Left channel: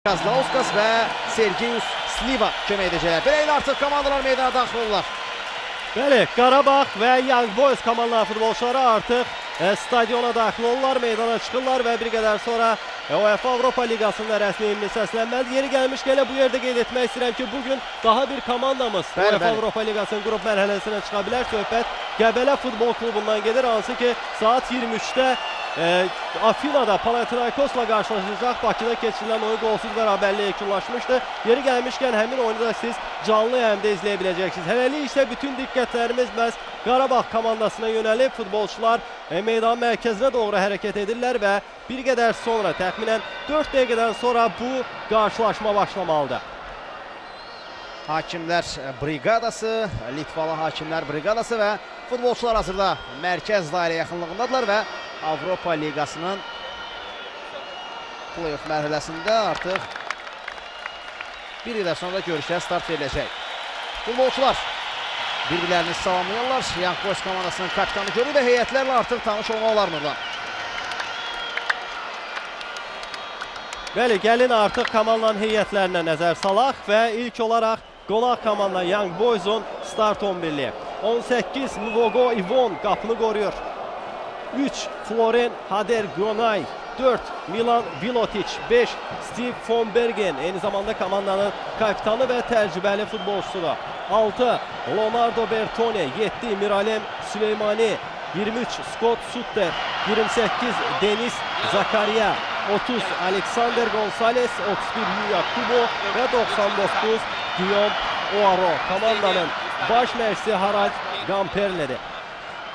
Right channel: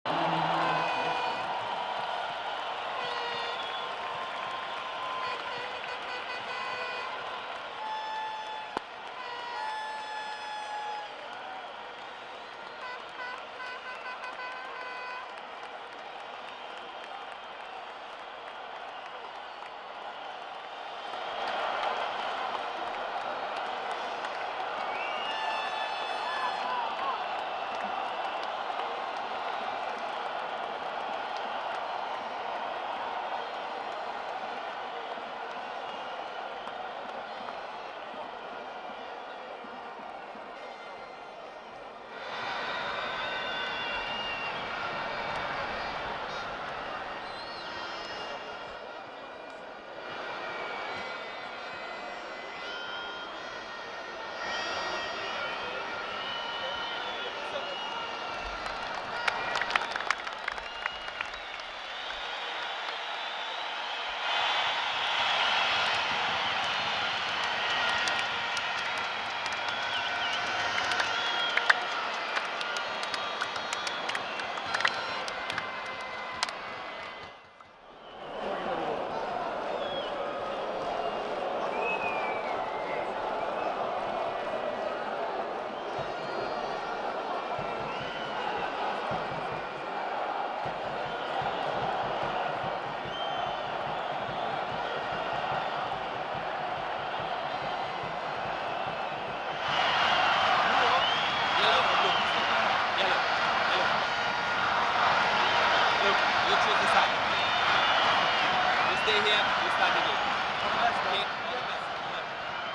Kazlauskas və Sergeyus Sliva kömək edəcəklər. Beləliklə artıq komandalar meydana daxil olurlar. Bəli, Qarabağ və Young Boys komandaların futbolçuları artıq stadiona daxil olurlar, meydana çıxırlar və bir qədər sonra UEFA Avropa Liqasında rəsmi himni səslənməlidir. Yeri gəlmişkən elə bu yerdə qeyd etmək istəyirəm ki, bugün daha bir komandamız UEFA Avropa Liqasının qrup mərhələsinə çıxa bilər. Söhbət Qəbələ Futbol Klubundan gedir, hansı ki saat 23-də Afinada Panathinaikosla qarşılaşacaq. Bakıda keçirilən oyun qolsuz bərabərliyə yekunlaşmışdı. Yeri gəlmişkən həmin oyunu da siz canlı yayımda izləyə biləcəksiniz. Hələlik isə bütün diqqətlərimiz məhz Qarabağ komandasına yönəlib. Futbolçular meydan mərkəzinə doğru hərəkət edirlər və bir qədər sonra, təxminən 4 dəqiqədən sonra bu qarşılaşma başlamalıdır. Hakimlər briqadası, Litvalı hakimlər briqadası və futbolçular hazırda mərkəz dairə yaxınlığındadılar və Avropa Liqasının play-off mərhələsində artıq bir ilə sonra görüşə start veriləcək. Futbolçular bir-birlərini salamlayırlar. Young Boys komandasının kapitanı görür və heyətlərlə artıq tanış olmaq olarmırlar. Bəli, gəlin artıq komandanın heyətlərinə nəzər salaq və ilk olaraq qonaq komanda Young Boys'un start 11'liyi. 18 Luvogo Ivon qapını qoruyur. 3 Floren Hader-Gronay, 4 Milan Vilotic, 5 Steve von Bergen, eyni zamanda komandanın kaptanı və təcrübəli futbolçusudur. 6 Leonardo Bertone, 7 Miralem Süleymani, 23 Scott Sutter, 28 Denis Zakaria, 30 Alexander Gonzalez, 31 Yuya Kubo və 99 Guillaume Oaro. Komandanın baş məşqçisi Harald Gamperli'dir.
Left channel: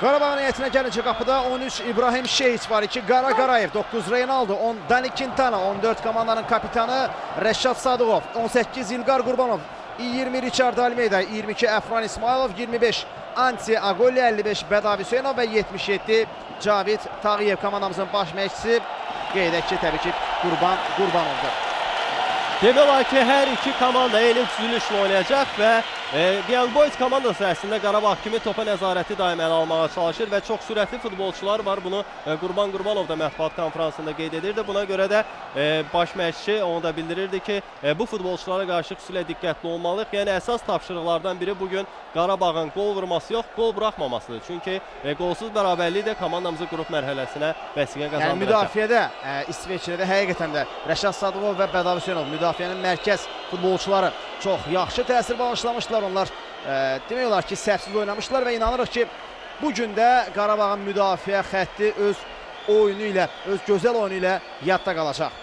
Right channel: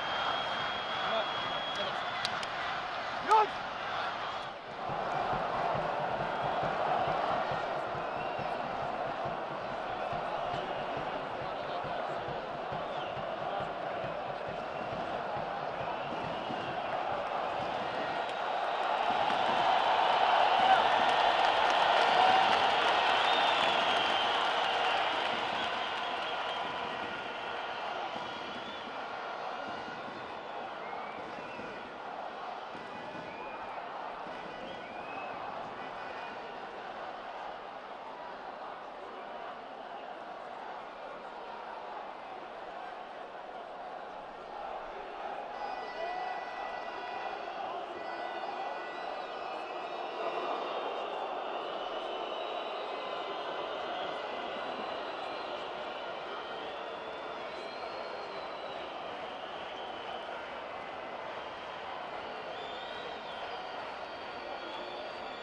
Qarabağın heyətinə gəlinci qapıda 13 İbrahim Şeyiç var, 2 Qara Qarayev, 9 Reynaldo, 10 Dani Quintana, 14 komandanın kapitanı Rəşad Sadıqov, 18 İlqar Qurbanov, 20 Richard Almeida, 22 Əfran İsmailov, 25 Anti Agoli, 55 Bədavi Hüseynov və 77 Cavid Tağıyev komandamızın baş məşqçisi. Qeyd edək ki, təbii ki, Qurbanovdur. Demək olar ki, hər iki komanda eyni düzülüşlə oynayacaq və Young Boys komandası əslində Qarabağ kimi topa nəzarəti daim ələ almağa çalışır və çox sürətli futbolçular var. Bunu Qurban Qurbanov da mətbuat konferansında qeyd edirdi. Buna görə də baş məşqçi onu da bildirirdi ki, bu futbolçulara qarşı xüsusilə diqqətli olmalıyıq. Yəni əsas tapşırıqlardan biri bugün Qarabağın qol vurması yox, qol buraxmamasıdır. Çünki qolsuz bərabərlik də komandamızı qrup mərhələsinə vəsiqə qazandıracaq. Yəni müdafiədə İsveçrədə həqiqətən də Rəşad Sadıqov və Bədavi Hüseynov müdafiənin mərkəz futbolçuları çox yaxşı təsir bağışlamışdılar. Onlar demək olar ki, səhvsiz oynamışdılar və inanırıq ki, bugün də Qarabağın müdafiə xətti öz oyunu ilə, öz gözəl oyunu ilə yadda qalacaq.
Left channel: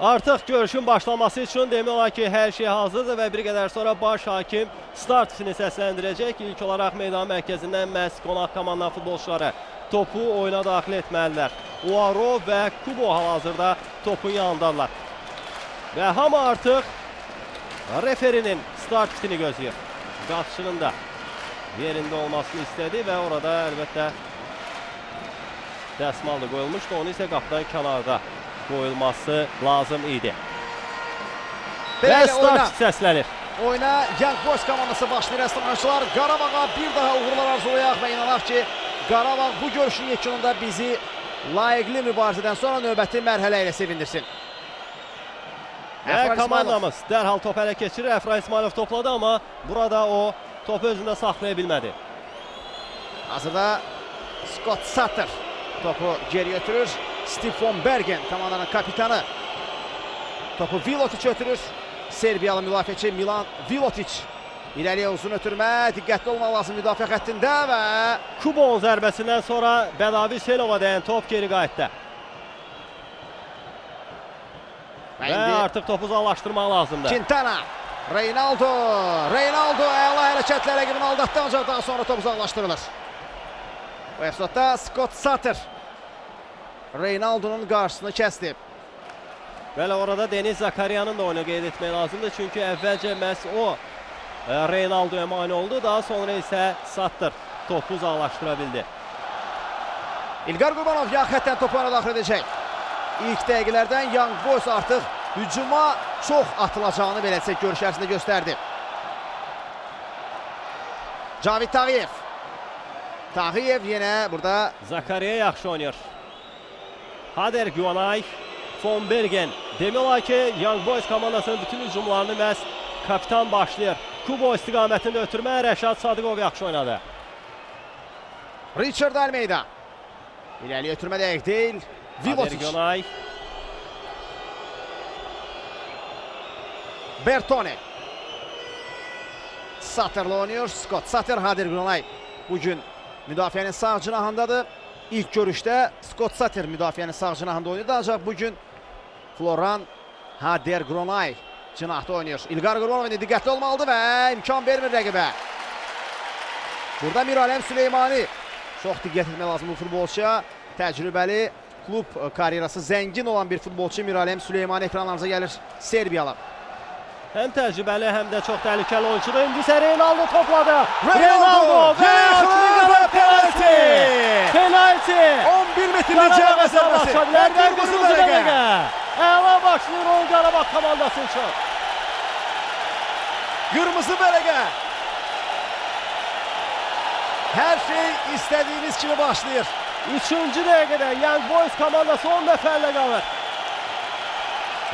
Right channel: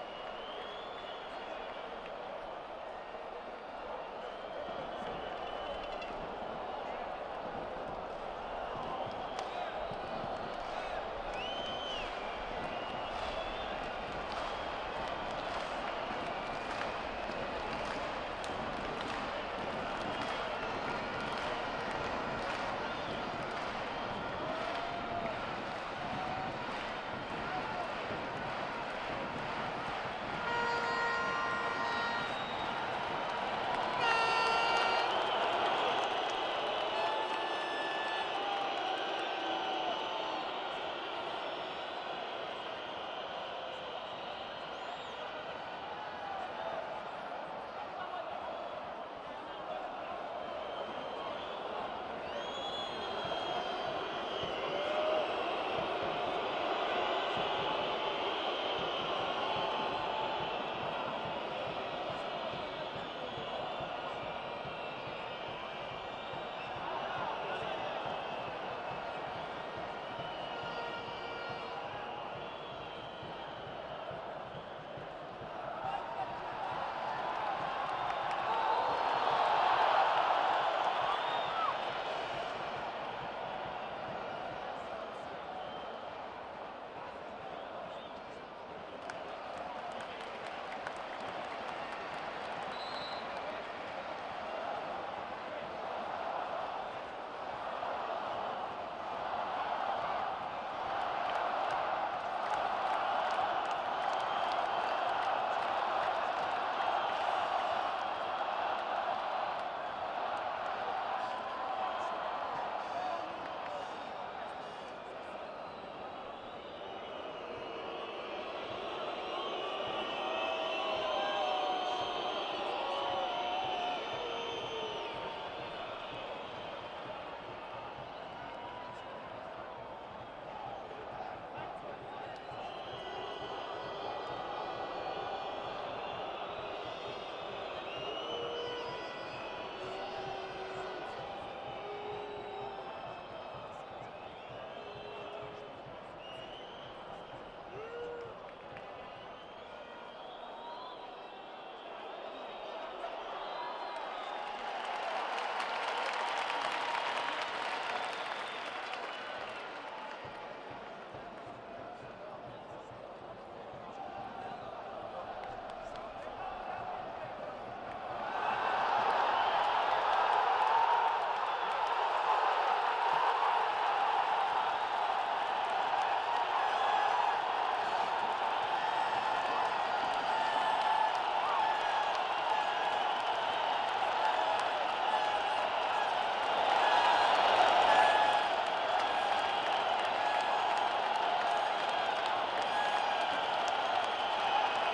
Artıq görüşün başlaması üçün demək olar ki, hər şey hazırdır və bir qədər sonra baş hakim start fini səsləndirəcək. İlk olaraq meydan mərkəzindən məhz qonaq komandanın futbolçuları topu oyuna daxil etməlidirlər. Oaro və Kubo hal-hazırda topun yanındadılar. Və hamı artıq referinin start fitini gözləyir. Qapçının da yerində olmasını istədi və orada əlbəttə dəsmal da qoyulmuşdu. Onu isə qapıdan kənarda qoyulması lazım idi. Və start səslənir. Oyuna Young Boys komandası başlayır əslənməçilər. Qarabağa bir daha uğurlar arzulayaq və inanaq ki, Qarabağ bu görüşün yekununda bizi layiqli mübarizədən sonra növbəti mərhələ ilə sevindirsin. Və komandamız dərhal top ələ keçirir. Əfran İsmailov topladı, amma burada o topu özündə saxlaya bilmədi. Hazırda Scott Sutter topu geri götürür. Steve von Bergen komandanın kapitanı topu Vilotic ötürür. Serbiyalı müdafiəçi Milan Vilotic irəliyə uzun ötürmə, diqqətli olmaq lazım müdafiə xəttində və Kubonun zərbəsindən sonra Bədavi Hüseynova dəyən top geri qayıtdı. Və artıq topu uzaqlaşdırmaq lazımdır. Quintana, Reynaldo əla hərəkətlə rəqibini aldatdı, ancaq daha sonra top uzaqlaşdırılır. Bu epizodda Scott Sutter Reynaldo'nun qarşısını kəsdi. Bəli, orada Denis Zakaria'nın da oyunu qeyd etmək lazımdır. Çünki əvvəlcə məhz o Reynaldo'ya mane oldu. Daha sonra isə Sutter topu uzaqlaşdıra bildi. İlqar Qurbanov yan xəttdən topu ona daxil edəcək. İlk dəqiqələrdən Young Boys artıq hücuma çox atılacağını beləcək görüş ərzində göstərdi. Cavid Tağıyev. Tağıyev yenə burada Zakariya yaxşı oynayır. Hader-Gronay, von Bergen Demək olar ki, Young Boys komandasının bütün hücumlarını məhz kapitan başlayır. Kubo istiqamətində ötürmə Rəşad Sadıqov yaxşı oynadı. Richard Almeida. İlerliye ötürme de değil. Vivotic. Günay. Bertone. Satter'la oynuyor. Scott Satter, Hadir Günay. Bugün müdafiənin sağ cinahındadır. İlk görüşte Scott Satter müdafiənin sağ cinahında oynadı. Ancaq bugün Floran Hadir Günay cinahda oynuyor. İlqar Qurbanov diqqətli olmalıdır və imkan vermir rəqibə. Burada Miralem Süleymani. Çox diqqət etmək lazım bu futbolçuya. Təcrübəli, klub karyerası zəngin olan bir futbolçu Miralem Süleymani ekranlarınıza gəlir. Serbiyalı. Hem tecrübeli hem de çok tehlikeli oyuncudur. İndi ise Reynaldo topladı. Reynaldo ve penaltı. Penaltı. 11 metrlik cəbhə zərbəsi. Kırmızı bəlgə. Əla başlayır oyun Qarabağ komandası üçün. Kırmızı bəlgə. Her şey istediğiniz gibi başlayır. 3-cü dəqiqədə Young Boys komandası 10 nəfərlə qalır.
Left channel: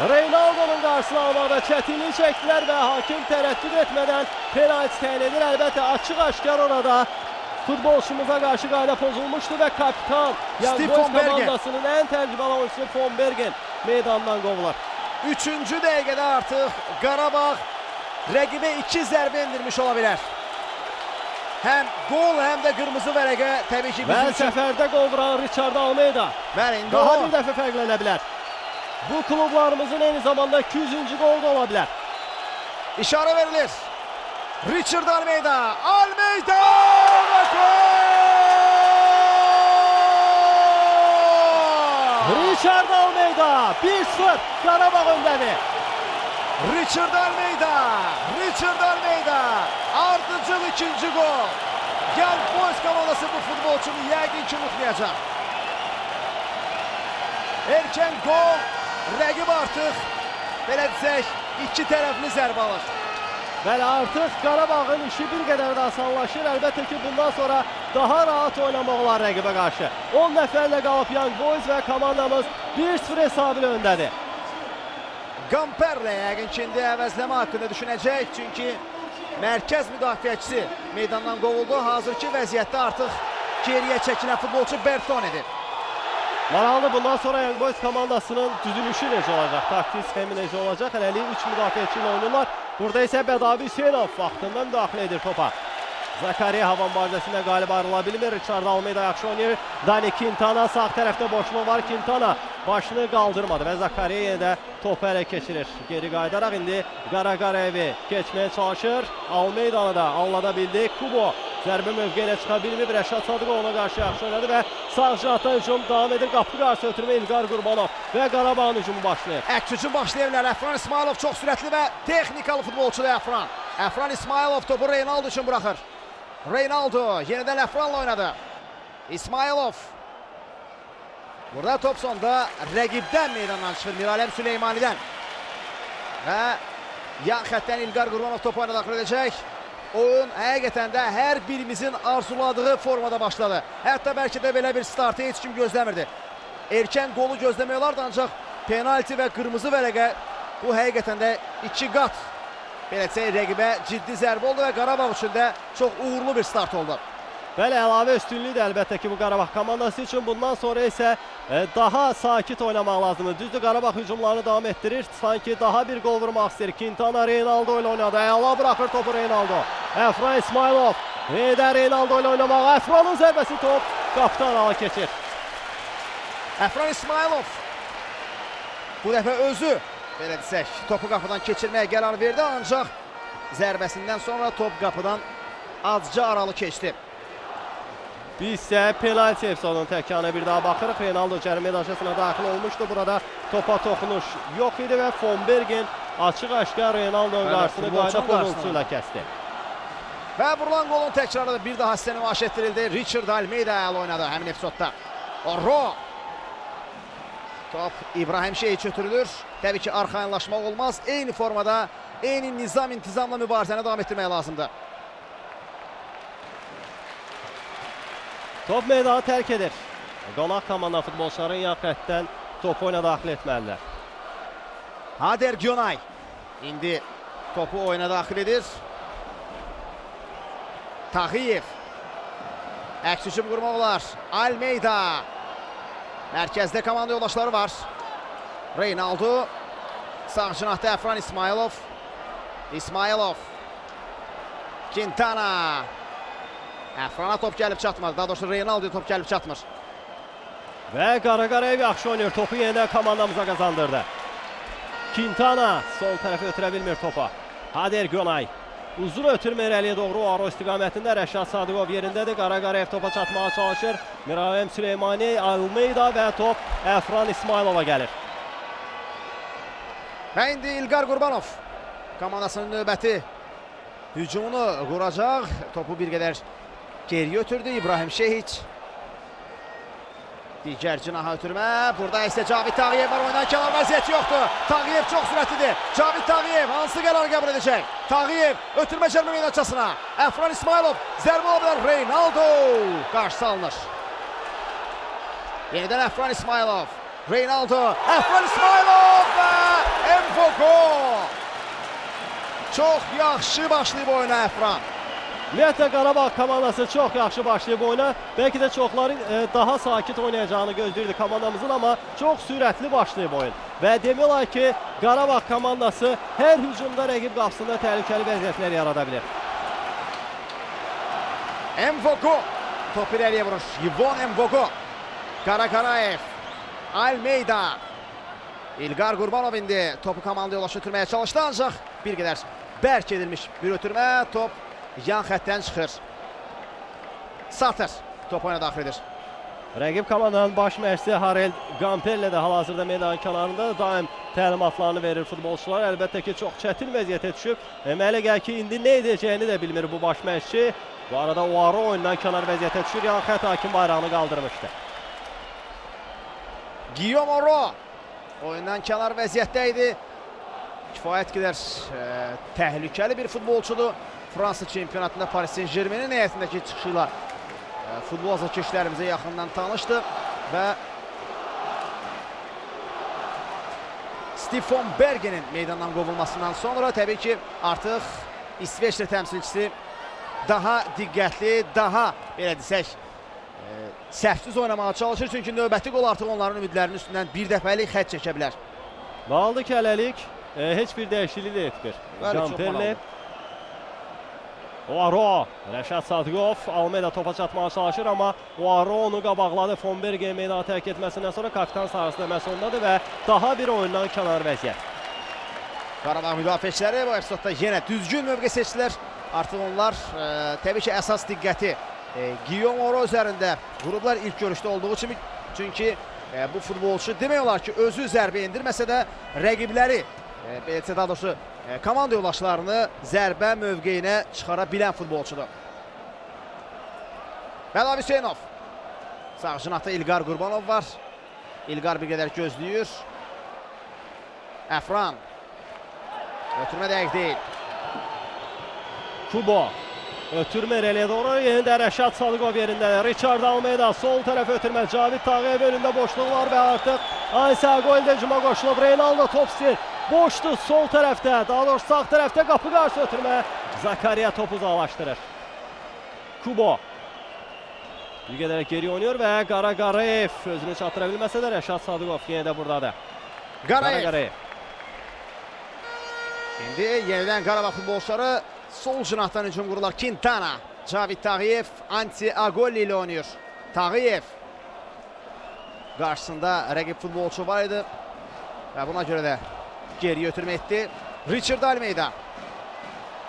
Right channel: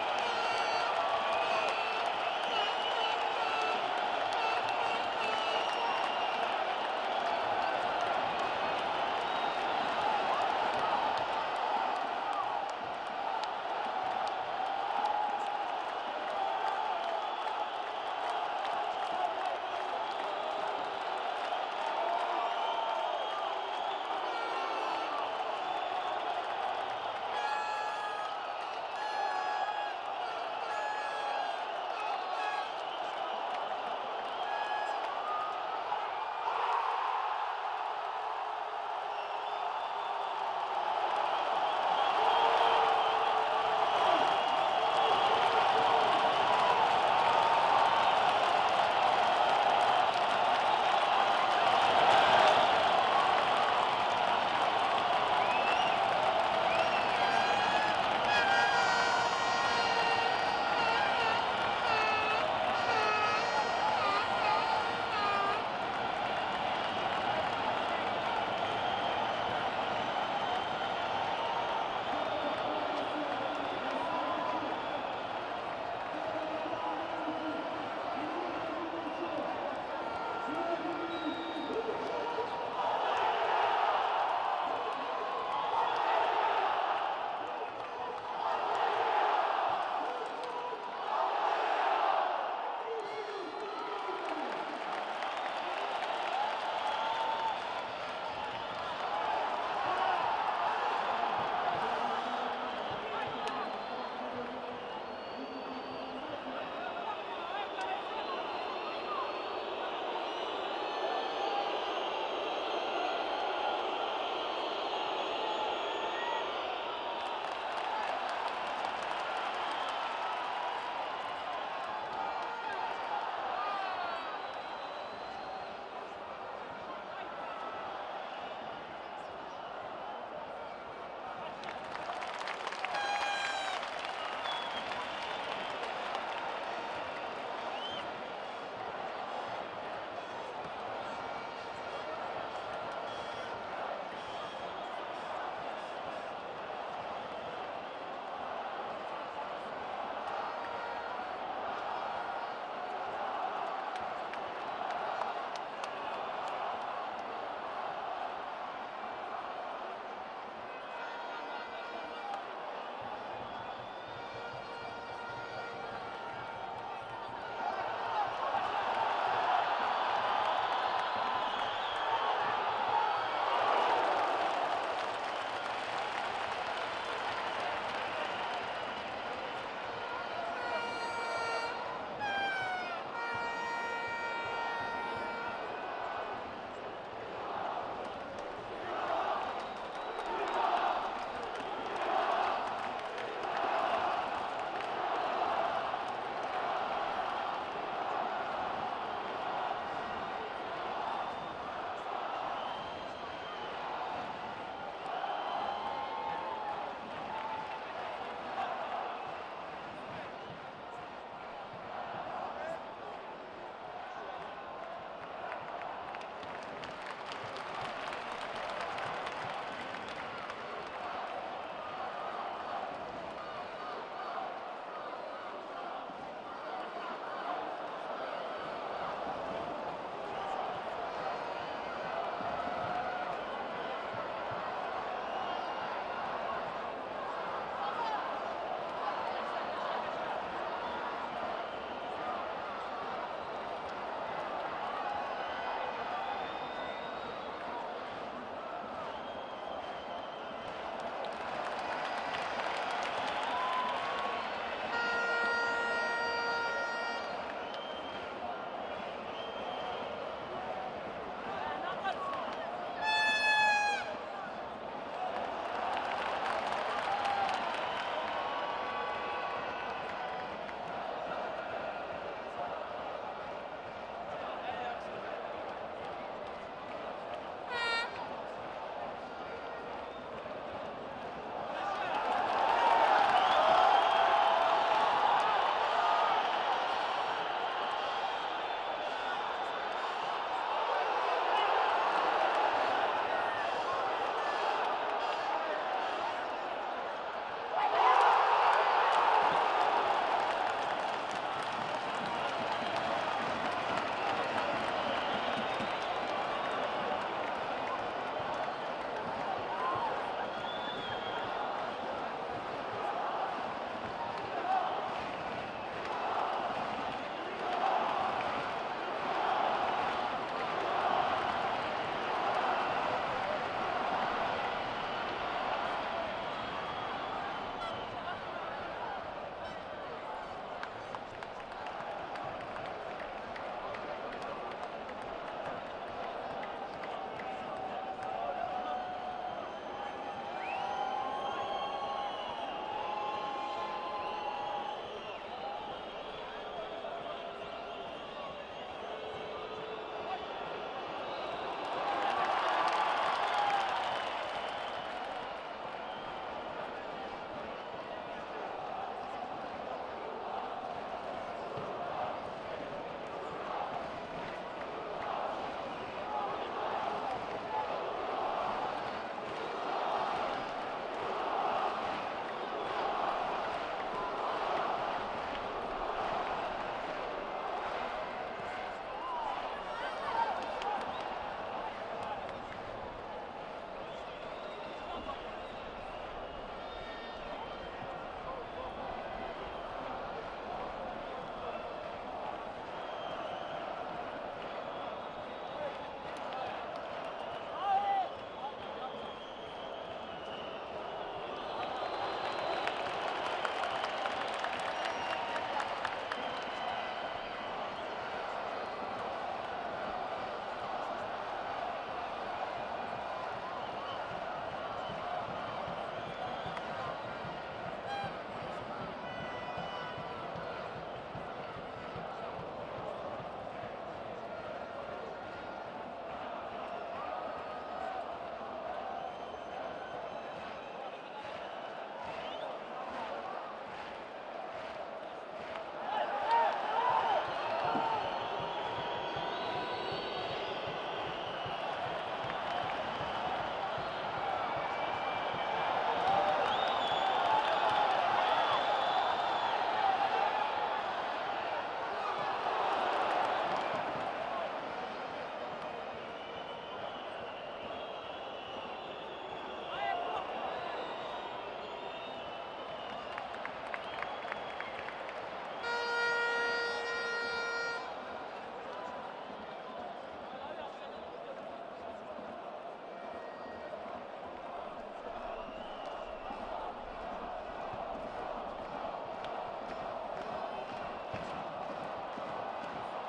Reynaldo'nun qarşısını almada çətinlik çəkdilər və hakim tərəddüd etmədən penaltı təyin edir. Əlbəttə açıq-aşkar orada futbolçumuza qarşı qayda pozulmuşdu və kapitan Young Boys komandasının ən təcrübəli oyuncusu Von Bergen meydandan qovulur. 3-cü dəqiqədə artıq Qarabağ rəqibə 2 zərbə endirmiş ola bilər. Hem gol hem de kırmızı vərəqə təbii ki bizim üçün. Səfərdə qol vuran Richard Almeida. Bəli, indi daha bir dəfə fərqlənə bilər. Bu klublarımızın eyni zamanda 200-cü gol da ola bilər. İşarə verilir. Richard Almeida. Almeida və gol! Richard Almeida 1-0 Qarabağ öndədir. Richard Almeida. Richard Almeida. Ardıcıl ikinci gol. Young Boys komandası bu futbolçunu yəqin ki unutmayacaq. Erkən gol. Rəqib artıq belə desək 2 tərəfli zərbə var. Bəli, artıq Qarabağın işi bir qədər də asanlaşır. Əlbəttə ki, bundan sonra daha rahat oynamaq olar rəqibə qarşı. 10 nəfərlə qalıb Young Boys və komandamız 1-0 hesabı ilə öndədir. Gamperlə yəqin ki, indi əvəzləmə haqqında düşünəcək. Çünki mərkəz müdafiəçisi meydandan qovuldu. Hazırki vəziyyətdə artıq geriyə çəkilən futbolçu Bertone'dir. Maraqlı, bundan sonra Young Boys komandasının düzülüşü necə olacaq, taktik sxemi necə olacaq? Hələlik 3 müdafiəçi ilə oynayırlar. Burada isə Bədavi Hüseynov vaxtında müdaxilə edir topa. Zakariya hava mübarizəsində qalib ayrıla bilmir. Richard Almeida yaxşı oynayır. Dani Quintana sağ tərəfdə boşluq var. Quintana başını qaldırmadı və Zakariya yenə də topu ələ keçirir. Geri qayıdaraq indi Qaraqarayevi keçməyə çalışır. Almeida'nı da anlada bildi. Kubo zərbə mövqeyə çıxa bilmir. Rəşad Sadıqov ona qarşı yaxşı oynadı və sağ cinahdan hücum davam edir. Qapı qarşı ötürmə İlqar Qurbanov və Qarabağın hücumu başlayır. Hücum başlayırlar. Əfran İsmailov çox sürətli və texnikalı futbolçudur Əfran. Əfran İsmailov topu Reynaldo üçün buraxır. Reynaldo yenidən Əfranla oynadı. İsmailov. Burada top sonda rəqibdən meydandan çıxır. Miralem Süleymani'dən. Və yan xəttdən İlqar Qurbanov topu oyuna daxil edəcək. Oyun həqiqətən də hər birimizin arzuladığı formada başladı. Hətta bəlkə də belə bir startı heç kim gözləmirdi. Erkən qolu gözləmək olardı, ancaq penalti və qırmızı vərəqə bu həqiqətən də 2 qat belə desək rəqibə ciddi zərbə oldu və Qarabağ üçün də çox uğurlu bir start oldu. Bəli, əlavə üstünlüyü də əlbəttə ki bu Qarabağ komandası üçün. Bundan sonra isə daha sakit oynamaq lazımdır. Düzdür, Qarabağ hücumlarını davam etdirir. Sanki daha bir gol vurmaq istəyir. Quintana Reynaldo ilə oynadı. Əla buraxır topu Reynaldo. Əfran İsmailov. Yenə Reynaldo ilə oynamaq. Əfranın zərbəsi top qapıdan ala keçir. Əfran İsmailov bu dəfə özü belə desək topu qapıdan keçirməyə qərar verdi, ancaq zərbəsindən sonra top qapıdan azca aralı keçdi. Biz isə penalti efsanının təkanına bir daha baxırıq. Reynaldo cərimə daşısına daxil olmuşdu. Burada topa toxunuş yox idi və Von Bergen açıq-aşkar Reynaldo'nun qarşısını qayda pozuntusuyla kəsdi. Və vurulan qolun təkrarı bir daha sizə nümayiş etdirildi. Richard Almeida əl oynadı həmin epizodda. Orro. Top İbrahim Şeyh ötürülür. Təbii ki arxayınlaşmaq olmaz. Eyni formada, eyni nizam-intizamla mübarizəni davam etdirmək lazımdır. Top meydanı tərk edir. Qonaq komanda futbolçuların yan xəttdən top oyuna daxil etməlidirlər. Hader Gyonay indi topu oyuna daxil edir. Tağıyev. Əks hücum qurmaq olar. Almeida. Mərkəzdə komanda yoldaşları var. Reynaldo. Sağ cinahda Əfran İsmailov. İsmailov. Quintana. Əfrana top gəlib çatmır. Daha doğrusu Reynaldo'ya top gəlib çatmır. Və Qaraqarayev yaxşı oynayır. Topu yenə komandamıza qazandırdı. Quintana sol tərəfə ötürə bilmir topa. Hader Gyonay. Uzun ötürmə irəliyə doğru Aro istiqamətində Rəşad Sadıqov yerindədir. Qaraqarayev topa çatmağa çalışır. Miralem Süleymani, Almeida və top Əfran İsmailova gəlir. Və indi İlqar Qurbanov komandasının növbəti hücumunu quracaq. Topu bir qədər geriyə ötürdü İbrahim Şehiç. Digər cinaha ötürmə. Burada isə Cavid Tağıyev var. Oyundan kənar vəziyyəti yoxdur. Tağıyev çox sürətlidir. Cavid Tağıyev hansı qərar qəbul edəcək? Tağıyev ötürmə cəlmə meydançasına. Əfran İsmailov zərbə olabilir. Reynaldo qarşı alınır. Yenidən Əfran İsmailov. Reynaldo. Əfran İsmailov və Mfogo. Çox yaxşı başlayıb oyuna Əfran. Ümumiyyətlə Qarabağ komandası çox yaxşı başlayıb oyuna. Bəlkə də çoxların daha sakit oynayacağını gözləyirdi komandamızın, amma çox sürətli başlayıb oyun. Və demək olar ki, Qarabağ komandası hər hücumda rəqib qapısında təhlükəli vəziyyətlər yarada bilir. Mfogo top irəliyə vurur. Yvon Mfogo. Qaraqarayev. Almeida. İlqar Qurbanov indi topu komanda yolaşı ötürməyə çalışdı, ancaq bir qədər bərk edilmiş bir ötürmə. Top yan xəttdən çıxır. Satır top oyuna daxil edir. Rəqib komandanın baş məşqçisi Harel Gamperlə də hal-hazırda meydanın kənarında daim təlimatlarını verir futbolçular. Əlbəttə ki, çox çətin vəziyyətə düşüb. Mənə gəlir ki, indi nə edəcəyini də bilmir bu baş məşqçi. Bu arada Oaro oyundan kənar vəziyyətə düşür. Yan xətt hakim bayrağını qaldırmışdı. Guillaume Oro oyundan kənar vəziyyətdə idi. Kifayət qədər təhlükəli bir futbolçudur. Fransa çempionatında Paris Saint-Germain'in heyətindəki çıxışıyla futbol azarkeşlərimizə yaxından tanışdı və Stefan Berge'nin meydandan qovulmasından sonra təbii ki, artıq İsveçrə təmsilçisi daha diqqətli, daha belə desək, səhvsiz oynamağa çalışır. Çünki növbəti qol artıq onların ümidlərinin üstündən bir dəfəlik xətt çəkə bilər. Qaldı ki, hələlik heç bir dəyişiklik də etmir. Gamperlə. Oaro, Rəşad Sadıqov, Almeida topa çatmağa çalışır, amma Oaro onu qabaqladı. Fonberge meydanı tərk etməsindən sonra kapitan sahasında məsələdir və daha bir oyundan kənar vəziyyət. Qarabağ müdafiəçiləri bu episodda yenə düzgün mövqe seçdilər. Artıq onlar təbii ki, əsas diqqəti Guillaume Oro üzərində qurublar ilk görüşdə olduğu kimi. Çünki bu futbolçu demək olar ki, özü zərbə endirməsə də rəqibləri, daha doğrusu komanda yoldaşlarını zərbə mövqeyinə çıxara bilən futbolçudur. Bəla Hüseynov. Sağ cinahda İlqar Qurbanov var. İlqar bir qədər gözləyir. Əfran. Ötürmə dəqiq deyil. Kubo. Ötürmə irəliyə doğru. Yenidə Rəşad Sadıqov yerində. Richard Almeida sol tərəf ötürmə. Cavid Tağıyev önündə boşluq var və artıq Ansel Goldə cuma qoşulub. Reynaldo topsi. Boşdur sol tərəfdə. Daha doğrusu sağ tərəfdə qapı qarşı ötürmə. Zakariya topu uzaqlaşdırır. Kubo. Bir qədər geri oynuyor və Qaraqarayev özünü çatdıra bilməsə də Rəşad Sadıqov yenə də buradadır. Qarayev. İndi yenidən Qarabağ futbolçuları sol cinahdan hücum qururlar. Quintana. Cavid Tağıyev Anti Agolli ilə oynayır. Tağıyev. Qarşısında rəqib futbolçu var idi. Və buna görə də geriyə ötürmə etdi. Richard Almeida.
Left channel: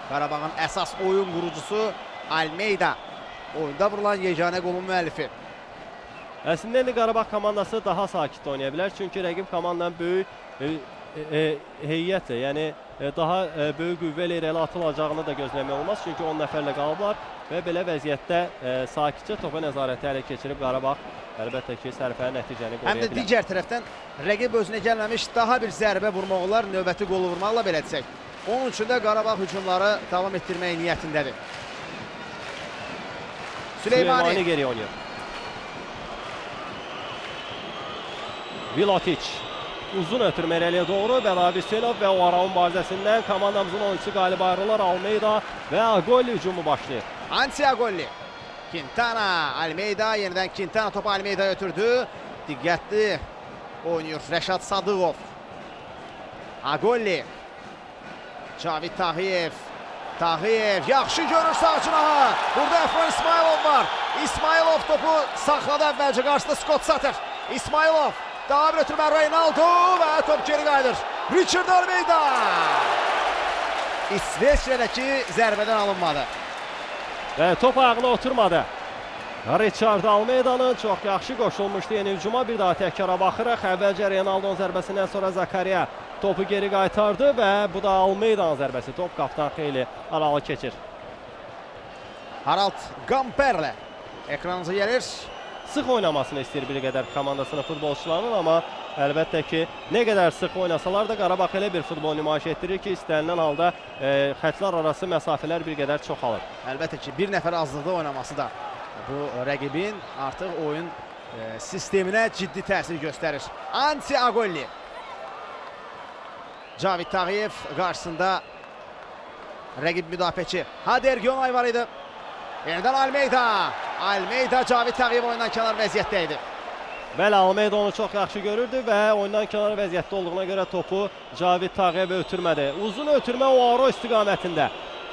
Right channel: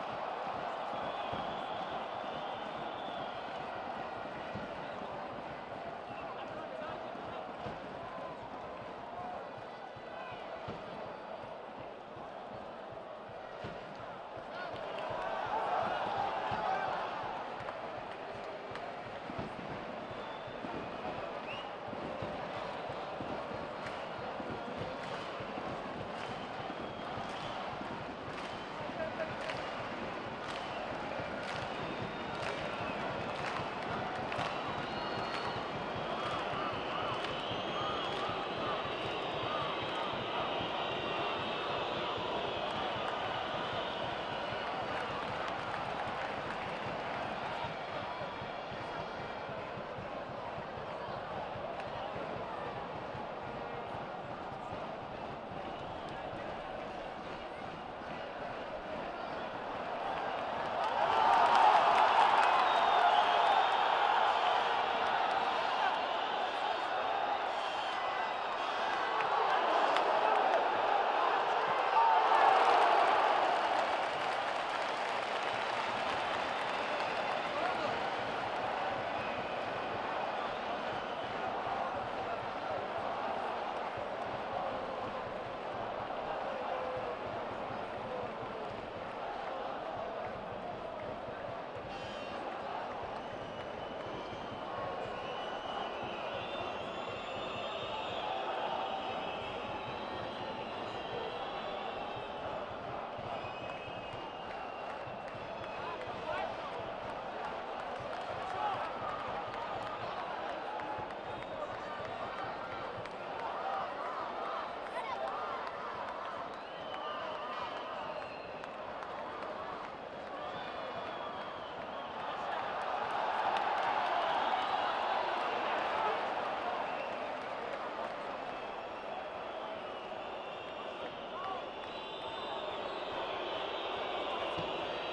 Qarabağın əsas oyun qurucusu Almeida. Oyunda vurulan yeganə qolun müəllifi. Əslində indi Qarabağ komandası daha sakit oynaya bilər. Çünki rəqib komandanın böyük heyətlə, yəni daha böyük qüvvə ilə irəli atılacağını da gözləmək olmaz. Çünki 10 nəfərlə qalıblar və belə vəziyyətdə sakitcə topa nəzarəti ələ keçirib Qarabağ əlbəttə ki, sərfəli nəticəni qoruya Həm də digər tərəfdən rəqib özünə gəlməmiş daha bir zərbə vurmaq olar, növbəti qolu vurmaqla belə desək. Onun üçün də Qarabağ hücumları davam etdirmək niyyətindədir. Süleymani geri oynayır. Vilotic. uzun ötürmə irəliyə doğru və Nabi Hüseynov və o ara mübarizəsindən komandamızın oyuncusu qalib ayrılır. Almeida və Agolli hücumu başlayır. Ansi Agolli. Quintana, Almeida, yenidən Quintana topu Almeida ötürdü. Diqqətli oynuyor Rəşad Sadıqov. Agolli. Cavid Tağıyev. Tağıyev yaxşı görür sağ cinaha. Burada Efran İsmailov var. İsmailov topu saxladı əvvəlcə qarşısında Scott Sutter. İsmailov. Daha bir ötürmə Reynaldo və top geri qayıdır. Richard Almeida. İsveçrədəki zərbədən alınmadı. Və top ayağına oturmadı. Richard Almeida'nın çox yaxşı qoşulmuşdu yeni hücuma. Bir daha təkara baxırıq. Əvvəlcə Reynaldo'nun zərbəsindən sonra Zakaria topu geri qaytardı və bu da Almeida'nın zərbəsi. Top qapdan xeyli aralı keçir. Harald Gamperle ekranınıza gəlir. Sıx oynamasını istəyir bir qədər komandasının futbolçularının, amma əlbəttə ki, nə qədər sıx oynasalar da Qarabağ elə bir futbol nümayiş etdirir ki, istənilən halda xətlər arası məsafələr bir qədər çoxalır. Əlbəttə ki, bir nəfər azlıqda oynaması da bu rəqibin artıq oyun sisteminə ciddi təsir göstərir. Ansi Agolli. Cavid Tağıyev qarşısında rəqib müdafiəçi Hader Gönay var idi. Yenidən Almeida. Almeida Cavid Tağıyev oyundan kənar vəziyyətdə idi. Bəli, Almeida onu çox yaxşı görürdü və oyundan kənar vəziyyətdə olduğuna görə topu Cavid Tağıyev ötürmədi. Uzun ötürmə Oaro istiqamətində.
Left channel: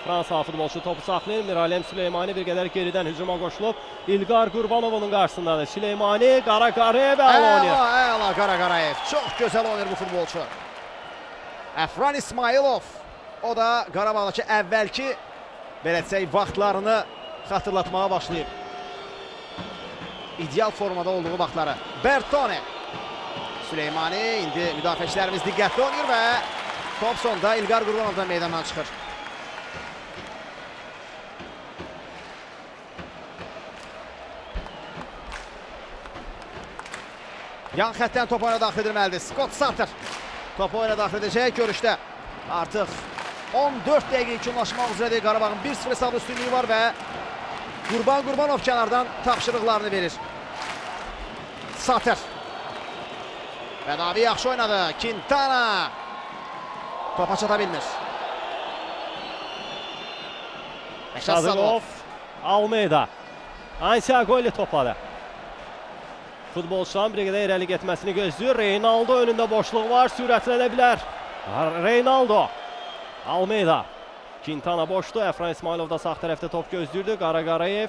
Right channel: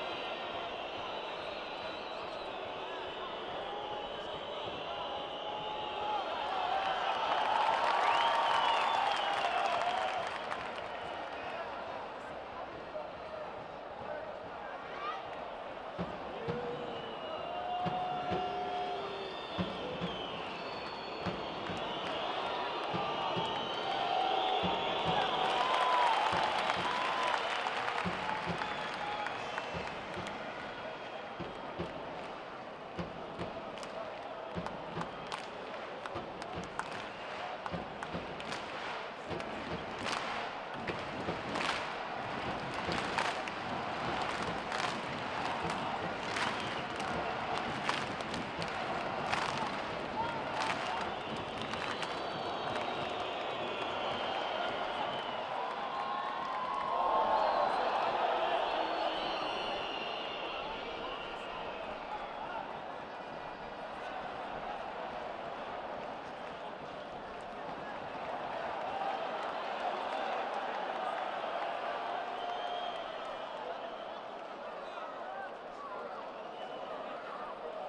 Fransa futbolçu topu saxlayır. Miralem Süleymani bir qədər geridən hücuma qoşulub. İlqar Qurbanovun qarşısındadır. Süleymani, Qara Qarayev və Aloniyev. Əla Qara Qarayev. Çox gözəl oynayır bu futbolçu. Efran İsmailov. O da Qarabağdakı əvvəlki belə desək vaxtlarını xatırlatmağa başlayıb. İdeal formada olduğu vaxtları. Bertone. Süleymani, indi müdafiəçilərimiz diqqətli oynayır və top sonda İlqar Qurbanovdan meydandan çıxır. Yan xəttdən top oyuna daxil edilməlidir. Scott Sutter top oyuna daxil edəcək görüşdə. Artıq 14 dəqiqə üçünlaşmaq üzrədir. Qarabağın 1-0 hesablı üstünlüyü var və Qurbanov kənardan tapşırıqlarını verir. Sutter. Və Nabi yaxşı oynadı. Quintana. Topa çata bilmir. Sadıqov, Almeida. Ansi Agolli topladı. Futbolçuların bir qədər irəli getməsini gözləyir. Reynaldo önündə boşluq var, sürətlənə bilər. Reynaldo. Almeida. Quintana boşdu. Efran İsmailov da sağ tərəfdə top gözləyirdi. Qara Qarayev.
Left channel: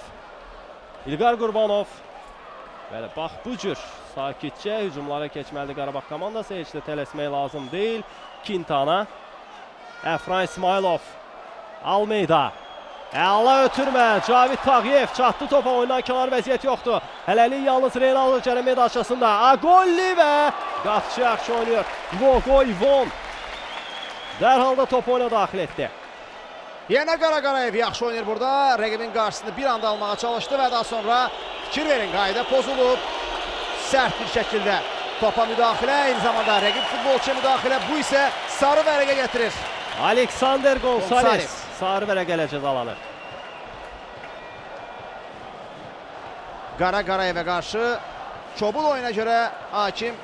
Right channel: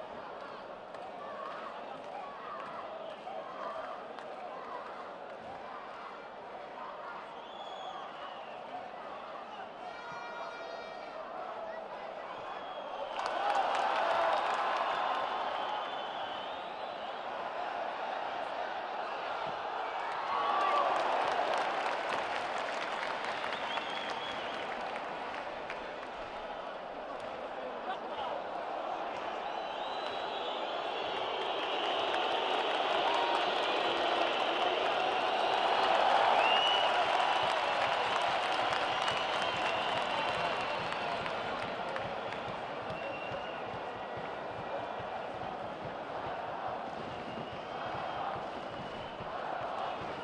İlqar Qurbanov. Bəli, bax bu cür sakitcə hücumlara keçməlidir Qarabağ komandası. Heç də tələsmək lazım deyil. Quintana. Efran İsmailov. Almeida. Əla ötürmə. Cavid Tağıyev çatdı topa. Oyundan kənar vəziyyət yoxdur. Hələlik yalnız Reynaldo cərimə daşasında. Agolli və qatçı yaxşı oynayır. Vogoyvon. Dərhal da top oyuna daxil etdi. Yenə Qara Qarayev yaxşı oynayır burada. Rəqibin qarşısını bir anda almağa çalışdı və daha sonra fikir verin, qayda pozulub. Sərt bir şəkildə topa müdaxilə, eyni zamanda rəqib futbolçuya müdaxilə. Bu isə sarı vərəqə gətirir. Alexander Gonçalves sarı vərəqə ilə cəzalanır. Qara Qarayevə qarşı kobul oyuna görə hakim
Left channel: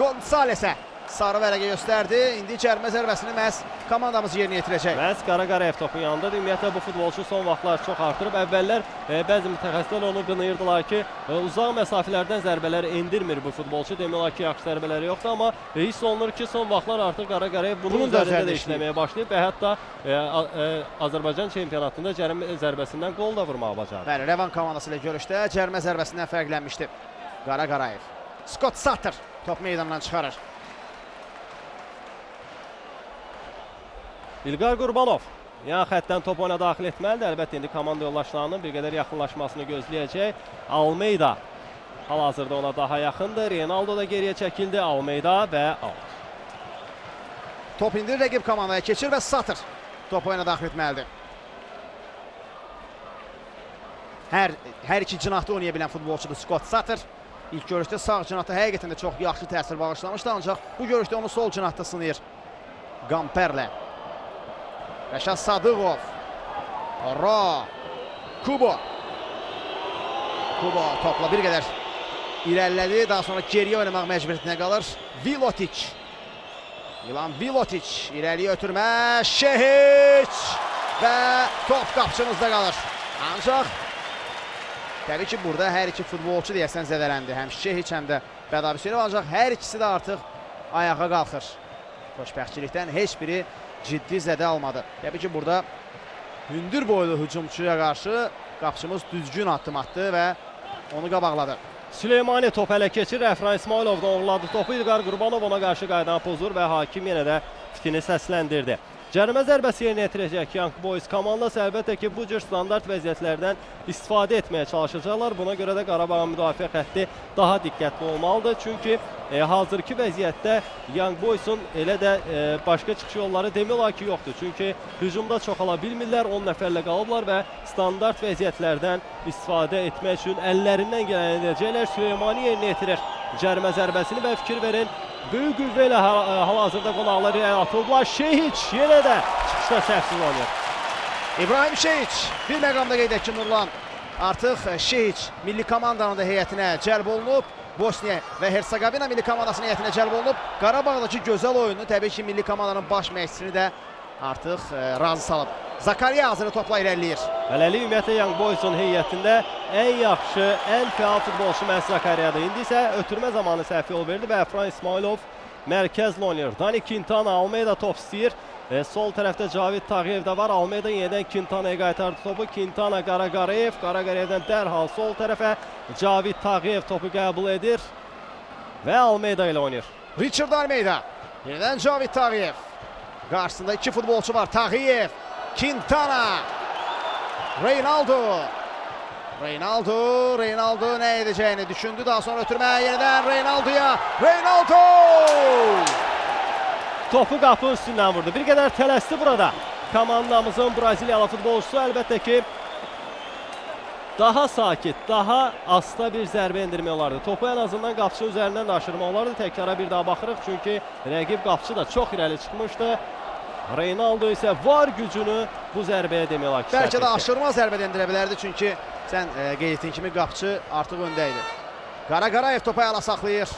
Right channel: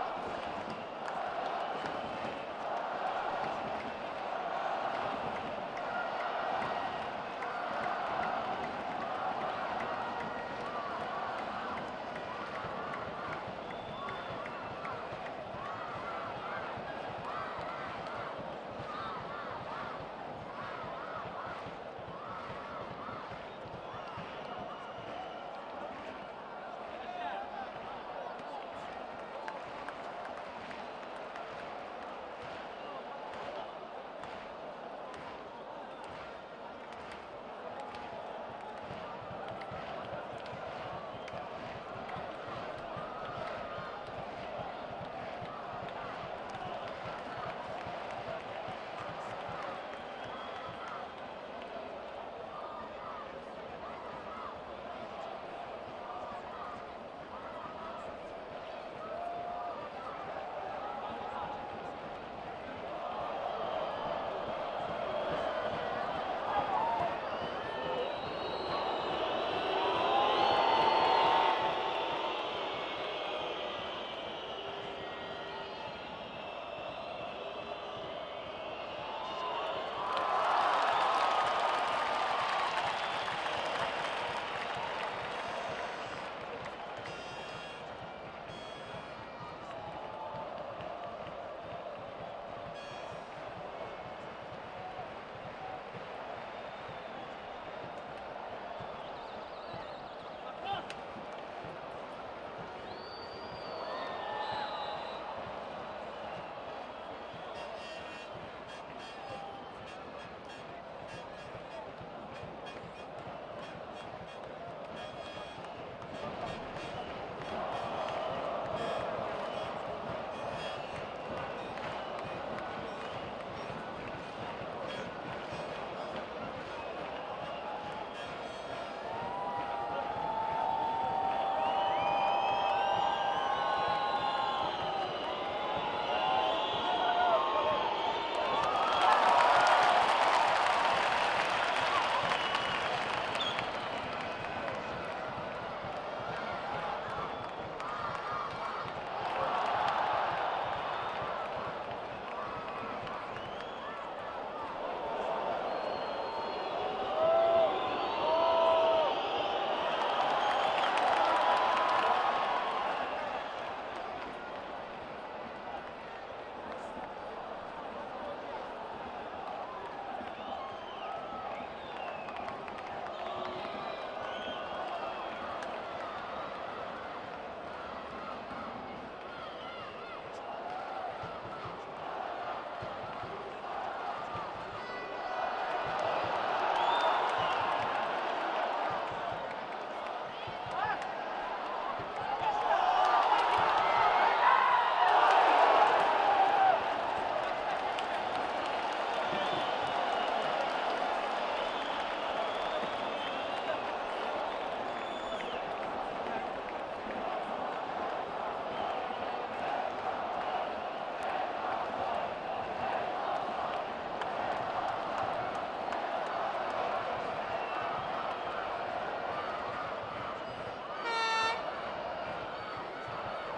Gonçalvesə sarı vərəqə göstərdi. İndi cərimə zərbəsini məhz komandamız yerinə yetirəcək. Məhz Qara Qarayev topu yanında. Ümumiyyətlə bu futbolçu son vaxtlar çox artırıb. Əvvəllər bəzi mütəxəssislər onu qınayırdılar ki, uzaq məsafələrdən zərbələr endirmir bu futbolçu. Demək olar ki, yaxşı zərbələri yoxdur, amma hiss olunur ki, son vaxtlar artıq Qara Qarayev bunun üzərində də işləməyə başlayıb və hətta Azərbaycan çempionatında cərimə zərbəsindən qol da vurmağa bacarır. Bəli, Revan komandası ilə görüşdə cərimə zərbəsindən fərqlənmişdi Qara Qarayev. Scott Sutter top meydandan çıxarır. İlqar Qurbanov yan xəttdən top oyuna daxil etməlidir. Əlbəttə indi komanda yoldaşlarının bir qədər yaxınlaşmasını gözləyəcək. Almeida hal-hazırda ona daha yaxındır. Reynaldo da geriyə çəkildi. Almeida və top indi rəqib komandaya keçir və Sutter top oyuna daxil etməlidir. Hər iki cinahda oynaya bilən futbolçudur Scott Sutter. İlk görüşdə sağ cinahda həqiqətən də çox yaxşı təsir bağışlamışdı, ancaq bu görüşdə onu sol cinahda sınayır Gamperle. Rəşad Sadıqov. Kubo. Kubo topla bir qədər irəlilədi. Daha sonra geriyə oynamaq məcburiyyətinə qalır. Vilotic. Milan Vilotic irəliyə ötürmə. Şehiç və top qapçımızda qalır. Ancaq təbii ki, burada hər iki futbolçu deyəsən zədələndi. Həm Şehiç, həm də Bədavi Hüseynov. Ancaq hər ikisi də artıq ayağa qalxır. Xoşbəxtçilikdən heç biri ciddi zədə almadı. Təbii ki, burada hündür boylu hücumçuya qarşı qapçımız düzgün addım atdı və onu qabaqladı. Süleymani top ələ keçir. Əfran İsmailov da uğurladı topu. İlqar Qurbanov ona qarşı qayıdan pozur və hakim yenə də fikrini səsləndirdi. Cərimə zərbəsi yerinə yetirəcək Young Boys komandası əlbəttə ki, bu cür standart vəziyyətlərdən istifadə etməyə çalışacaqlar. Buna görə də Qarabağın müdafiə xətti daha diqqətli olmalıdır. Çünki hazırki vəziyyətdə Young Boys'un elə də başqa çıxış yolları demək olar ki, yoxdur. Çünki hücumda çoxala bilmirlər, 10 nəfərlə qalıblar və standart vəziyyətlərdən istifadə etmək üçün əllərindən gələn edəcəklər. Süleymani yerinə yetirir cərimə zərbəsini və fikir verin. Böyük qüvvə ilə hal-hazırda qonaqları atıblar. Şehiç yenə də çıxışda səhvsiz olur. İbrahim Şehiç bir məqamda qeyd edək ki, Nurlan artıq Şehiç milli komandanın da heyətinə cəlb olunub. Bosniya və Hersegovina milli komandasının heyətinə cəlb olunub. Qarabağdakı gözəl oyunu təbii ki, milli komandanın baş məşqçisini də artıq razı salıb. Zakariya hazırı topla irəliləyir. Hələlik ümumiyyətlə Young Boys'un heyətində ən yaxşı, ən fəal futbolçu məhz Zakariyadır. İndi isə ötürmə zamanı səhv yol verdi və Əfran İsmailov mərkəzlə oynayır. Dani Quintana, Almeida top istəyir. Sol tərəfdə Cavid Tağıyev də var. Almeida yenidən Quintana'ya qaytardı topu. Quintana Qaraqarayev. Qaraqarayevdən dərhal sol tərəfə Cavid Tağıyev topu qəbul edir və Almeida ilə oynayır. Richard Almeida. Yenidən Cavid Tağıyev. Qarşısında iki futbolçu var. Tağıyev, Quintana, Reynaldo. Reynaldo nə edəcəyini düşündü. Daha sonra ötürmə yenidən Reynaldo'ya. Reynaldo! Topu qapı üstündən vurdu. Bir qədər tələsdi burada. Komandamızın Braziliyalı futbolçusu əlbəttə ki, daha sakit, daha asta bir zərbə endirmək olardı. Topu ən azından qapçı üzərindən daşırmaq olardı. Təkrara bir daha baxırıq çünki rəqib qapçı da çox irəli çıxmışdı. Reynaldo isə var gücünü bu zərbəyə demək olar ki, bəlkə də aşırma zərbə endirə bilərdi çünki sən qeyd etdiyin kimi qapçı artıq öndə idi. Qaraqarayev topu ayağına saxlayır.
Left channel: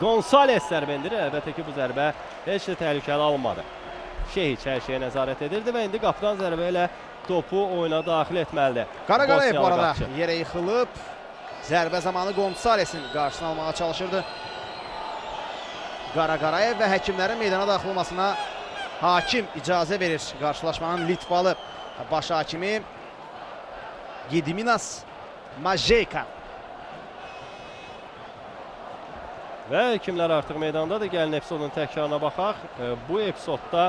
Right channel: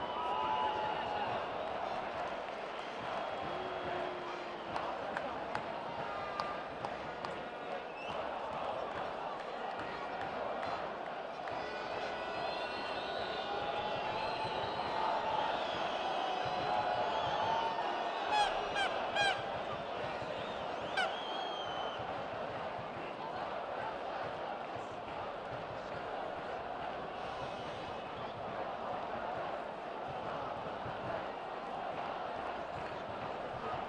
Gonzales zərbə endirir. Əlbəttə ki, bu zərbə heç də təhlükəli alınmadı. Şehiç hər şeyə nəzarət edirdi və indi qapıdan zərbə ilə topu oyuna daxil etməlidir. Qaraqarayev bu arada yerə yıxılıb. Zərbə zamanı Gonzalesin qarşısını almağa çalışırdı. Qaraqarayev və həkimlərin meydana daxil olmasına hakim icazə verir. Qarşılaşmanın Litvalı baş hakimi Gediminas Majeyka. Və həkimlər artıq meydandadır. Gəlin epizodun təkrarına baxaq. Bu epizodda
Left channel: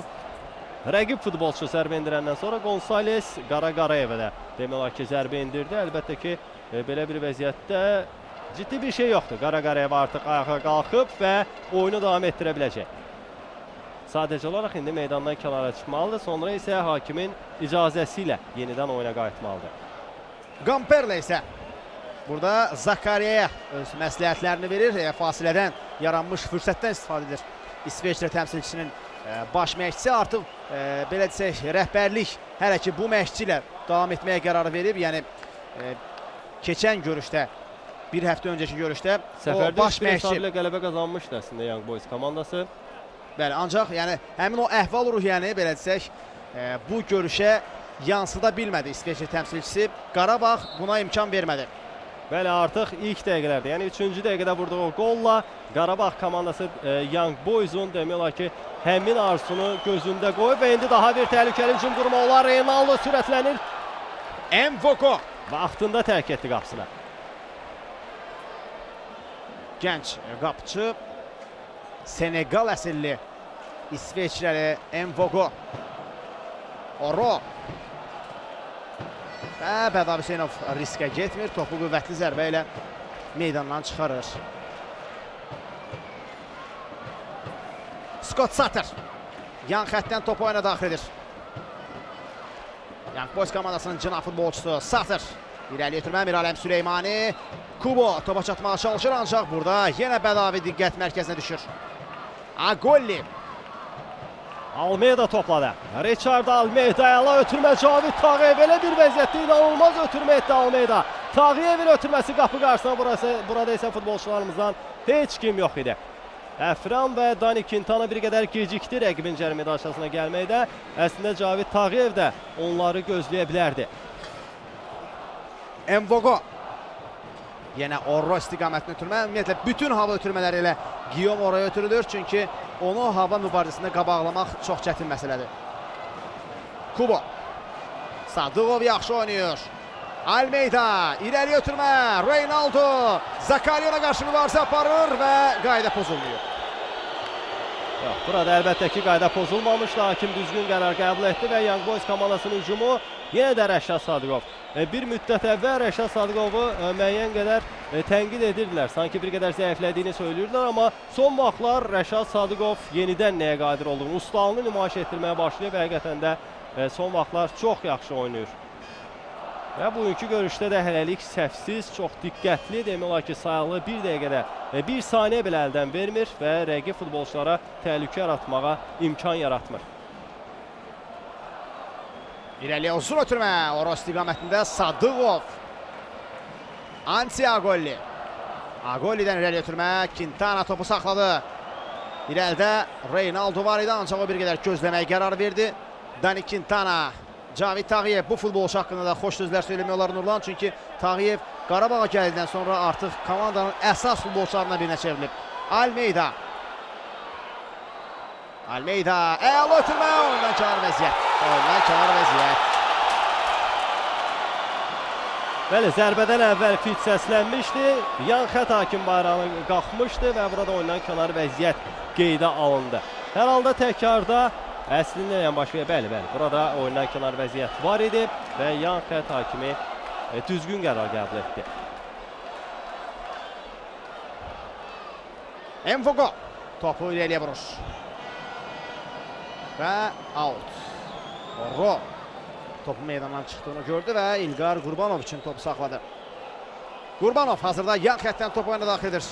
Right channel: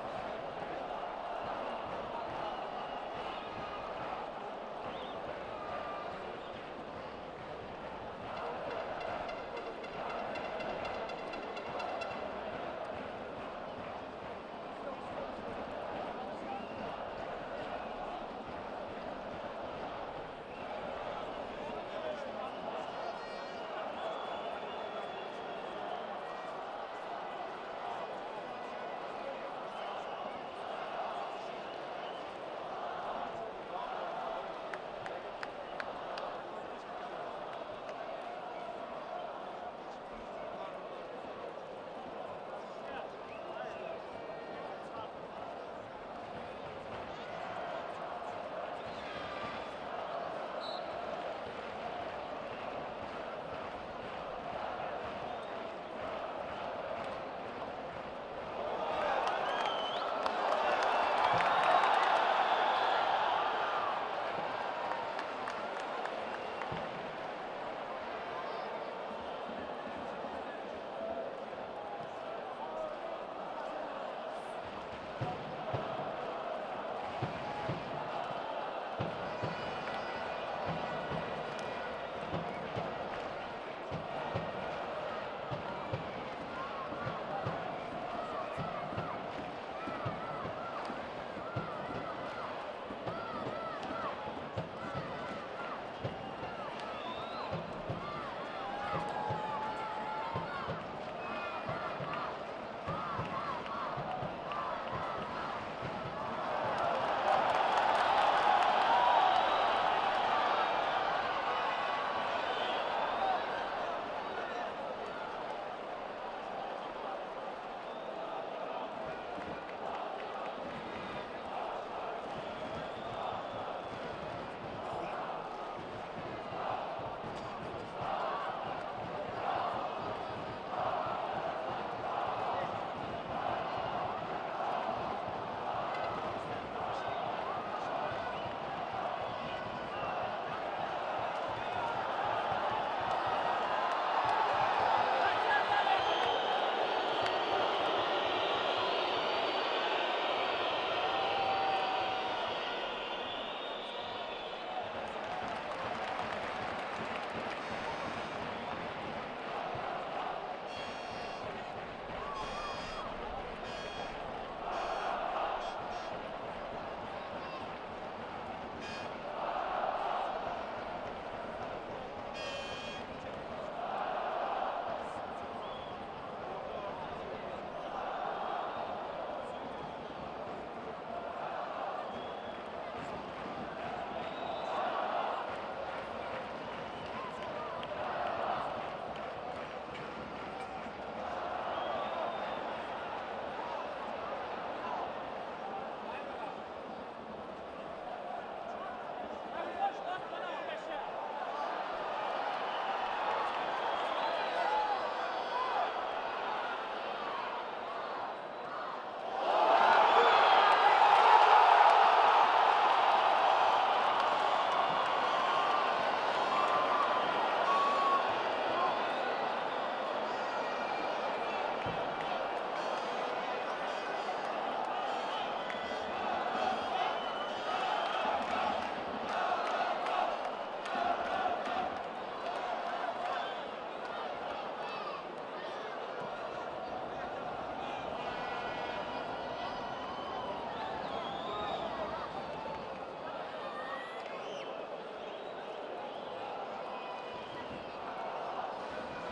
rəqib futbolçu zərbə endirəndən sonra Gonzales Qaraqarayevə də demək olar ki, zərbə endirdi. Əlbəttə ki, belə bir vəziyyətdə ciddi bir şey yoxdur. Qaraqarayev artıq ayağa qalxıb və oyunu davam etdirə biləcək. Sadəcə olaraq indi meydandan kənara çıxmalıdır. Sonra isə hakimin icazəsi ilə yenidən oyuna qayıtmalıdır. Gamperle isə burada Zakariyaya öz məsləhətlərini verir. Fasilədən yaranmış fürsətdən istifadə edir. İsveçrə təmsilçisinin baş məşqçisi artıq belə desək rəhbərlik hələ ki bu məşqçi ilə davam etməyə qərar verib. Yəni keçən görüşdə, bir həftə öncəki görüşdə o baş məşqçi ilə qələbə qazanmışdı əslində Young Boys komandası. Bəli, ancaq yəni həmin o əhval-ruhiyyəni belə desək bu görüşə yansıda bilmədi İsveçrə təmsilçisi. Qarabağ buna imkan vermədi. Bəli, artıq ilk dəqiqələrdə, yəni 3-cü dəqiqədə vurduğu golla Qarabağ komandası Young Boys'un demək olar ki, həmin arzusunu gözündə qoyub və indi daha bir təhlükəli hücum durumu olar. Reynaldo sürətlənir. Mvoko vaxtında tərk etdi qapısını. Gənc qapıcı Senegal əsilli İsveçrəli Mvoko. Oro. Bədavi Hüseynov riskə getmir. Topu qüvvətli zərbə ilə meydandan çıxarır. Scott Satır yan xəttdən topu oyuna daxil edir. Young Boys komandasının cına futbolçusu Satır. İrəli ötürmə Miralem Süleymani. Kubo topa çatmağa çalışır ancaq burada yenə Bədavi diqqət mərkəzinə düşür. Agolli. Almeida topladı. Richard Almeida ilə ötürmə Cavid Tağıyev belə bir vəziyyətdə inanılmaz ötürmə etdi Almeida. Tağıyevin ötürməsi qapı qarşısına, burada isə futbolçularımızdan heç kim yox idi. Əfran və Dani Quintana bir qədər gecikdi rəqibin cərimə daşasına gəlməkdə. Əslində Cavid Tağıyev də onları gözləyə bilərdi. Mvogo. Yenə Orro istiqamətini ötürmə. Ümumiyyətlə, bütün hava ötürmələri ilə Guillaume Orroya ötürülür. Çünki onu hava mübarizəsində qabaqlamaq çox çətin məsələdir. Kubo. Sadıqov yaxşı oynayır. Almeida. İrəli ötürmə. Reynaldo. Zakaryona qarşı mübarizə aparır və qayda pozulmuyor. Burada əlbəttə ki, qayda pozulmamışdı. Hakim düzgün qərar qəbul etdi və Young Boys komandasının hücumu yenə də Rəşad Sadıqov. Bir müddət əvvəl Rəşad Sadıqovu müəyyən qədər tənqid edirdilər. Sanki bir qədər zəiflədiyini söyləyirdilər, amma son vaxtlar Rəşad Sadıqov yenidən nəyə qadir olduğunu, ustalığını nümayiş etdirməyə başlayıb və həqiqətən də son vaxtlar çox yaxşı oynayır. Və bugünkü görüşdə də hələlik səhvsiz, çox diqqətli, demək olar ki, sayıqlı bir dəqiqədə 1 saniyə belə əldən vermir və rəqib futbolçulara təhlükə yaratmağa imkan yaratmır. İrəliyə uzun ötürmə. Orro istiqamətində Sadıqov. Ansi Agolli. Agolli'dən irəliyə ötürmə. Quintana topu saxladı. İrəlidə Reynaldo var idi, ancaq o bir qədər gözləməyə qərar verdi. Dani Quintana. Cavid Tağıyev bu futbolçu haqqında da xoş sözlər söyləmək olar Nurlan. Çünki Tağıyev Qarabağa gəldindən sonra artıq komandanın əsas futbolçularından birinə çevrilib. Almeida. Almeida. Əla ötürmə. Ondan kənar vəziyyət. Ondan kənar vəziyyət. Bəli, zərbədən əvvəl fit səslənmişdi. Yan xət hakim bayrağı qalxmışdı və burada oyundan kənar vəziyyət qeydə alındı. Hər halda təkrarda əslində yəni baş verir. Bəli, burada oyundan kənar vəziyyət var idi və yan xət hakimi düzgün qərar qəbul etdi. Mvogo topu ileriye vurur. Və out. Orro topu meydandan çıxdığını gördü və İlqar Qurbanov üçün topu saxladı. Qurbanov hazırda yan xətdən topu oyuna daxil edir.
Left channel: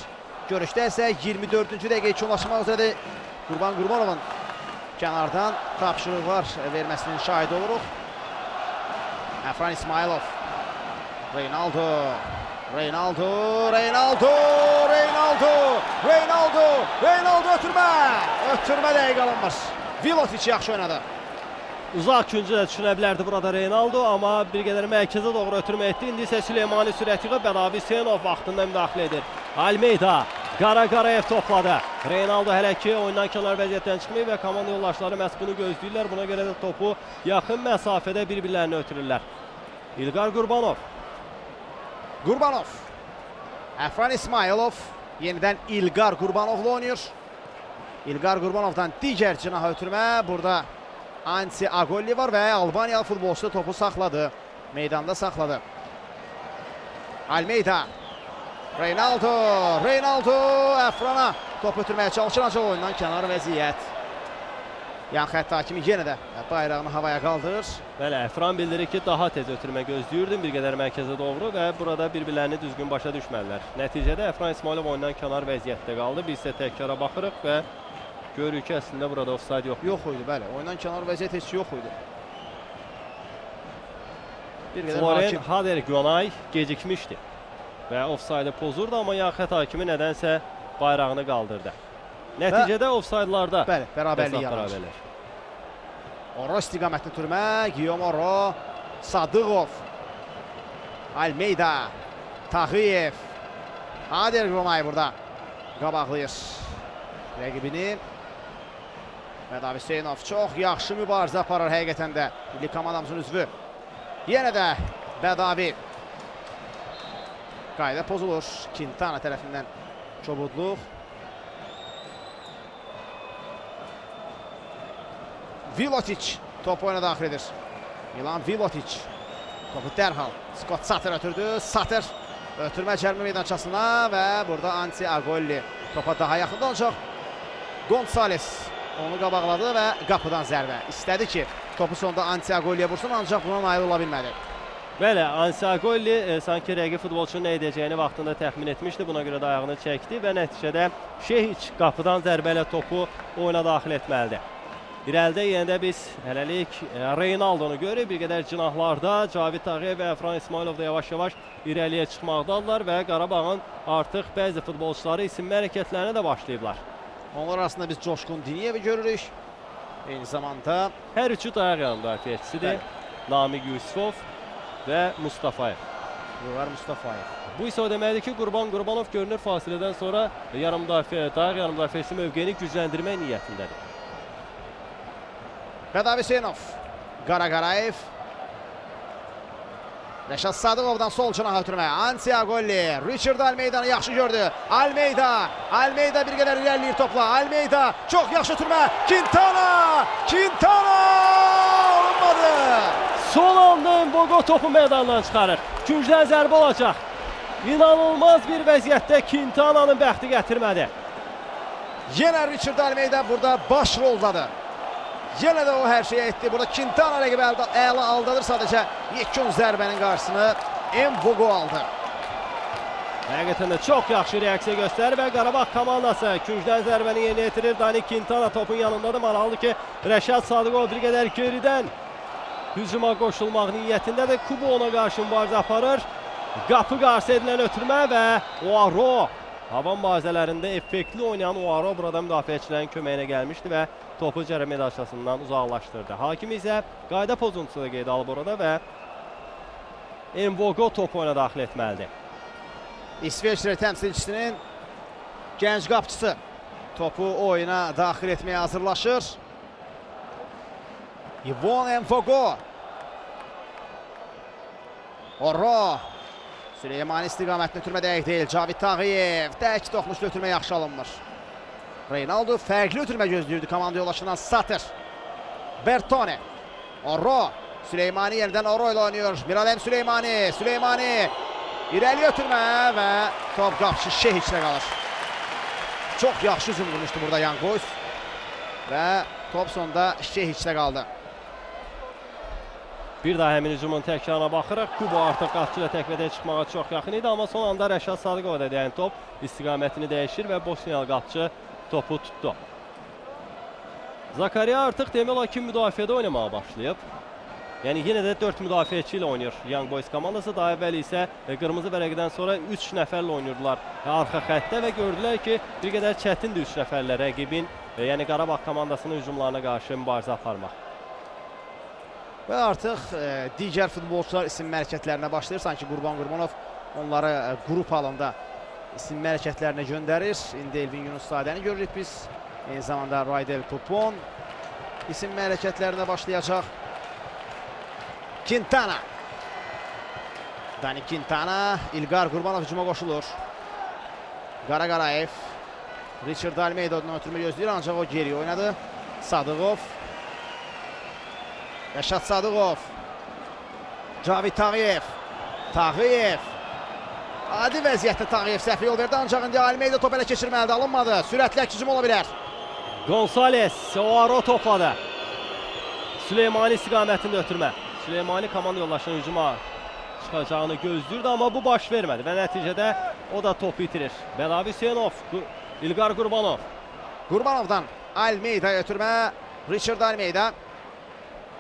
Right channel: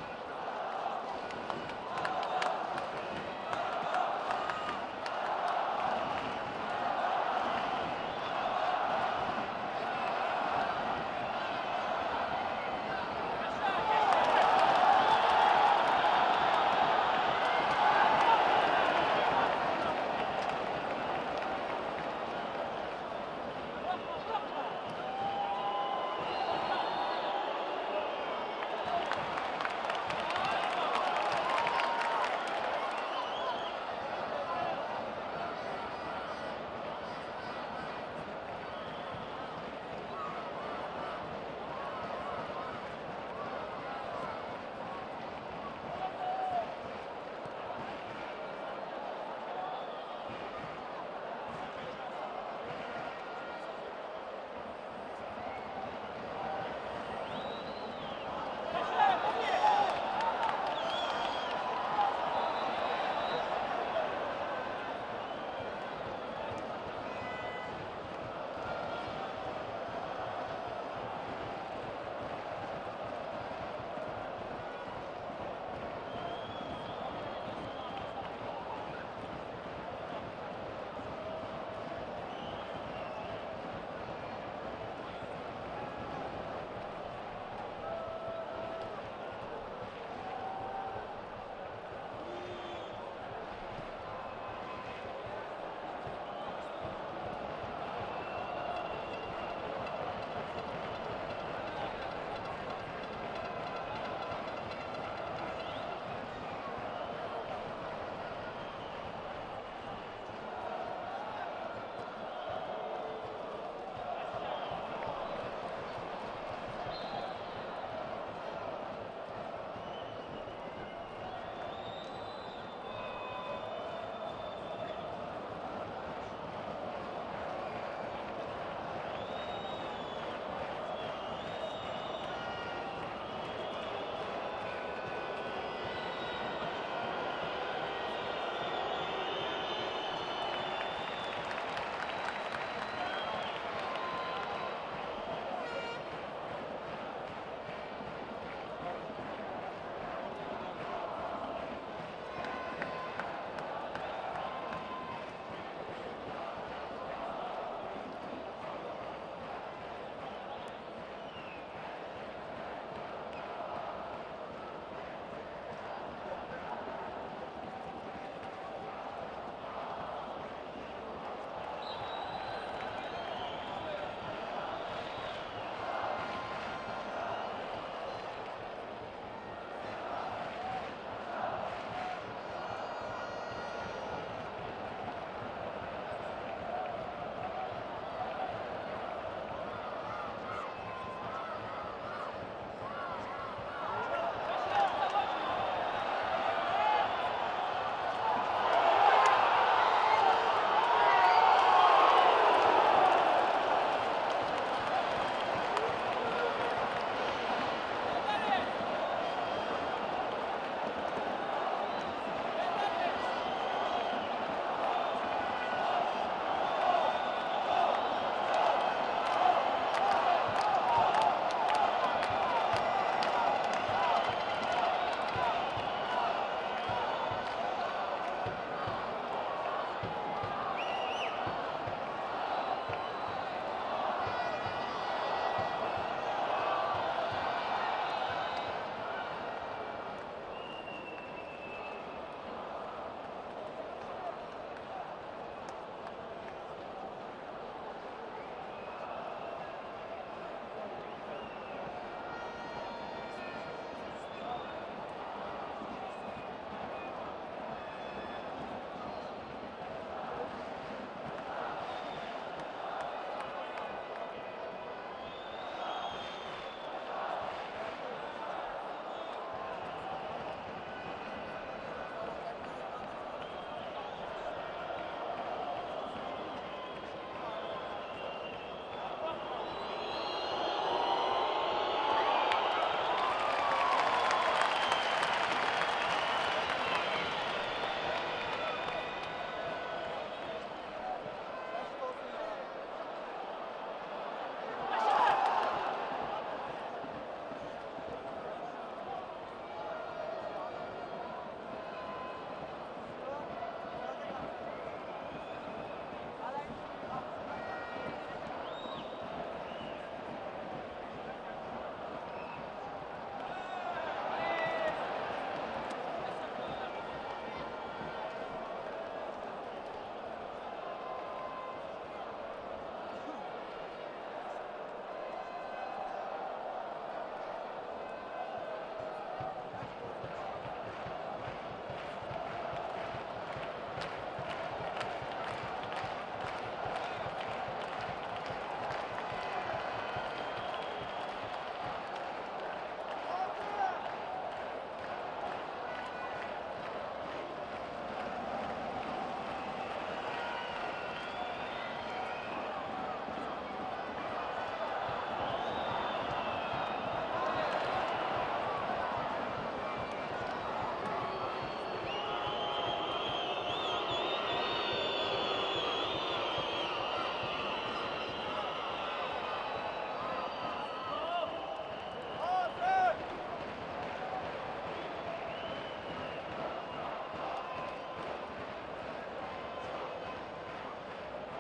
Görüşdə isə 24-cü dəqiqə üçünlaşmaq üzrədir. Qurbanovun kənardan tapşırıqlar verməsinin şahid oluruq. Əfran İsmailov. Reynaldo. Ötürmə dəqiq alınmaz. Vilotic yaxşı oynadı. Uzaq küncü də düşünə bilərdi burada Reynaldo, amma bir qədər mərkəzə doğru ötürmə etdi. İndi isə Süleymani Sürəti və Bədavi Hüseynov vaxtında müdaxilə edir. Almeida, Qarayev topladı. Reynaldo hələ ki oyundan kənar vəziyyətdən çıxmayıb və komanda yoldaşları məhz bunu gözləyirlər. Buna görə də topu yaxın məsafədə bir-birlərini ötürürlər. İlqar Qurbanov. Əfran İsmailov yenidən İlqar Qurbanovla oynayır. İlqar Qurbanovdan digər cinaha ötürmə. Burada Ansi Agolli var və Albaniyalı futbolçu topu saxladı. Meydanda saxladı. Almeida. Reynaldo Əfrana top ötürməyə çalışır, ancaq oyundan kənar vəziyyət. Yan xətt hakimi yenə də bayrağını havaya qaldırır. Bəli, Əfran bildirir ki, daha tez ötürmə gözləyirdim bir qədər mərkəzə doğru və burada bir-birlərini düzgün başa düşməlilər. Nəticədə Əfran İsmailov oyundan kənar vəziyyətdə qaldı. Biz isə təkrara baxırıq və görürük ki, əslində burada ofsayd yox idi. Bəli, oyundan kənar vəziyyət heç yox idi. Floren Hader-Gönay gecikmişdi və ofsaydı pozurdu, amma yan xətt hakimi nədənsə bayrağını qaldırdı. Nəticədə ofsaydlarda bərabərlik yaranır. Orro istiqamətli türmə, Guillaume Orro, Sadıqov, Almeida, Tağıyev, Hader-Gönay burada qabaqlayır rəqibini. Bədavi Hüseynov çox yaxşı mübarizə aparır həqiqətən də milli komandamızın üzvü. Yenə də Bədavi. Qayda pozulur. Quintana tərəfindən çobudluq. Vilotic topu oyuna daxil edir. Milan Vilotic. Topu dərhal Scott Sater ötürdü. Sater ötürmə cərimə meydançasına və burada Ansi Agolli topa daha yaxında olacaq. Gonçales onu qabaqladı və qapıdan zərbə. İstədi ki, topu sonunda Ansi Agolliyə vursun, ancaq buna nail ola bilmədi. Bəli, Ansi Agolli sanki rəqib futbolçunun nə edəcəyini vaxtında təxmin etmişdi. Buna görə də ayağını çəkdi və nəticədə Şehiç qapıdan zərbə ilə topu oyuna daxil etməlidir. İrəlidə yenə də biz hələlik Reynaldonu görürük. Bir qədər cinahlarda Cavid Tağıyev və Əfran İsmailov da yavaş-yavaş irəliyə çıxmaqdadılar və Qarabağın artıq bəzi futbolçuları isim hərəkətlərinə də başlayıblar. Onlar arasında biz Coşqun Diniyevi görürük. Eyni zamanda hər üçü dayaq yanı müdafiəçisidir. Namiq Yusufov və Mustafayev. Mustafayev. Bu isə o deməkdir ki, Qurbanov görünür fasilədən sonra dayaq yarım müdafiəçisi mövqeyini gücləndirmək niyyətində. Vedav Hüseynov, Qarayev. Rəşad Sadıqovdan sol cinaha ötürmə. Antiagolli, Richard Almeydanı yaxşı gördü. Almeyda bir qədər irəliləyir topla. Almeyda çox yaxşı ötürmə. Quintana! Olmadı. Son anda Mbogo topu meydandan çıxarır. Küncdən zərbə olacaq. İnanılmaz bir vəziyyətdə Quintana'nın bəxti gətirmədi. Yenə Richard Almeyda burada baş roldadır. Yenə də o hər şeyə etdi. Burada Quintana rəqibi əla aldadır. Sadəcə yekun zərbənin qarşısını Mbogo aldı. Həqiqətən də çox yaxşı reaksiya göstərir və Qarabağ komandası küncdən zərbəni yerinə yetirir. Dani Quintana topun yanındadır. Maraqlı ki, Rəşad Sadıqov bir qədər geridən hücuma qoşulmaq niyyətindədir. Kubo ona qarşı mübarizə aparır. Qapı qarşı edilən ötürmə və Oaro hava mübarizələrində effektli oynayan Oaro burada müdafiəçilərin köməyinə gəlmişdi və topu cərəmə daşlasından uzaqlaşdırdı. Hakim isə qayda pozuntusu da qeydə alıb orada və Mbogo topu oyuna daxil etməlidir. İsveçrə təmsilçisinin gənc qapıçısı topu oyuna daxil etməyə hazırlaşır. Yvon Mbogo. Orro. Süleymani istiqamətini ötürmə dəqiq deyil. Cavid Tağıyev. Dək toxunuşlu ötürmə yaxşı alınmır. Reynaldo fərqli ötürmə gözləyirdi komanda yoldaşından Satır. Bertone. Orro. Süleymani yenidən Orro ilə oynuyor. Miralem Süleymani. İrəli ötürmə və top qapışı Şehiçlə qalır. Çox yaxşı hücum vurmuşdu burada Young Boys. Və top sonunda Şehiçlə qaldı. Bir daha həmin hücumun təkrarına baxırıq. Kubo artıq qapçı ilə təkvədə çıxmağa çox yaxın idi, amma son anda Rəşad Sadıqova da deyən top istiqamətini dəyişir və Bosniyalı qapçı topu tutdu. Zakariya artıq demək olar ki, müdafiədə oynamağa başlayıb. Yəni yenə də 4 müdafiəçi ilə oynayır Young Boys komandası. Daha əvvəl isə qırmızı vərəqdən sonra 3 nəfərlə oynayırdılar arxa xəttdə və gördülər ki, bir qədər çətindir 3 nəfərlə rəqibin, yəni Qarabağ komandasının hücumlarına qarşı mübarizə aparmaq. Və artıq digər futbolçular isim hərəkətlərinə başlayır. Sanki Qurbanov onları qrup halında isim hərəkətlərinə göndərir. İndi Elvin Yunussadəni görürük biz. Eyni zamanda Raydev Tupon isim hərəkətlərinə başlayacaq. Quintana. Dani Quintana, İlqar Qurbanov hücuma qoşulur. Qarayev. Richard Almeyda ötürmə gözləyir, ancaq o geri oynadı. Sadıqov. Rəşad Sadıqov. Cavid Tağıyev. Adi vəziyyətdə Tağıyev səhv yol verdi, ancaq indi Almeyda top ələ keçirməlidir, alınmadı. Sürətli hücum ola bilər. Gonzales, Oaro topladı. Süleymani istiqamətində ötürmə. Süleymani komanda yoldaşının hücuma çıxacağını gözləyirdi, amma bu baş vermədi və nəticədə o da topu itirir. Vedav Hüseynov, İlqar Qurbanov. Qurbanovdan Almeyda'ya ötürmə. Richard Almeyda.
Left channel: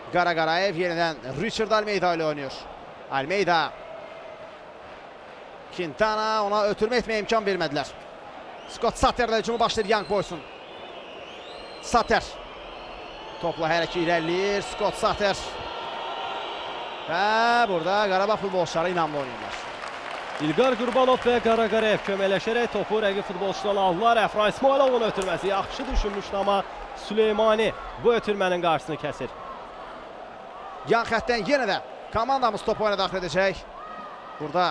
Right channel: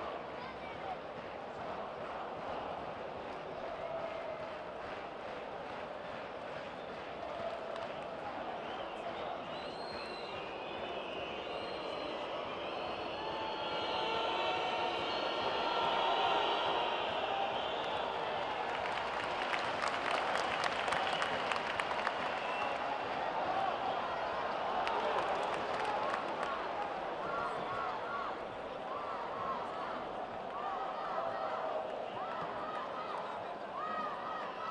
Qarayev yenidən Richard Almeyda ilə oynuyor. Almeyda. Quintana ona ötürmə etməyə imkan vermədilər. Scott Satter'la hücumu başlayır Young Boys'un. Satter. Topla hər iki irəliləyir. Scott Satter. Və burada Qarabağ futbolçuları inanmlı oynuyorlar. İlqar Qurbanov və Qarayev köməkləşərək topu rəqib futbolçudan aldılar. Əfran İsmailovun ötürməsi yaxşı düşünmüşdü, amma Süleymani bu ötürmənin qarşısını kəsir. Yan xəttdən yenə də komandamız topu oyuna daxil edəcək. Burada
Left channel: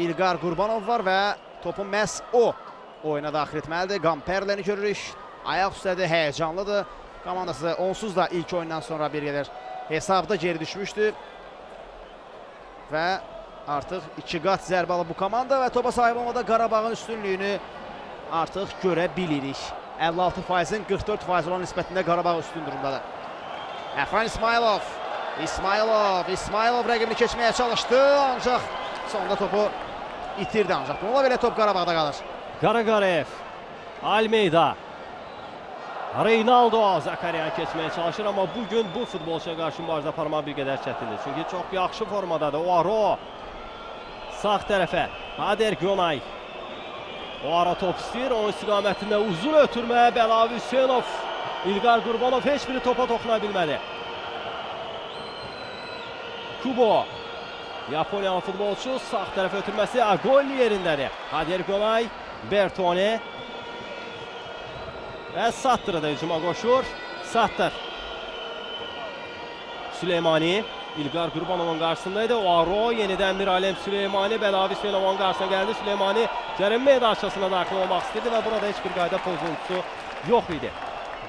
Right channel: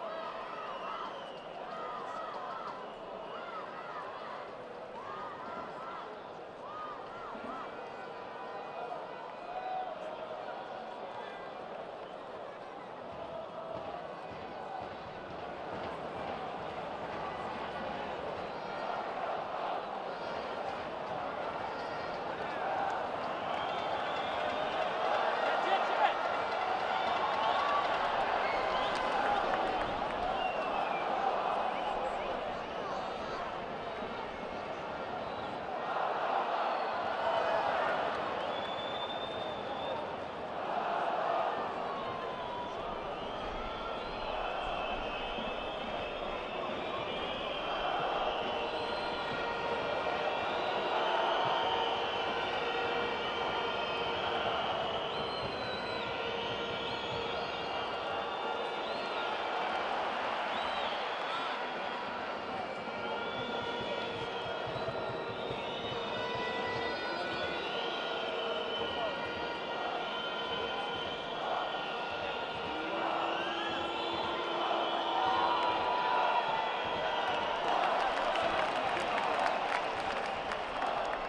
İlqar Qurbanov var və topu məhz o oyuna daxil etməlidir. Gamperləni görürük. Ayaq üstədir, həyəcanlıdır. Komandası onsuz da ilk oyundan sonra bir qədər hesabda geri düşmüşdü. Və artıq 2 qat zərbə alıb bu komanda və topa sahib olmada Qarabağın üstünlüyünü artıq görə bilirik. 56%-in 44% olan nisbətində Qarabağ üstün durumdadır. Əfran İsmailov rəqibini keçməyə çalışdı, ancaq sonunda topu itirdi ancaq. Bununla belə top Qarabağda qalır. Qarayev, Almeyda. Reynaldo Zakariya keçməyə çalışır, amma bugün bu futbolçuya qarşı mübarizə aparmaq bir qədər çətindir. Çünki çox yaxşı formadadır. Oaro sağ tərəfə. Ader Gonay. Oaro top istəyir. Onun istiqamətində uzun ötürmə. Bəlavi Hüseynov. İlqar Qurbanov heç biri topa toxuna bilmədi. Kubo. Yaponiyalı futbolçu sağ tərəfə ötürməsi Agolli yerindədir. Ader Gonay. Bertone. Və Sattır'ı da hücuma qoşur. Sattır. Süleymani. İlqar Qurbanovun qarşısındaydı. Oaro yenidən bir alem Süleymani. Bəlavi Hüseynovun qarşısına gəldi. Süleymani cərim meydançasına daxil olmaq istedi və burada heç bir qayda pozuntusu yox idi.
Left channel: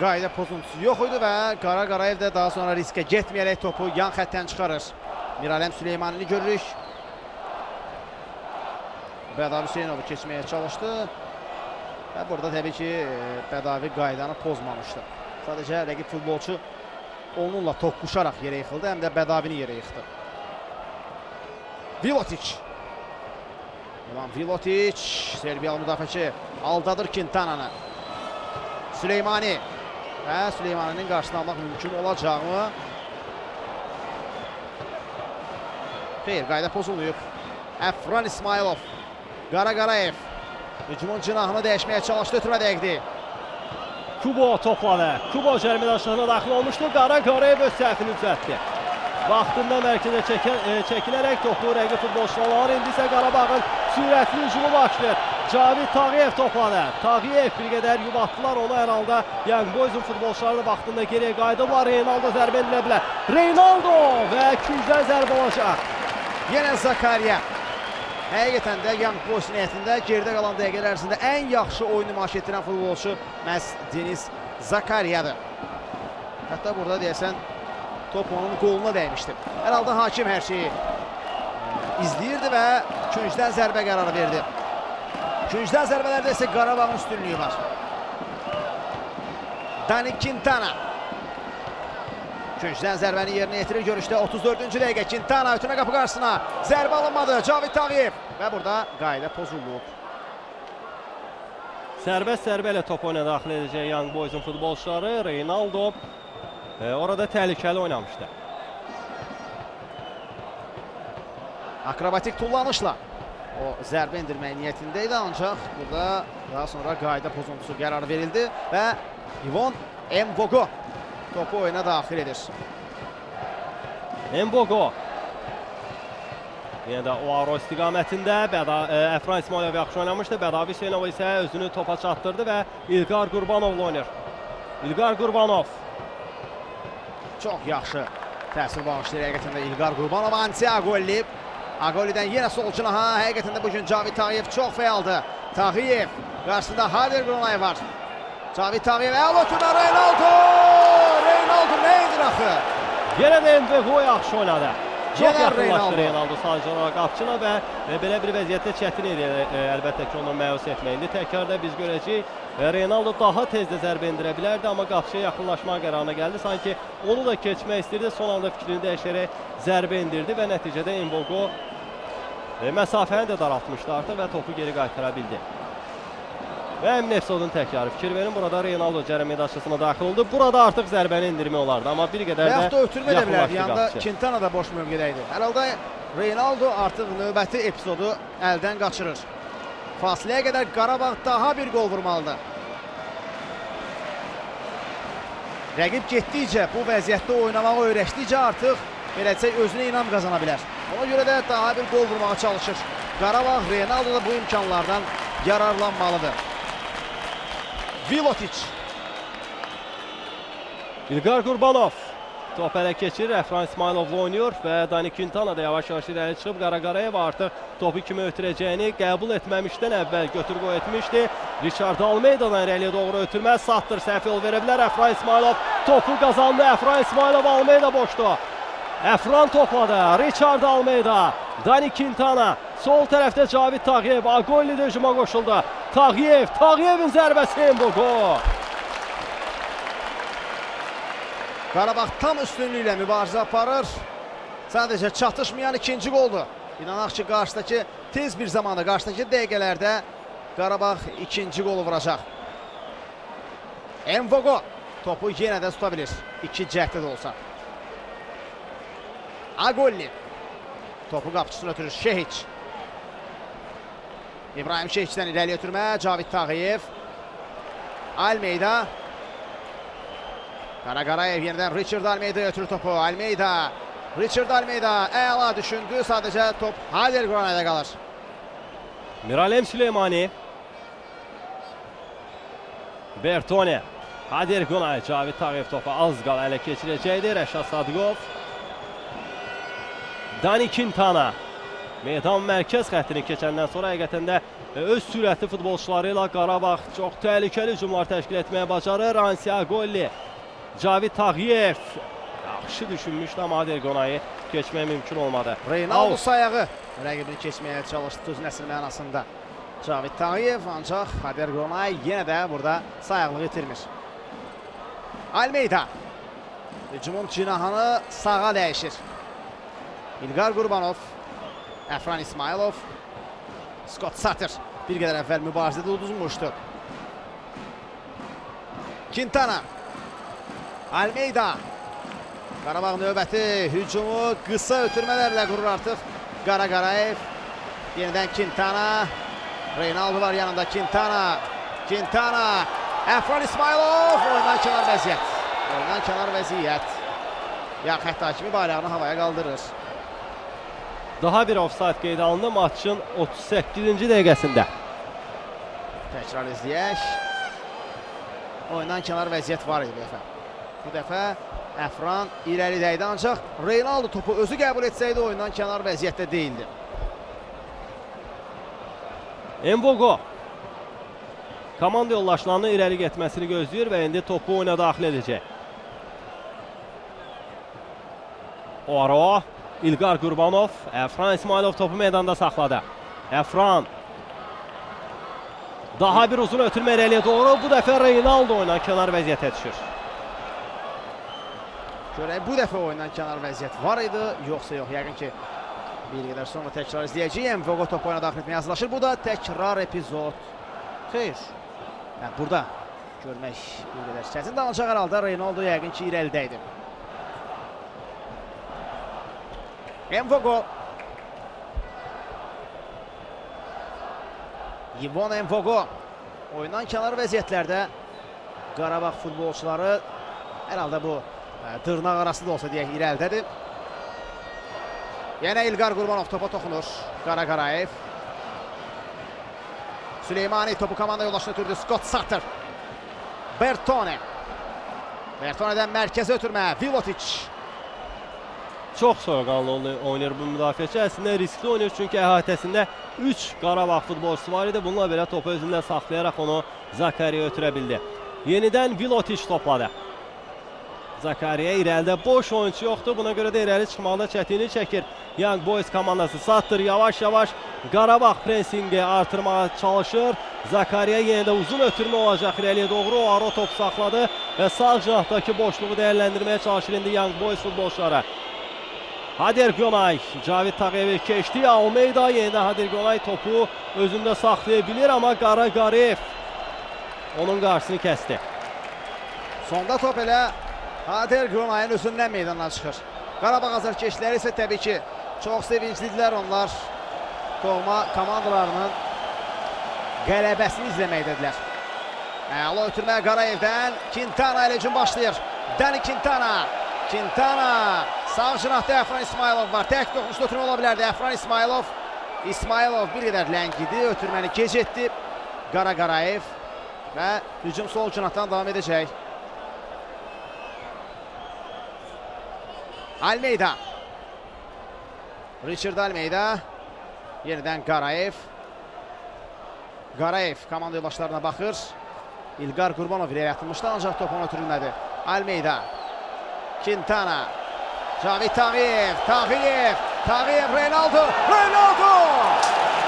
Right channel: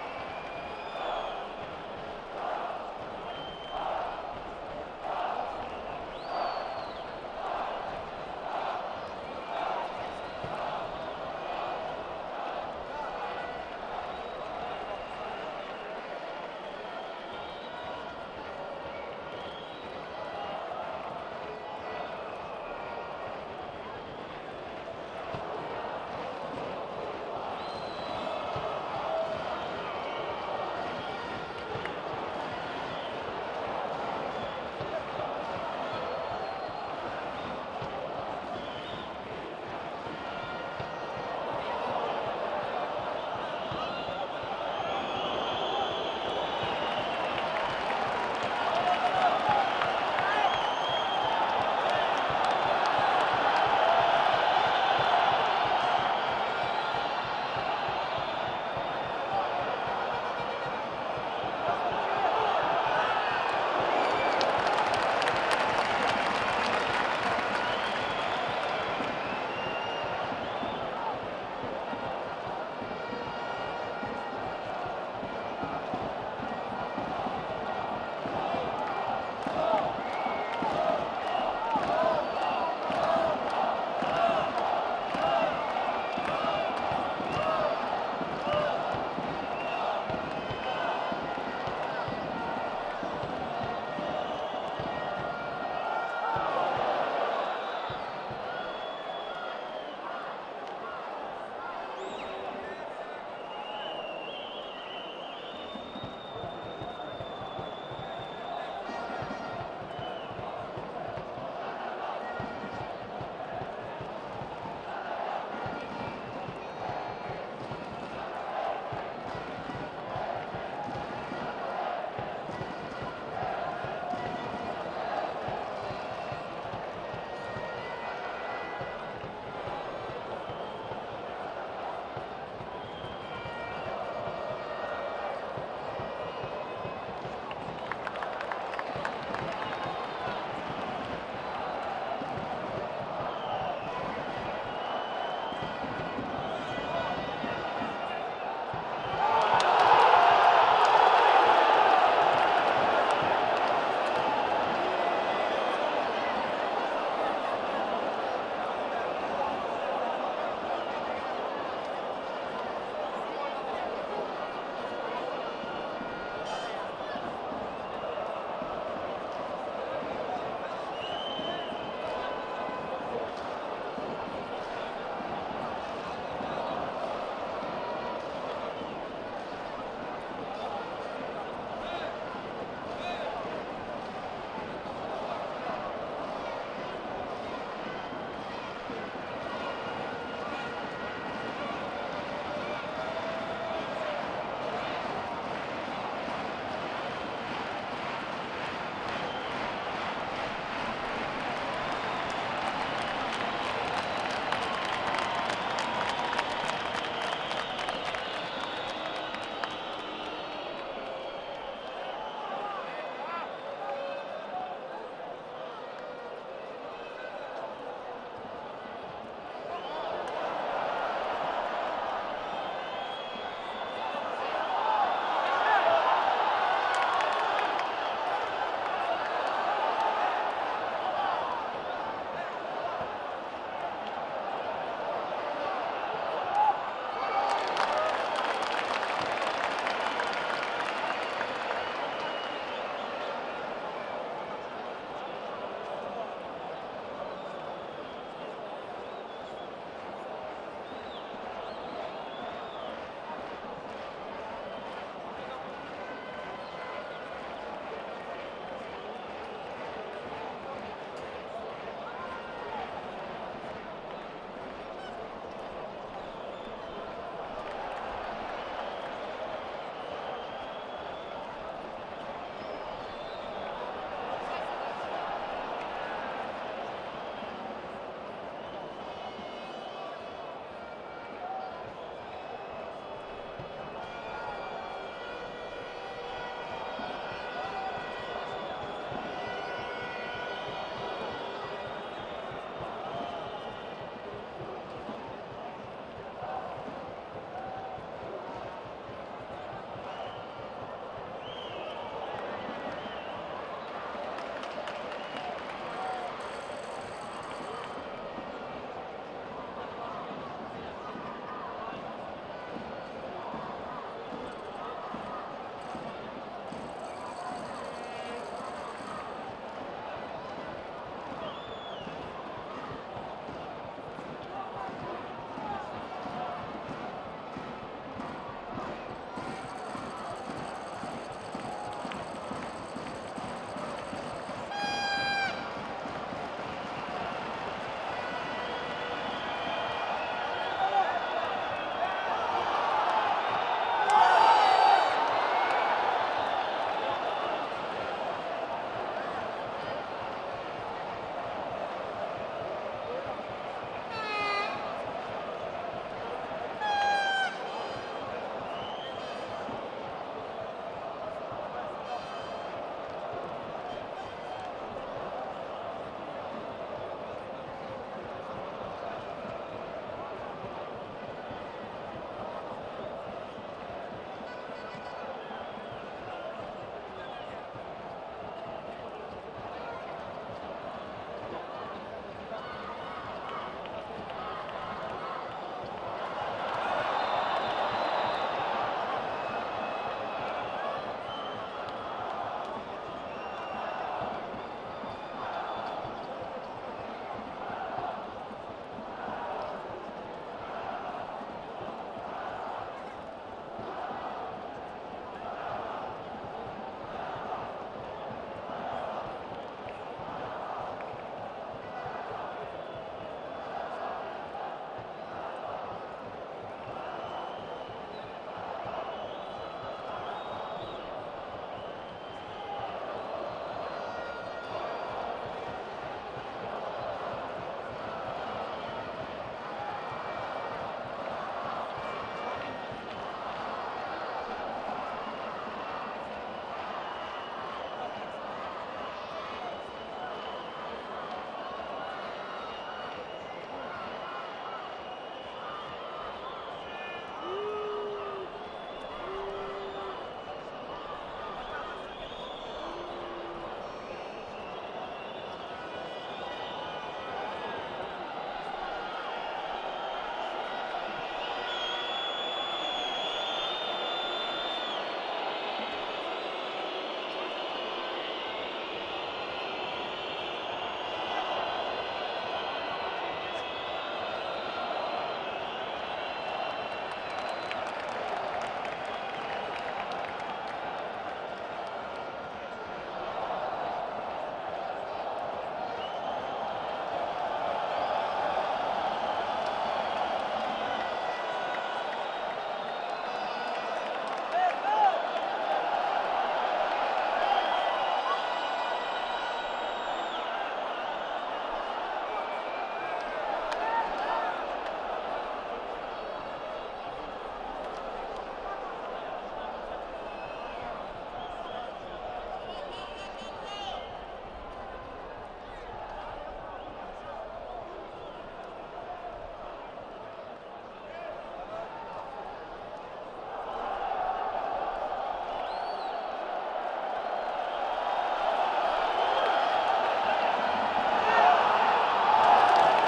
Qayda pozuntusu yox idi və Qara Qarayev də daha sonra riskə getməyərək topu yan xəttdən çıxarır. Bir alem Süleymanini görürük. Bədavi Hüseynovu keçməyə çalışdı. Və burada təbii ki, Bədavi qaydanı pozmamışdı. Sadəcə rəqib futbolçu onunla toqquşaraq yerə yıxıldı, həm də Bədavini yerə yıxdı. Vilotic. Vilotic, Serbiyalı müdafiəçi aldadır Quintana'nı. Süleymani. Və Süleymaninin qarşısını almaq mümkün olacağını. Xeyr, qayda pozulmayıb. Əfran İsmailov. Qara Qarayev. Hücumun cinahını dəyişməyə çalışdı, ötürmə dəqiqdi. Kubo topladı. Kubo cərimə aşağına daxil olmuşdu. Qara Qarayev öz səhvini düzəltdi. Vaxtında mərkəzə çəkilərək topu rəqib futbolçular. İndi isə Qarabağın sürətli hücumu başlayır. Cavid Tağıyev topladı. Tağıyev bir qədər yubatdılar onu hər halda. Young Boys'un futbolçuları vaxtında geriyə qayıdıblar. Reynaldo zərbə endilə bilər. Reynaldo və küncdən zərbə olacaq. Yenə Zakariya. Həqiqətən də Young Boys niyyətində geridə qalan dəqiqələr ərzində ən yaxşı oyun nümayiş etdirən futbolçu məhz Deniz Zakariyadır. Hətta burada deyəsən top onun qoluna dəymişdi. Hər halda hakim hər şeyi izləyirdi və küncdən zərbə qərarı verdi. Küncdən zərbələrdə isə Qarabağın üstünlüyü var. Dani Quintana. Küncdən zərbəni yerinə yetirir görüşdə 34-cü dəqiqə. Quintana ötürmə qapı qarşısına. Zərbə alınmadı. Cavid Tağıyev. Və burada qayda pozuldu. Sərbəst zərbə ilə top oyuna daxil edəcək Young Boys'un futbolçuları. Reynaldo orada təhlükəli oynamışdı. Akrobatik tullanışla o zərbə indirmək niyyətində idi, ancaq burada daha sonra qayda pozuntusu qərarı verildi və Ivon Mbogo topu oyuna daxil edir. Mbogo. Yenə də Oaro istiqamətində Əfran İsmailov yaxşı oynamışdı. Bədavi Hüseynov isə özünü topa çatdırdı və İlqar Qurbanovla oynayır. İlqar Qurbanov. Çox yaxşı təsir bağışlayır həqiqətən də İlqar Qurbanov. Anti Agolli. Agolli'dən yenə sol cinaha. Həqiqətən də bugün Cavid Tağıyev çox fəaldır. Tağıyev. Qarşısında Hader Qurbanov var. Cavid Tağıyev. Əvvələtində Reynaldo. Reynaldo neydir axı? Yenə də Mbogo yaxşı oynadı. Çox yaxınlaşdı Reynaldo sadəcə olaraq qapçına və belə bir vəziyyətdə çətin idi əlbəttə ki, onu məyus etmək. İndi təkrarda biz görəcəyik. Reynaldo daha tez də zərbə endirə bilərdi, amma qapçıya yaxınlaşma qərarına gəldi. Sanki onu da keçmək istəyirdi, son anda fikrini dəyişərək zərbə indirdi və nəticədə Mbogo məsafəni də daraltmışdı artıq və topu geri qaytıra bildi. Və Emnefsodun təkrarı. Fikir verin, burada Reynaldo cərimə daşısına daxil oldu. Burada artıq zərbəni indirmə olardı, amma bir qədər də yaxud da ötürmə də bilərdi. Yanında Quintana da boş mövqedə idi. Hər halda Reynaldo artıq növbəti epizodu əldən qaçırır. Fasiləyə qədər Qarabağ daha bir qol vurmalıdır. Rəqib getdikcə, bu vəziyyətdə oynamağı öyrəşdikcə artıq eləcək özünə inam qazana bilər. Ona görə də daha bir qol vurmağa çalışır. Qarabağ Reynaldo da bu imkanlardan yararlanmalıdır. Vilotic. İlqar Qurbanov top ələ keçirir, Əfran İsmailovla oynuyor və Dani Quintana da yavaş-yavaş irəli çıxıb Qara Qarayev artıq topu kimi ötürəcəyini qəbul etməmişdən əvvəl götür-qoy etmişdi. Richard Almeida'dan irəliyə doğru ötürmə, Sattır səhv yol verə bilər. Əfran İsmailov topu qazandı. Əfran İsmailov, Almeida boşdu. Əfran topladı. Richard Almeida, Dani Quintana, sol tərəfdə Cavid Tağıyev, Agolli də hücuma qoşuldu. Tağıyev, Tağıyevin zərbəsi Mbogo. Qarabağ tam üstünlüklə mübarizə aparır. Sadəcə çatışmayan ikinci qoldur. İnanaq ki, qarşıdakı tez bir zamanda, qarşıdakı dəqiqələrdə Qarabağ ikinci qolu vuracaq. Envogo topu yenə də tuta bilir. 2 cəhdə də olsa. Agolli topu qapıçısına ötürür. Şehiç. İbrahim Şehiç'dən irəli ötürmə. Cavid Tağıyev. Almeida. Qaraqarayev yenidən Richard Almeida'ya ötürür topu. Almeida. Richard Almeida əla düşündü. Sadəcə top Hader Granay'da qalır. Miralem Süleymani. Bertone. Hader Granay. Cavid Tağıyev topu az qal ələ keçirəcəkdir. Rəşad Sadıqov. Dani Quintana. Meydan mərkəz xəttini keçəndən sonra həqiqətən də öz sürətli futbolçuları ilə Qarabağ çox təhlükəli hücumlar təşkil etməyə bacarır. Ansi Agolli. Cavid Tağıyev. Yaxşı düşünmüşdü amma Hader Granay'ı keçmək mümkün olmadı. Reynaldo sayağı rəqibini keçməyə çalışdı düz nəsil mənasında. Cavid Tağıyev ancaq Hader Granay yenə də burada sayaqlığı itirmir. Almeida. Hücumun cinahını sağa dəyişir. İlqar Qurbanov. Əfran İsmailov. Scott Sutter bir qədər əvvəl mübarizədə uduzmuşdu. Quintana. Almeida. Qarabağ növbəti hücumu qısa ötürmələrlə qurur artıq. Qaraqarayev. Yenidən Quintana. Reynaldo var yanında. Quintana. Quintana. Əfran İsmailov. Oyundan kənar vəziyyət. Oyundan kənar vəziyyət. Ya xətt hakimi bayrağını havaya qaldırır. Daha bir ofsayt qeydə alındı maçın 38-ci dəqiqəsində. Təkrar izləyək. Oyundan kənar vəziyyət var idi bu dəfə. Bu dəfə Əfran irəli dəydi ancaq Reynaldo topu özü qəbul etsəydi oyundan kənar vəziyyətdə deyildi. Envogo. Komanda yoldaşlarının irəli getməsini gözləyir və indi topu oyuna daxil edəcək. Oro. İlqar Qurbanov. Əfran İsmailov topu meydanda saxladı. Əfran. Daha bir uzun ötürmə irəliyə doğru. Bu dəfə Reynaldo oyundan kənar vəziyyətə düşür. Görək bu dəfə oyundan kənar vəziyyət var idi, yoxsa yox. Yəqin ki bir qədər sonra təkrar izləyəcəyik. Envogo topu oyuna daxil etməyə hazırlaşır. Bu da təkrar epizod. Xeyr. Burada görmək bir qədər çətindir. Ancaq hər halda Reynaldo yəqin ki irəlidəydi. Envogo. Yvon Envogo. Oyundan kənar vəziyyətlərdə Qarabağ futbolçuları hər halda bu dırnaq arası da olsa deyək irəlidədir. Yenə İlqar Qurbanov topa toxunur. Qaraqarayev. Süleymani topu komanda yoldaşına ötürdü. Scott Sutter. Bertone. Bertone'dən mərkəzə ötürmə. Vilotic. Çox soyuqqanlı oynayır bu müdafiəçi. Əslində riskli oynayır çünki əhatəsində 3 Qarabağ futbolçusu var idi. Bununla belə topu özündən saxlayaraq onu Zakariya ötürə bildi. Yenidən Vilotic topladı. Zakariya irəlidə boş oyuncu yoxdur. Buna görə də irəli çıxmaqda çətinlik çəkir Young Boys komandası. Sutter yavaş-yavaş Qarabağ presingi artırmağa çalışır. Zakariya yenə də uzun ötürmə olacaq irəliyə doğru. O ara top saxladı və sağ cinahdakı boşluğu dəyərləndirməyə çalışır indi Young Boys futbolçuları. Hader Granay, Cavid Tağıyev keçdi. Almeida yenə Hader Granay topu özündə saxlaya bilir amma Qaraqarayev onun qarşısını kəsdi. Sonda top elə Hader Granayın özündən meydana çıxır. Qarabağ azarkeşləri isə təbii ki çox sevinclidirlər onlar. Doğma komandalarının qələbəsini izləməkdədirlər. Əla ötürmə Qarayevdən. Quintana ilə hücum başlayır. Dani Quintana. Quintana. Sağ cinahda Əfran İsmailov var. Tək toxunuşda ötürmə ola bilərdi. Əfran İsmailov. İsmailov bir qədər ləngidi. Ötürməni gecətdi. Qaraqarayev. Və hücum sol cinahdan davam edəcək. Almeida. Richard Almeida. Yenidən Qarayev. Qarayev komanda yoldaşlarına baxır. İlqar Qurbanov irəli atılmışdı ancaq topunu ötürülmədi. Almeida. Quintana. Cavid Tağıyev. Tağıyev. Tağıyev. Reynaldo. Reynaldo.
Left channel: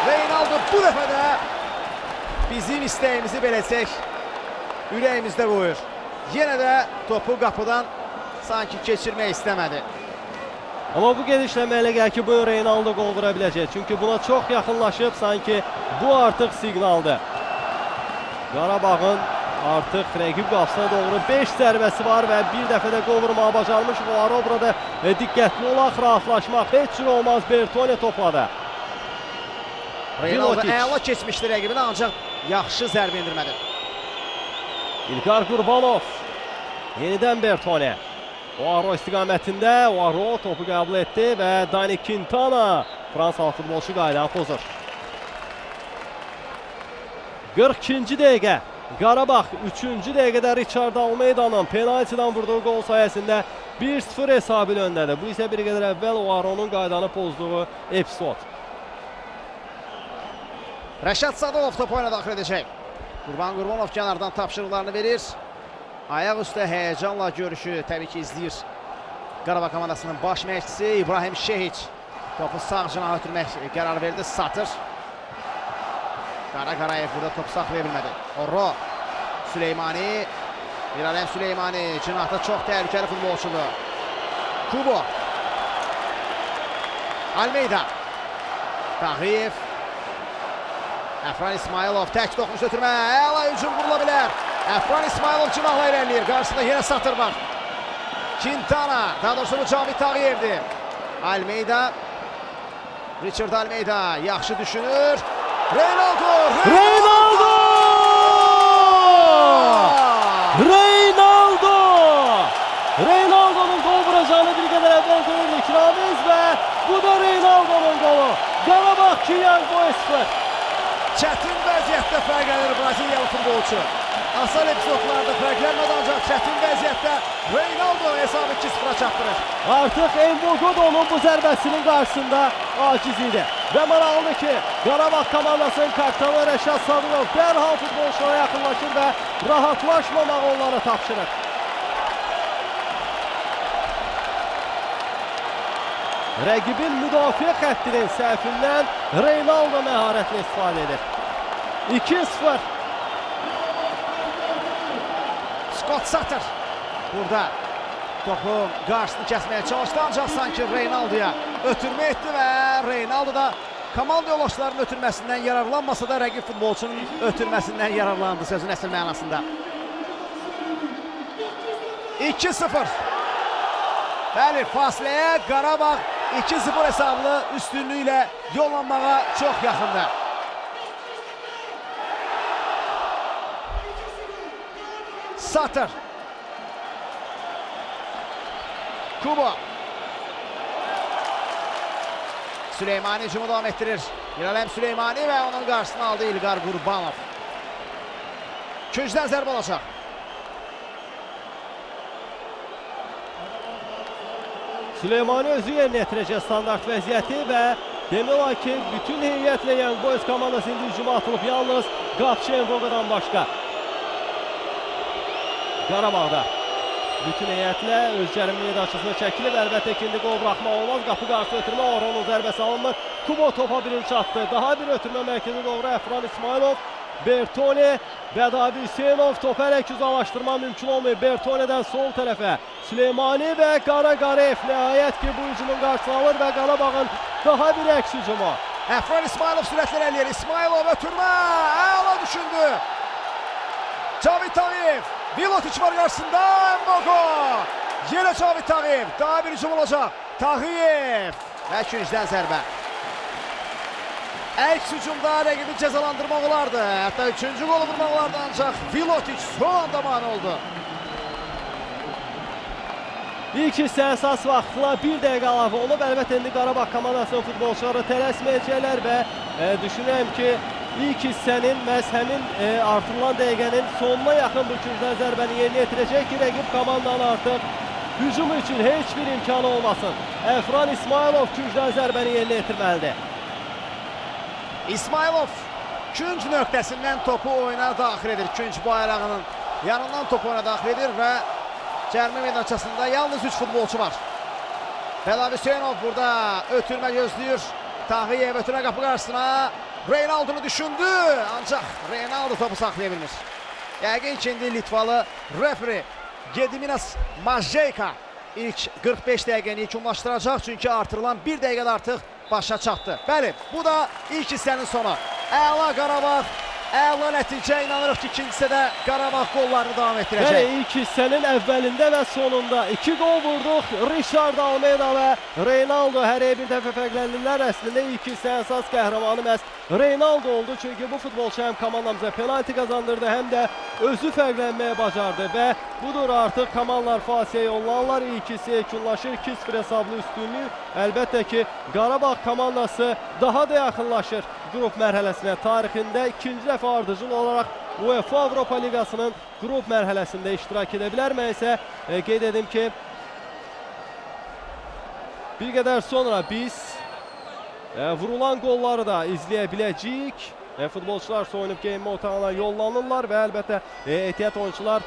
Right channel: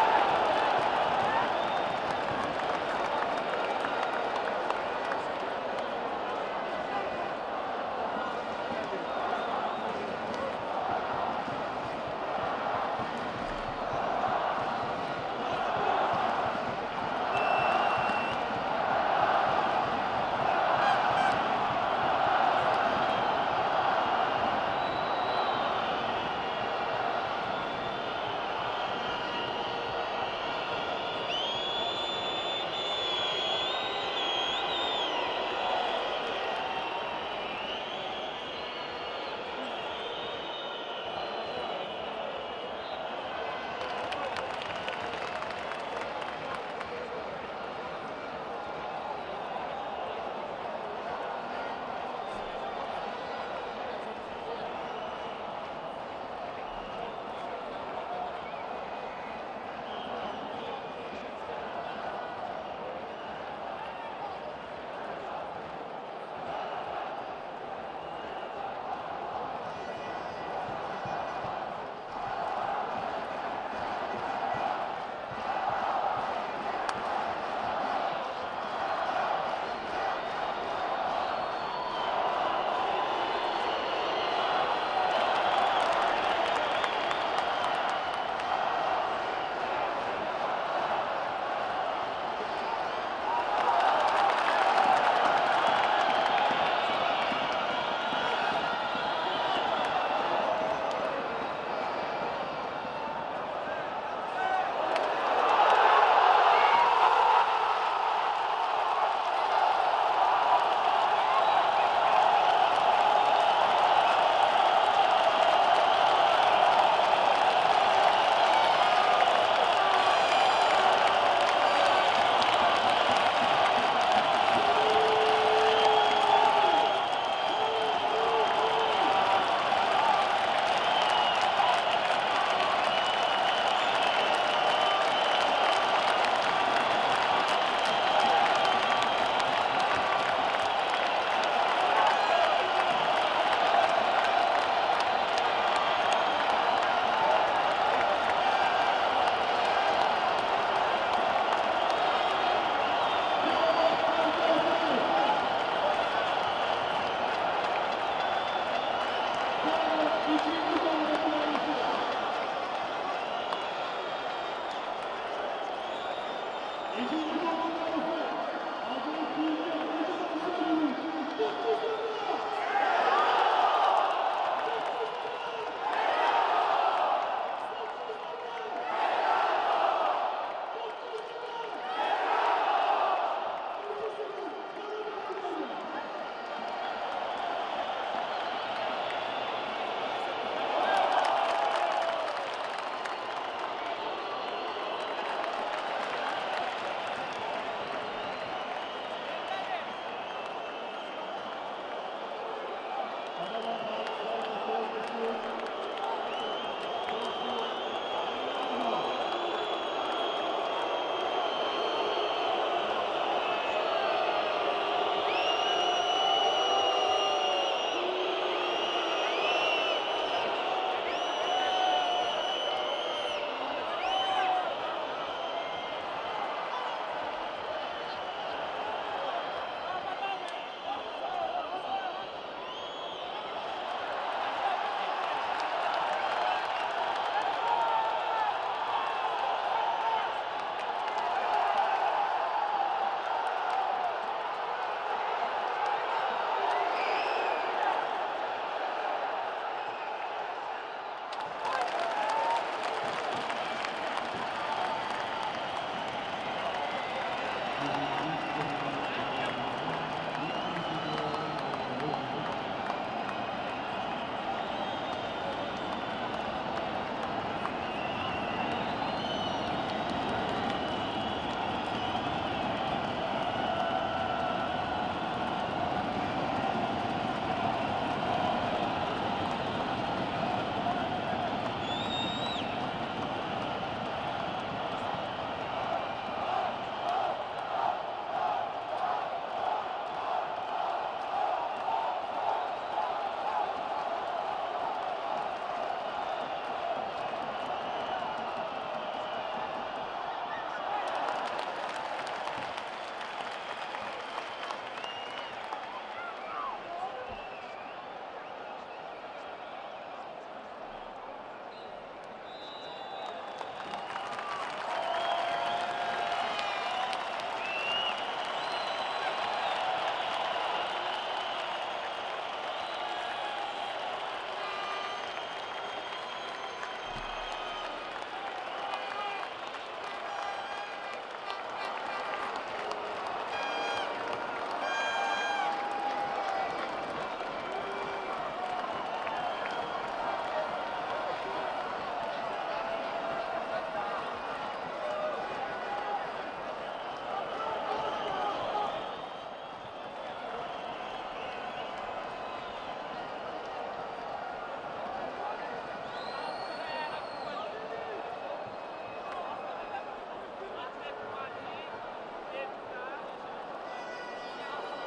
Reynaldo bu dəfə də bizim istəyimizi beləcək ürəyimizdə qoyur. Yenə də topu qapıdan sanki keçirmək istəmədi. Amma bu gedişlə mənə gəlir ki, bu Reynaldo qol vura biləcək. Çünki buna çox yaxınlaşıb sanki bu artıq siqnaldır. Qarabağın artıq rəqib qapısına doğru 5 zərbəsi var və bir dəfə də qol vurmağı bacarmış. Var burada diqqətli olaq, rahatlaşmaq heç cür olmaz. Bertone topladı. Reynaldo əla keçmişdi rəqibini, ancaq yaxşı zərbə endirmədi. İlqar Qurbanov. Yenidən Bertone. Oaro istiqamətində. Oaro topu qəbul etdi və Dani Quintana Fransalı futbolçu qaydanı pozur. 42-ci dəqiqə. Qarabağ 3-cü dəqiqədə Richard Almeida'nın penaltiden vurduğu gol sayəsində 1-0 hesabı öndədir. Bu isə bir qədər əvvəl Oaro'nun qaydanı pozduğu epizod. Rəşad Sadolov top oyuna daxil edəcək. Qurban Qurbanov kənardan tapşırıqlarını verir. Ayaq üstə həyəcanla görüşü təbii ki izləyir. Qarabağ komandasının baş məşqçisi İbrahim Şehiç. Topu sağ cinaha ötürmək qərar verdi. Satır. Qarayev burada topu saxlaya bilmədi. Orro. Süleymani. İrələm Süleymani. Cinahda çox təhlükəli futbolçudur. Kubo. Almeida. Tağıyev. Əfran İsmailov tək topu götürmə. Əla hücum qurula bilər. Əfran İsmailov cinahla irəliyir. Qarşısında yenə Satır var. Quintana. Daha doğrusu Cavit Tağıyevdir. Almeida. Richard Almeida yaxşı düşünür. Reynaldo! Reynaldo! Reynaldo! Reynaldo'nun gol vuracağını bir qədər əvvəl görürdük Ramiz və bu da Reynaldo'nun golu. Qarabağ 2, Young Boys 0. Çətin vəziyyətdə fərq edir Braziliyalı futbolçu. Asal epizodlarda fərqlənmir, ancaq çətin vəziyyətdə Reynaldo hesabı 2-0 çatdırır. Artıq Envogodo'nun bu zərbəsinin qarşısında aciz idi. Və maraqlıdır ki, Qarabağ komandasının kaptanı Rəşad Sadolov dərhal futbolçulara yaxınlaşır və rahatlaşmamaq onlara tapşırır. Rəqibin müdafiə xəttinin səhvindən Reynaldo məharətlə istifadə edir. 2-0. Scott Satır burada topu qarşısını kəsməyə çalışdı, ancaq sanki Reynaldo'ya ötürmə etdi və Reynaldo da komanda yoldaşlarının ötürməsindən yararlanmasa da rəqib futbolçunun ötürməsindən yararlandı sözün əsl mənasında. 2-0. Bəli, fasiləyə Qarabağ 2-0 hesablı üstünlüklə yollanmağa çox yaxındır. Satır. Kubo. Süleymani hücumu devam ettirir. İrələm Süleymani və onun qarşısını aldı İlqar Qurbanov. Küncdən zərbə olacaq. Süleymani özü yerinə yetirəcək standart vəziyyəti və demək olar ki, bütün heyətlə Young Boys komandası indi hücuma atılıb, yalnız qapçı Envogo'dan başqa. Qarabağda bütün heyətlə öz cərimə meydançasına çəkilir. Əlbəttə ki, indi qol buraxmaq olmaz. Qapı qarşı ötürmə, Oronun zərbəsi alınır. Kubo topa birini çatdı. Daha bir ötürmə mərkəzi doğru Əfran İsmailov. Bertone və Davi Hüseynov topu hələ güzəlaşdırma mümkün olmuyor. Bertone'dən sol tərəfə Süleymani və Qarayev nəhayət ki, bu hücumun qarşısını alır və Qarabağın daha bir əks hücumu. Əfran İsmailov sürətlə irəliləyir. İsmailov ötürmə. Əla düşündü. Cavit Tağıyev. Vilotiç var qarşısında. Envogo. Yenə Cavit Tağıyev. Daha bir hücum olacaq. Tağıyev. Və küncdən zərbə. Əks hücumda rəqibi cəzalandırmaq olardı. Hətta 3-cü qolu vurmaq olardı, ancaq Vilotiç son anda mane oldu. İlk hissə əsas vaxtına 1 dəqiqə əlavə olub. Əlbəttə indi Qarabağ komandasının futbolçuları tələsməyəcəklər və düşünürəm ki, ilk hissənin məhz həmin artırılan dəqiqənin sonuna yaxın bir küncdən zərbəni yerinə yetirəcək ki, rəqib komandanın artıq hücum üçün heç bir imkanı olmasın. Əfran İsmailov küncdən zərbəni yerinə yetirməlidir. İsmailov künc nöqtəsindən topu oyuna daxil edir. Künc bayrağının yanından topu oyuna daxil edir və cərimə meydançasında yalnız 3 futbolçu var. Davi Hüseynov burada ötürmə gözləyir. Tağıyev ötürmə qapı qarşısına. Reynaldo'nu düşündü, ancaq Reynaldo topu saxlaya bilmir. Yəqin ki, indi Litvalı referi Gediminas Majeyka ilk 45 dəqiqəni yekunlaşdıracaq, çünki artırılan 1 dəqiqədə artıq başa çatdı. Bəli, bu da ilk hissənin sonu. Əla Qarabağ, Əla nəticə, inanırıq ki, ikinci hissədə Qarabağ qollarını davam Bəli, etdirəcək. ilk hissənin əvvəlində və sonunda 2 qol vurduq. Richard Almeida və Reynaldo hər bir dəfə fərqləndirlər. Əslində ilk hissə əsas qəhrəmanı məhz Reynaldo oldu. Çünki bu futbolçu həm komandamıza penalti qazandırdı, həm də özü fərqlənməyə bacardı və budur artıq komandalar fasiyə yollanırlar. İlk hissə yekunlaşır, 2-0 hesablı üstünlük. Əlbəttə ki, Qarabağ komandası daha da yaxınlaşır qrup mərhələsinə. Tarixində ikinci dəfə ardıcıl olaraq UEFA Avropa Liqasının qrup mərhələsində iştirak edə bilər. Mən isə qeyd edim ki, bir qədər sonra biz vurulan qolları da izləyə biləcəyik. Futbolçular soyunub geyinmə otağına yollanırlar və əlbəttə ehtiyat oyuncular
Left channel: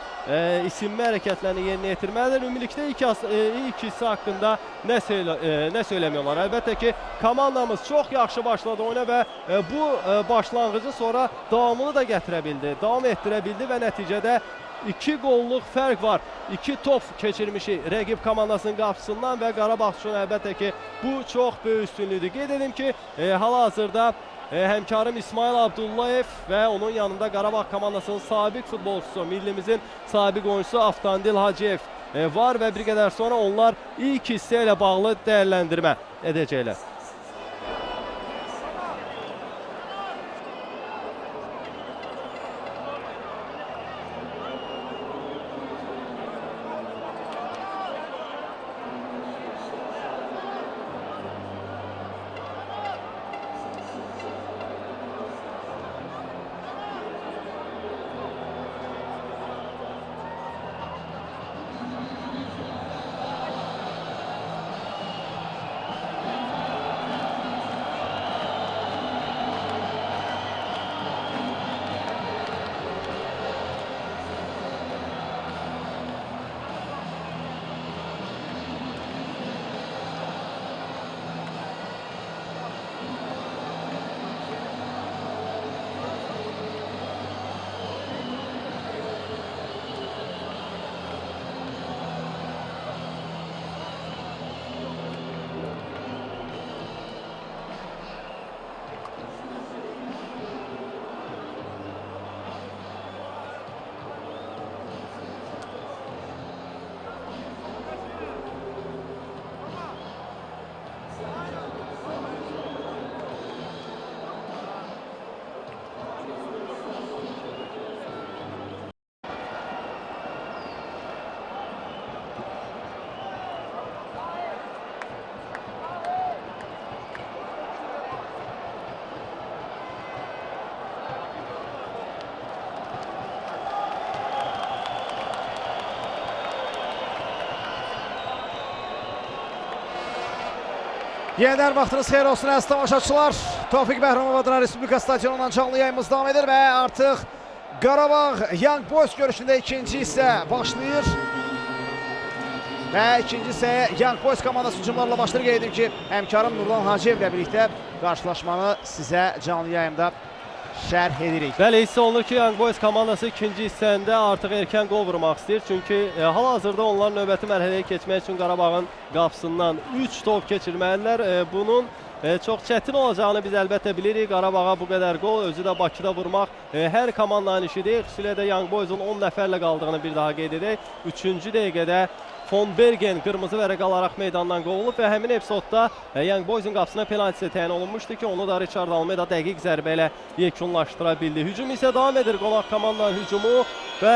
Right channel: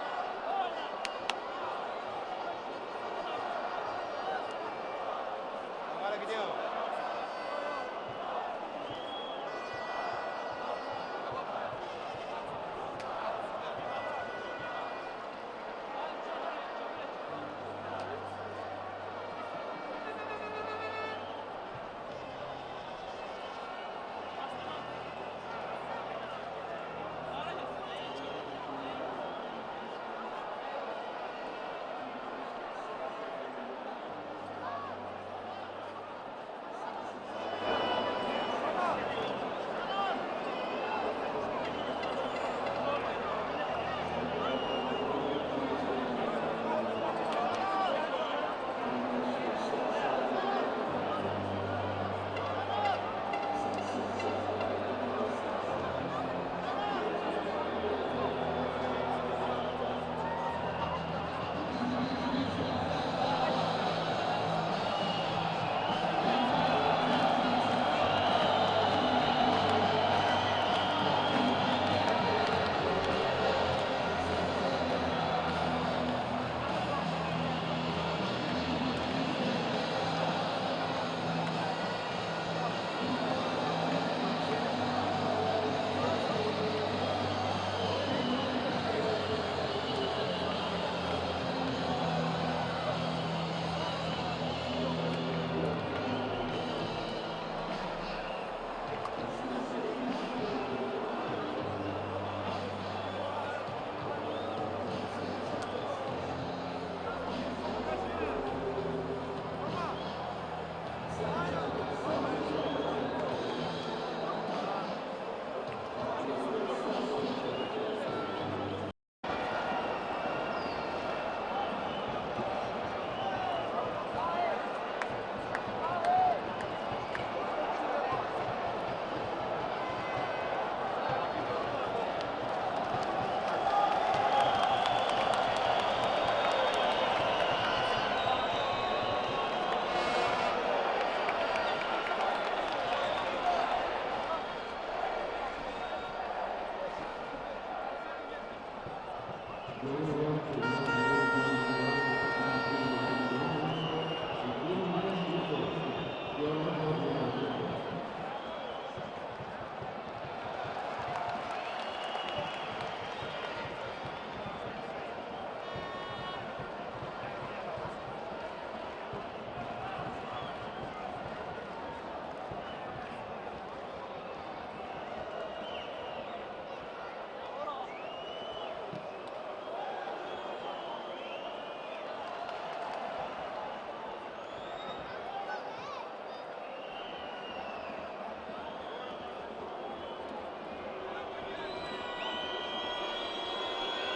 isinmə hərəkətlərini yerinə yetirməlidir. Ümumilikdə ilk hissə haqqında nə söyləmiyorlar. Əlbəttə ki, komandamız çox yaxşı başladı oyuna və bu başlanğıcı sonra davamını da gətirə bildi, davam etdirə bildi və nəticədə 2 qolluq fərq var. 2 top keçirmişik rəqib komandasının qapısından və Qarabağ üçün əlbəttə ki, bu çox böyük üstünlükdür. Qeyd edim ki, hal-hazırda həmkarım İsmail Abdullayev və onun yanında Qarabağ komandasının sabiq futbolçusu, millimizin sabiq oyuncusu Aftandil Hacıyev var və bir qədər sonra onlar ilk hissə ilə bağlı dəyərləndirmə edəcəklər. Yeniden vaxtınız xeyir olsun əziz tamaşaçılar. Tofiq Bəhrəmov adına Respublika stadionundan canlı yayımız davam edir və artıq Qarabağ Young Boys görüşündə ikinci hissə başlayır. Və ikinci hissəyə Young Boys komandası hücumlarla başlayır. Qeyd edim ki, həmkarım Nurlan Hacıyev ilə birlikdə qarşılaşmanı sizə canlı yayımda şərh edirik. Bəli, hiss olunur ki, Young Boys komandası ikinci hissəndə artıq erkən qol vurmaq istəyir. Çünki hal-hazırda onlar növbəti mərhələyə keçmək üçün Qarabağın qapısından 3 top keçirməlidirlər. Bunun çox çətin olacağını biz əlbəttə bilirik. Qarabağa bu qədər qol, özü də Bakıda vurmaq hər komandanın işi deyil. Xüsusilə də Young Boys'un 10 nəfərlə qaldığını bir daha qeyd edək. 3-cü dəqiqədə Von Bergen qırmızı vərəq alaraq meydandan qovulub və həmin epizodda Young Boys'un qapısına penaltisi təyin olunmuşdu ki, onu da Richard Almeida dəqiq zərbə ilə yekunlaşdıra bildi. Hücum isə davam edir, qonaq komandanın hücumu və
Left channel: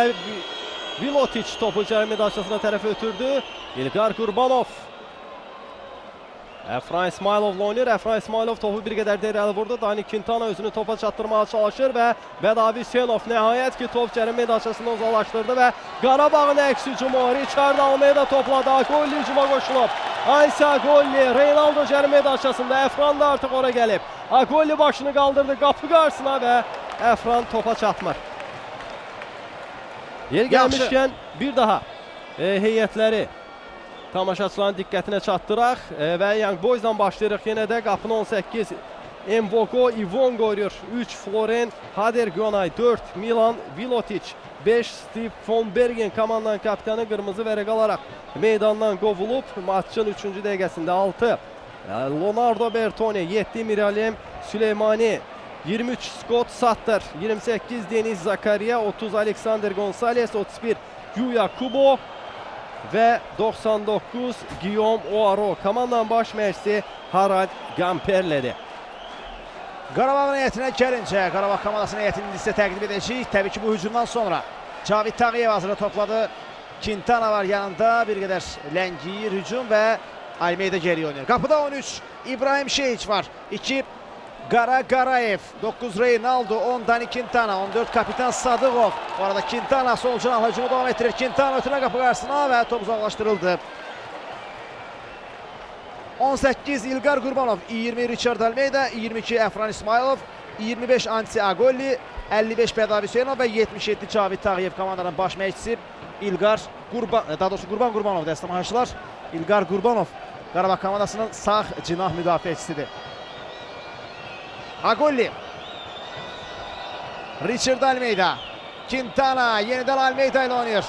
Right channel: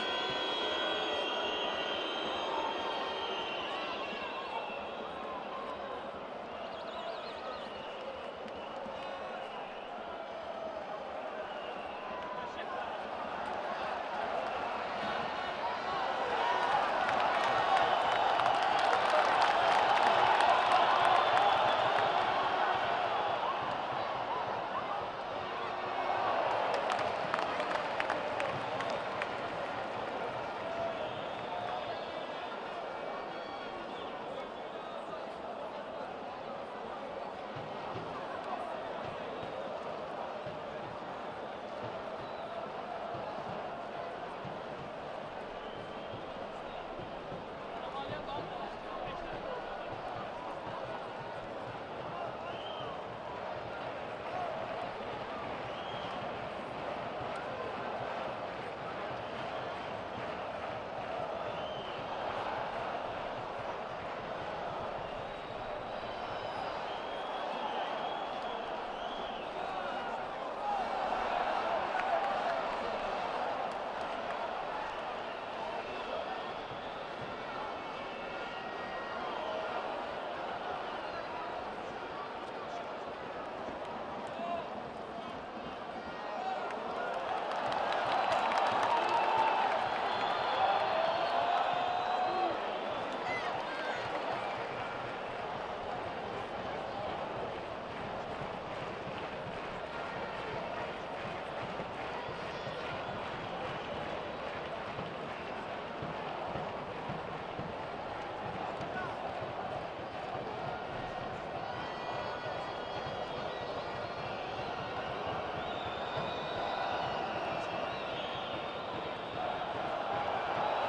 Vilotic topu cərimə daşısına tərəf ötürdü. İlqar Qurbanov Əfran İsmayılovla oynayır. Əfran İsmayılov topu bir qədər irəli vurdu. Dani Quintana özünü topa çatdırmağa çalışır və Vedavi Hüseynov nəhayət ki, top cərimə daşısına uzaqlaşdırdı və Qarabağın əks hücumu Richard Almeida topladı. Agolli hücuma qoşulub. Aysa Agolli, Reynaldo cərimə daşısında. Əfran da artıq ora gəlib. Agolli başını qaldırdı qapı qarşısına və Əfran topa çatmır. Yer gəlmişkən bir daha heyətləri tamaşaçıların diqqətinə çatdıraq və Young Boys'dan başlayırıq. Yenə də qapını 18 Mbogo İvon qoyuyor. 3 Floren Hadergonay, 4 Milan Vilotic, 5 Steve Von Bergen komandanın kapitanı qırmızı vərəq alaraq meydandan qovulub. Maçın 3-cü dəqiqəsində 6 Leonardo Bertoni, 7 Miralem Süleymani, 23 Scott Sattler, 28 Deniz Zakaria, 30 Alexander Gonzalez, 31 Yuya Kubo ve 99 Guillaume Oaro. Komandanın baş məşqçisi Harald Gamperle'dir. Qarabağ heyətinə gəlincə, Qarabağ komandasının heyətini sizə təqdim edəcəyik. Təbii ki, bu hücumdan sonra Cavid Tağıyev hazırda topladı. Quintana var yanında, bir qədər ləngiyir hücum və Almeida geri oynayır. Qapıda 13 İbrahim Şeyiç var. 2 Qara Qarayev, 9 Reynaldo, 10 Dani Quintana, 14 kapitan Sadıqov. Bu arada Quintana sol cinahla hücumu davam etdirir. Quintana ötürmə qapı qarşısına və top uzaqlaşdırıldı. 18 İlqar Qurbanov, 20 Richard Almeida, 22 Əfran İsmailov, 25 Anti Agolli, 55 Bədavi Hüseynov və 77 Cavid Tağıyev komandanın baş məşqçisi İlqar Qurbanov, daha doğrusu Qurban Qurbanov dəstəmaçılar. İlqar Qurbanov Qarabağ komandasının sağ cinah müdafiəçisidir. Agolli, Richard Almeida, Quintana yenidən Almeida ilə oynayır.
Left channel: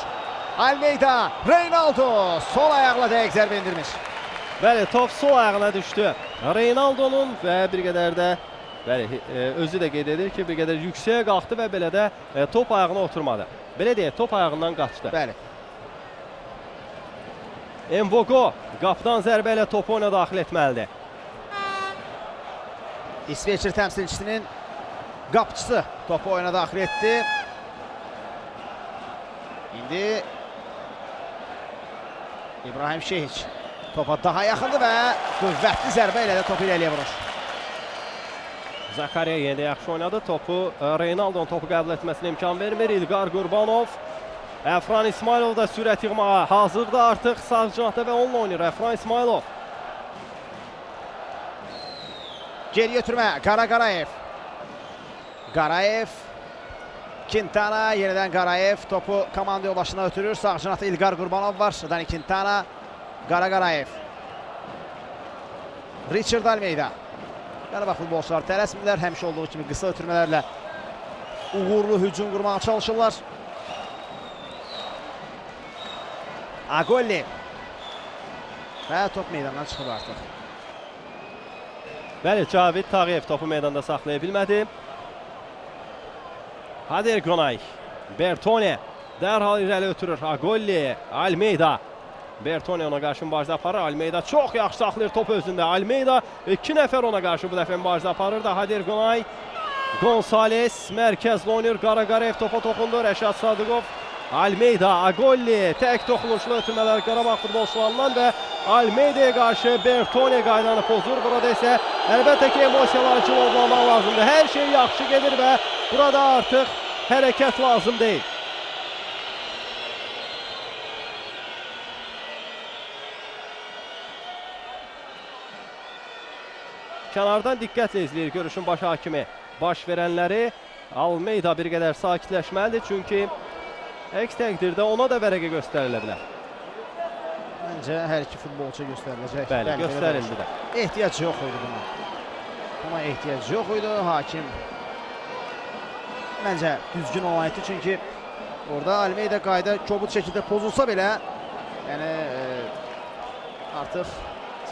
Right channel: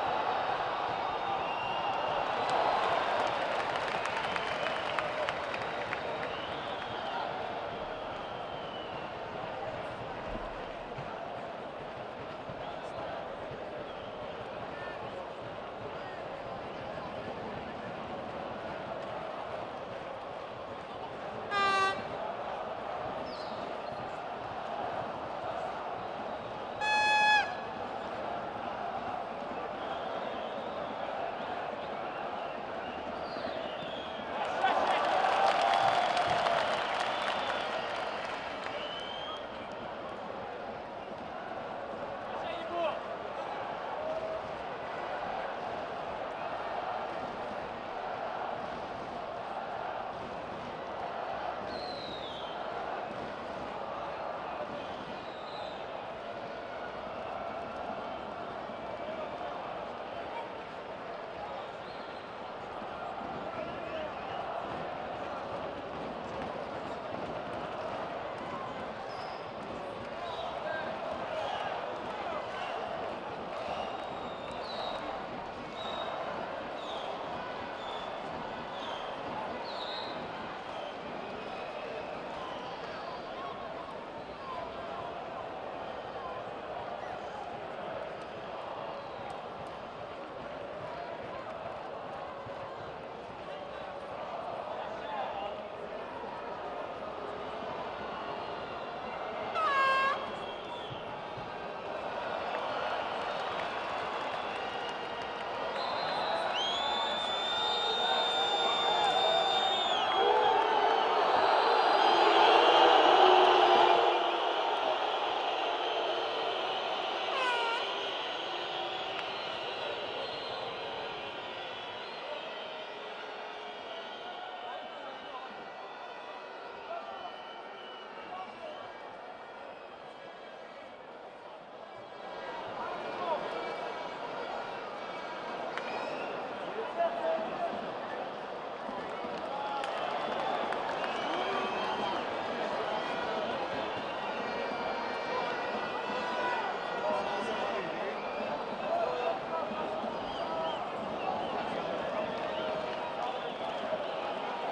Almeida, Reynaldo sol ayaqla dəqiq zərbə endirmiş. Bəli, top sol ayağına düşdü. Reynaldo'nun və bir qədər də özü də qeyd edir ki, bir qədər yüksəyə qalxdı və belə də top ayağına oturmadı. Belə deyək, top ayağından qaçdı. Bəli. Mvogo qapıdan zərbə ilə topu ona daxil etməlidir. İsveçli təmsilçisinin qapıçısı topu oyuna daxil etdi. İndi İbrahim Şeyiç topa daha yaxındır və qüvvətli zərbə ilə də topu irəliyə vurur. Zakaria yenə də yaxşı oynadı. Topu Reynaldo'nun topu qəbul etməsinə imkan vermir. İlqar Qurbanov. Əfran İsmailov da sürət yığmağa hazırdır artıq sağ cinahda və onunla oynayır Əfran İsmailov. Geri götürmə, Qara Qarayev. Qarayev, Quintana, yenidən Qarayev topu komanda yoldaşına ötürür. Sağ cinahda İlqar Qurbanov var. Dani Quintana, Qara Qarayev. Richard Almeida. Qarabağ futbolçular tələsmirlər. Həmişə olduğu kimi qısa ötürmələrlə uğurlu hücum qurmağa çalışırlar. Agolli. Və top meydandan çıxır artıq. Bəli, Cavid Tağıyev topu meydanda saxlaya bilmədi. Hader Qonay, Bertone dərhal irəli ötürür. Agolli, Almeida. Bertone ona qarşı mübarizə aparır. Almeida çox yaxşı saxlayır top özündə. Almeida 2 nəfər ona qarşı bu dəfə mübarizə aparır da Hader Qonay. Gonzalez mərkəzlə oynayır. Qara Qarayev topa toxundu. Rəşad Sadıqov. Almeida, Agolli tək toxunuşlu ötürmələr Qarabağ futbolçularından və Almeida'ya qarşı Bertone qaydanı pozur. Burada isə əlbəttə ki, emosiyalar üçün olmamaq lazımdır. Hər şey yaxşı gedir və burada artıq hərəkət lazım deyil. Kənardan diqqətlə izləyir görüşün baş hakimi. Baş verənləri Almeida bir qədər sakitləşməlidir çünki əks təqdirdə ona da vərəqə göstərilə bilər. Məncə hər iki futbolçu göstəriləcək. Bəli, göstərildi. Ehtiyac yox idi. Amma ehtiyac yox idi. Hakim məncə düzgün olaydı çünki orada Almeida qayda kobud şəkildə pozulsa belə yəni artıq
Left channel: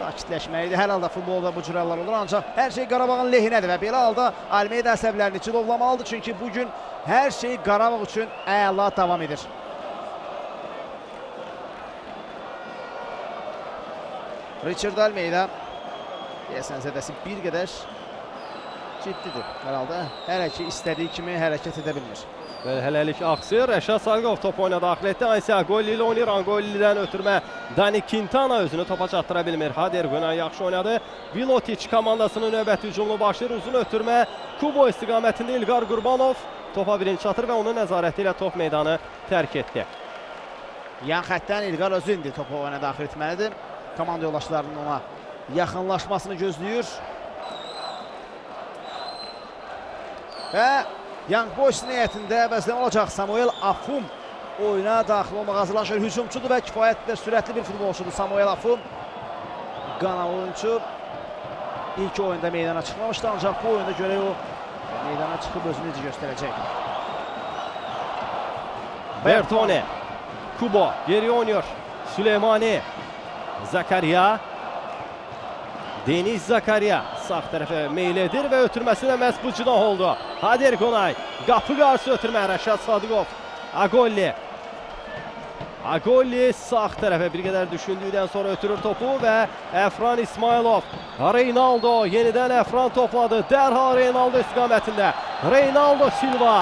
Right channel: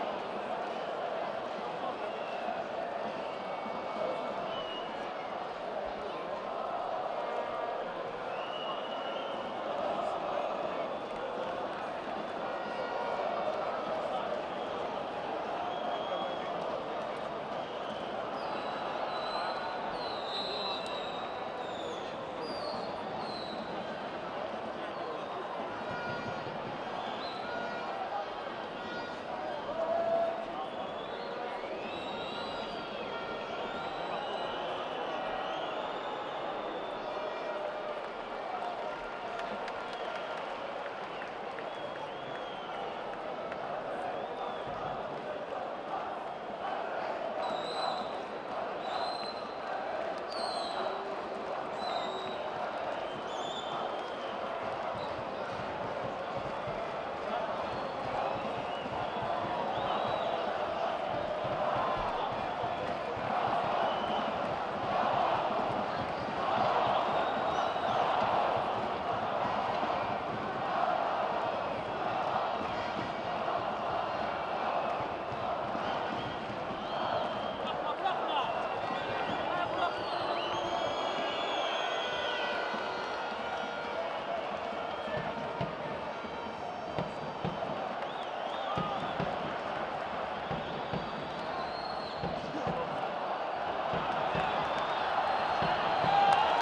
sakitləşməlidir. Hər halda futbolda bu cür hallar olur, ancaq hər şey Qarabağın lehinədir və belə halda Almeida əsəblərini cilovlamalıdır çünki bugün hər şey Qarabağ üçün əla davam edir. Richard Almeida deyəsən zədəsi bir qədər ciddidir hər halda. Hər iki istədiyi kimi hərəkət edə bilir. Hələlik aksır. Rəşad Sadıqov topu oyuna daxil etdi. Aysə Agolli ilə oynayır. Agolli'dən ötürmə Dani Quintana özünü topa çatdıra bilmir. Hader Qonay yaxşı oynadı. Vilotiç komandasının növbəti hücumunu başlayır. Uzun ötürmə Kubo istiqamətində İlqar Qurbanov topa birinci çatır və onun nəzarəti ilə top meydanı tərk etdi. Yan xəttdən İlqar özü indi topu oyuna daxil etməlidir. Komanda yoldaşlarının ona yaxınlaşmasını gözləyir. Və Young Boys niyyətində əvəzdən olacaq Samuel Afum oyuna daxil olmaq hazırlaşır. Hücumçudur və kifayətlə sürətli bir futbolçudur Samuel Afum. Qana oyuncu ilk oyunda meydana çıxmamışdı, ancaq bu oyunda görə o meydana çıxıb özünü necə göstərəcək. Bertone, Kubo geri oynuyor. Süleymani, Zakaria. Deniz Zakariya sağ tərəfə meyl edir və ötürməsi də məhz bu cinah oldu. Hader Qonay, qapı qarşı ötürmə Rəşad Sadıqov. Agolli. Agolli sağ tərəfə bir qədər düşündükdən sonra ötürür topu və Əfran İsmailov. Reynaldo yenidən Əfran topladı. Dərhal Reynaldo istiqamətində. Reynaldo Silva.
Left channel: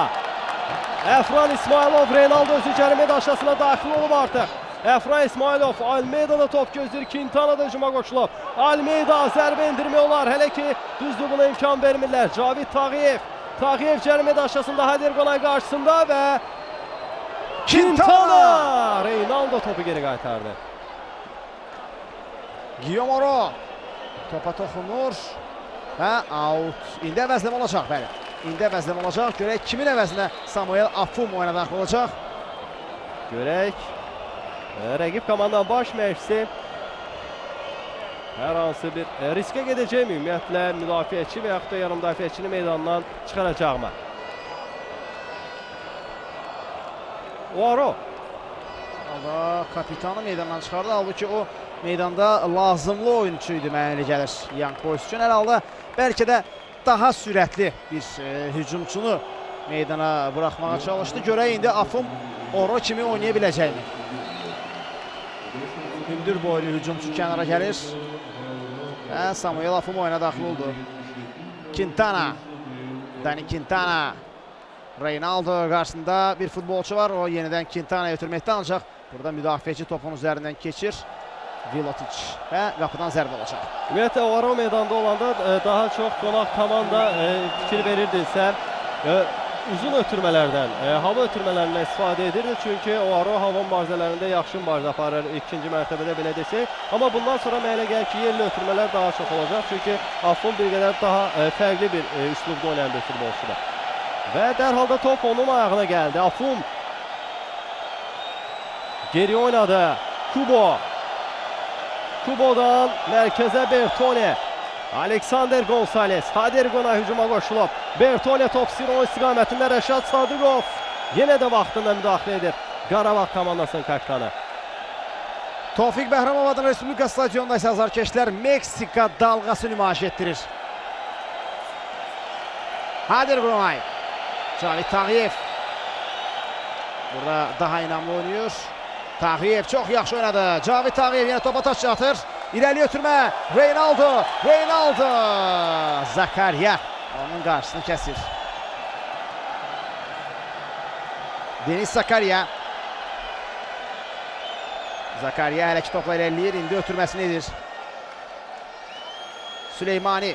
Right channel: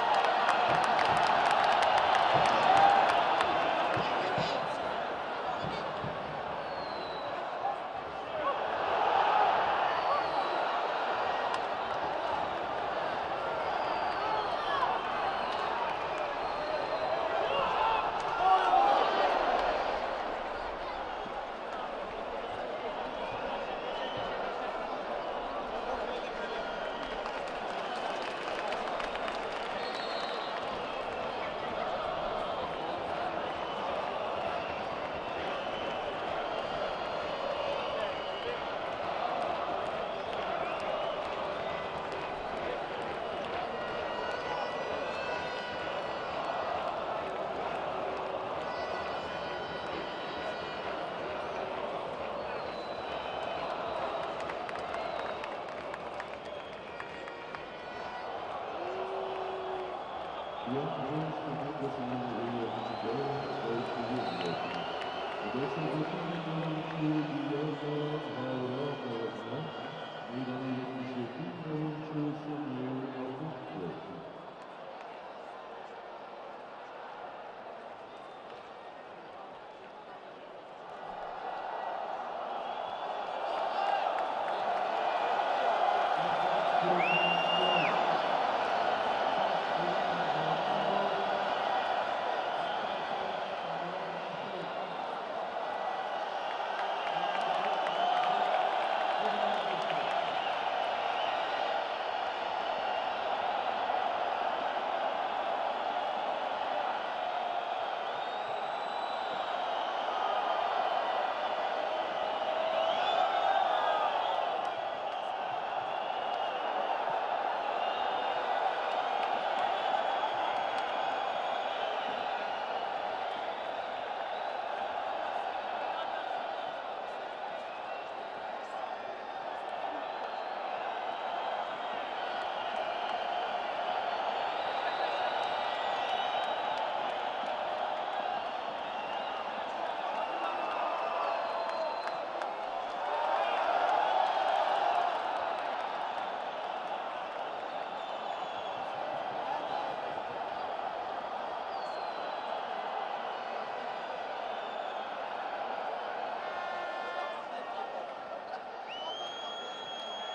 Əfran İsmailov, Reynaldo özü cərimə daşasına daxil olub artıq. Əfran İsmailov, Almeida top gözləyir. Quintana da hücuma qoşulub. Almeida zərbə endirmək olar. Hələ ki düzdür buna imkan vermirlər. Cavid Tağıyev. Tağıyev cərimə daşasında Hader Qonay qarşısında və Quintana! Reynaldo topu geri qaytardı. Guillaume Oro. Topa toxunur. Və out. İndi əvəzləm olacaq bəli. İndi əvəzləm olacaq. Görək kimin əvəzinə Samuel Afum oyuna daxil olacaq. Görək. Rəqib komandanın baş məşqçisi hər hansı bir riskə gedəcəkmi? Ümumiyyətlə müdafiəçi və yaxud da yarım müdafiəçini meydandan çıxaracaqmı? Oro. Kapitanı meydandan çıxardı. Halbuki o meydanda lazımlı oyunçu idi mənə elə gəlir. Young Boys üçün hər halda bəlkə də daha sürətli bir hücumçunu meydana buraxmağa çalışdı. Görək indi Afum Oro kimi oynaya biləcəkmi? Hündür boylu hücumçu kənara gəlir. Və Samuel Afum oyuna daxil oldu. Quintana. Dani Quintana. Reynaldo qarşısında bir futbolçu var. O yenidən Quintana'ya ötürməkdə ancaq burada müdafiəçi topun üzərindən keçir. Vilotic və qapıdan zərbə olacaq. Ümumiyyətlə Oro meydanda olanda daha çox qonaq komanda fikir verirdisə uzun ötürmələrdən, hava ötürmələrindən istifadə edirdi. Çünki Oro hava mübarizələrində yaxşı mübarizə aparır ikinci mərtəbədə belə desək. Amma bundan sonra mənə gəlir ki, yerli ötürmələr daha çox olacaq. Çünki Afum bir qədər daha fərqli bir üslubda oynayan bir futbolçudur. Və dərhalda top onun ayağına gəldi. Afum geri oynadı. Kubo. Kubo'dan mərkəzə Bertone. Alexander Gonzalez. Hader Qonay hücuma qoşulub. Bertone top istəyir istiqamətində Rəşad Sadıqov. Yenə də vaxtında müdaxilə edir Qarabağ komandasının kapitanı. Tofiq Bəhramovadın Respublika stadionunda isə azarkeşlər Meksika dalğası nümayiş etdirir. Hader Qonay. Cavid Tağıyev. Burada daha inamlı oynuyor. Tağıyev çox yaxşı oynadı. Cavid Tağıyev yenə topa taç atır. İrəli ötürmə. Reynaldo. Reynaldo. Zakariya. Onun qarşısını kəsir. Deniz Zakariya. Zakariya hələ ki topla irəliləyir. İndi ötürməsini edir. Süleymani.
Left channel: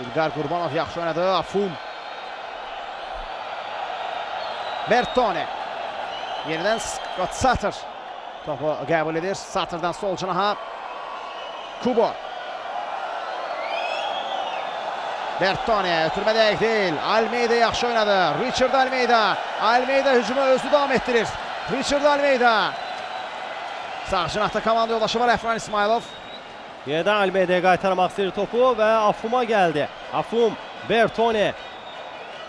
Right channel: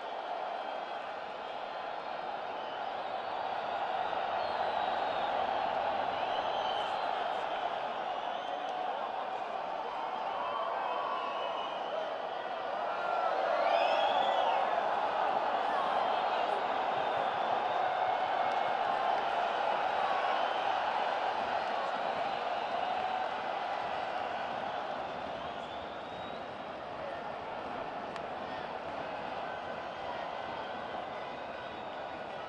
İlqar Qurbanov yaxşı oynadı. Afum. Bertone. Yenidən Scott Satır topu qəbul edir. Satırdan sol cinaha Kubo. Bertone ötürmə dəqiq deyil. Almeida yaxşı oynadı. Richard Almeida. Almeida hücumu özü davam etdirir. Richard Almeida. Sağ cinahda komanda yoldaşı var Əfran İsmailov. Yenidən Almeida'ya qaytarmaq istəyir topu və Afum'a gəldi. Afum, Bertone.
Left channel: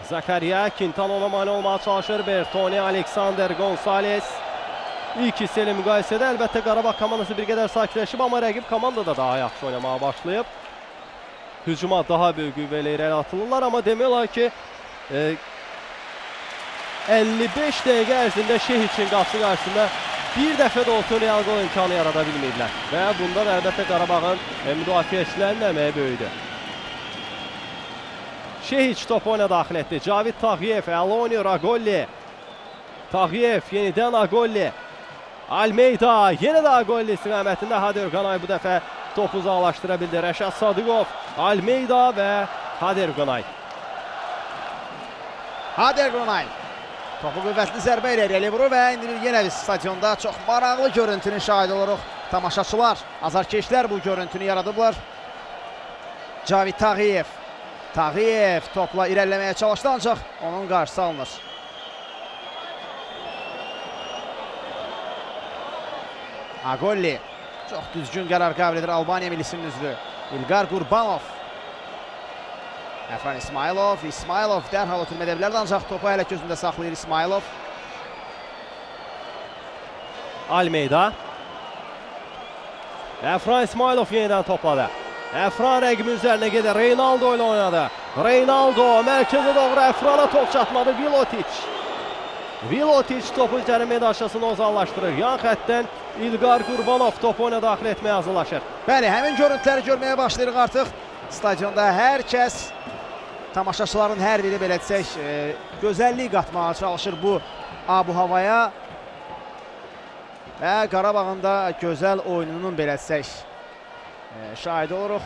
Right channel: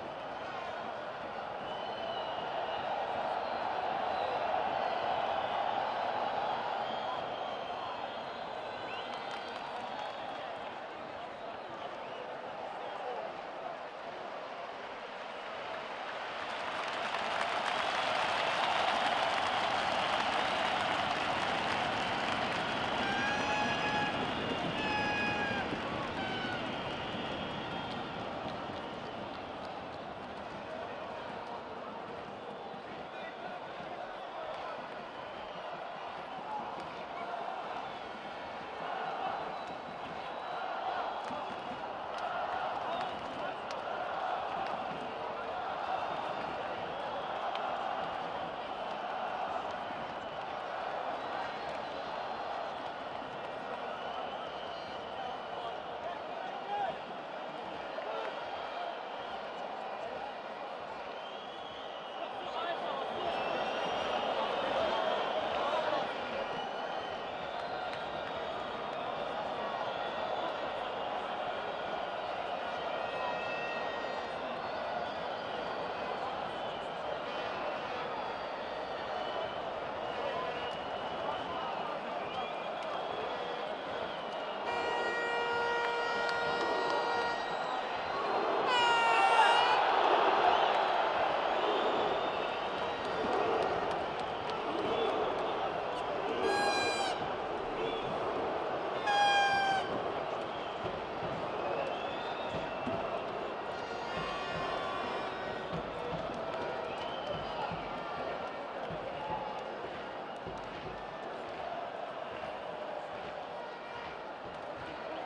Zakariya, Quintana ona mane olmağa çalışır. Bertone, Alexander Gonzalez. İlk hissəli müqayisədə əlbəttə Qarabağ komandası bir qədər sakitləşib, amma rəqib komanda da daha yaxşı oynamağa başlayıb. Hücuma daha böyük qüvvə ilə irəli atılırlar, amma demək olar ki 55 dəqiqə ərzində Şehiçin qapısı qarşısında bir dəfə də olsun real gol imkanı yarada bilməyiblər. Və bundan əlbəttə Qarabağın müdafiəçilərinin əməyi böyüdür. Şehiç topu oyuna daxil etdi. Cavid Tağıyev, Elonio Agolli. Tağıyev yenidən Agolli. Almeida yenə də Agolli istiqamətində. Hader Qonay bu dəfə topu uzaqlaşdıra bildi. Rəşad Sadıqov, Almeida və Hader Qonay. Hader Qonay. Topu qüvvətli zərbə ilə irəli vurur və indi yenə biz stadionda çox maraqlı görüntünün şahidi oluruq. Tamaşaçılar, azarkeşlər bu görüntünü yaradıblar. Cavid Tağıyev. Tağıyev topla irəliləməyə çalışdı, ancaq onun qarşısı alınır. Agolli çox düzgün qərar qəbul edir Albaniya millisinin üzvü İlqar Qurbanov. Əfran İsmailov. İsmailov dərhal ötürmə edə bilərdi, ancaq topu hələ gözündə saxlayır İsmailov. Almeida. Əfran İsmailov yenidən topladı. Əfran rəqibin üzərinə gedir. Reynaldo ilə oynadı. Reynaldo mərkəzə doğru Əfrana top çatmadı. Vilotiç topu cərimə daşısını uzaqlaşdırır. Yan xəttdən İlqar Qurbanov topu oyuna daxil etməyə hazırlaşır. Bəli, həmin görüntüləri görməyə başlayırıq artıq. Stadionda hər kəs, tamaşaçıların hər biri belə desək, gözəllik qatmağa çalışır bu abu-havaya. Və Qarabağın da gözəl oyununun belə desək, şahidi oluruq.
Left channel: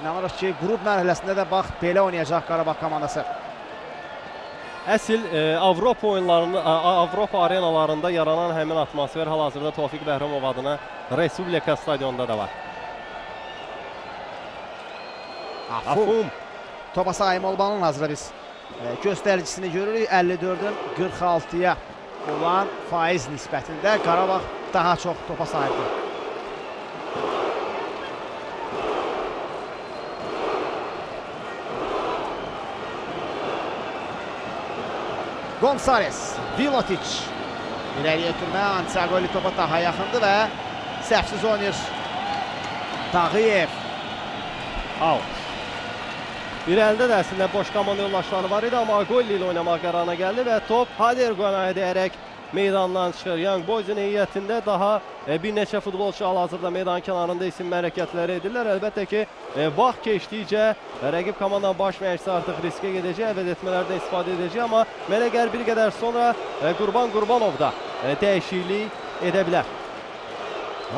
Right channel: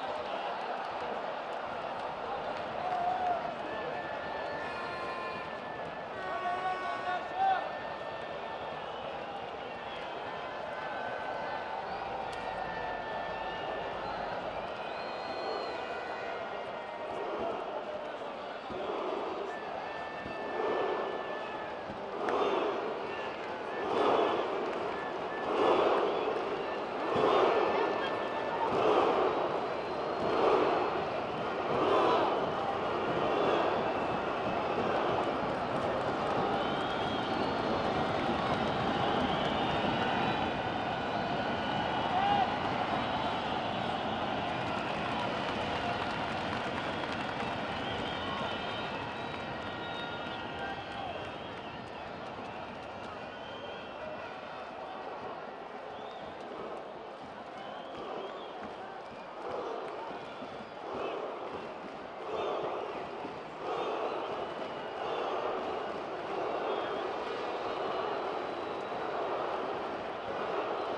İnanırıq ki, qrup mərhələsində də bax, belə oynayacaq Qarabağ komandası. Əsl Avropa oyunlarında, Avropa arenalarında yaranan həmin atmosfer hal-hazırda Tofiq Bəhrəmov adına Respublika stadionunda da var. Afum. Topa sahib olmanın hazırda biz göstəricisini görürük. 54-ün 46-ya olan faiz nisbətində Qarabağ daha çox topa sahibdir. Gonçalves, Vilotiç. İləriyə ötürmə, Antiagoli topa daha yaxındır və səhvsiz oynayır. Tağıyev. Out. İrəlidə də əslində boş komanda yoldaşları var idi, amma Agolli ilə oynamaq qərarına gəldi və top Hadergonaya dəyərək meydandan çıxır. Young Boys'un heyətində daha bir neçə futbolçu hal-hazırda meydan kənarında isim hərəkətləri edirlər. Əlbəttə ki, vaxt keçdikcə rəqib komandanın baş məşqçisi artıq riskə gedəcək, əvəz etmələrdən istifadə edəcək, amma mənə gəlir bir qədər sonra Qurban Qurbanov da dəyişiklik edə bilər.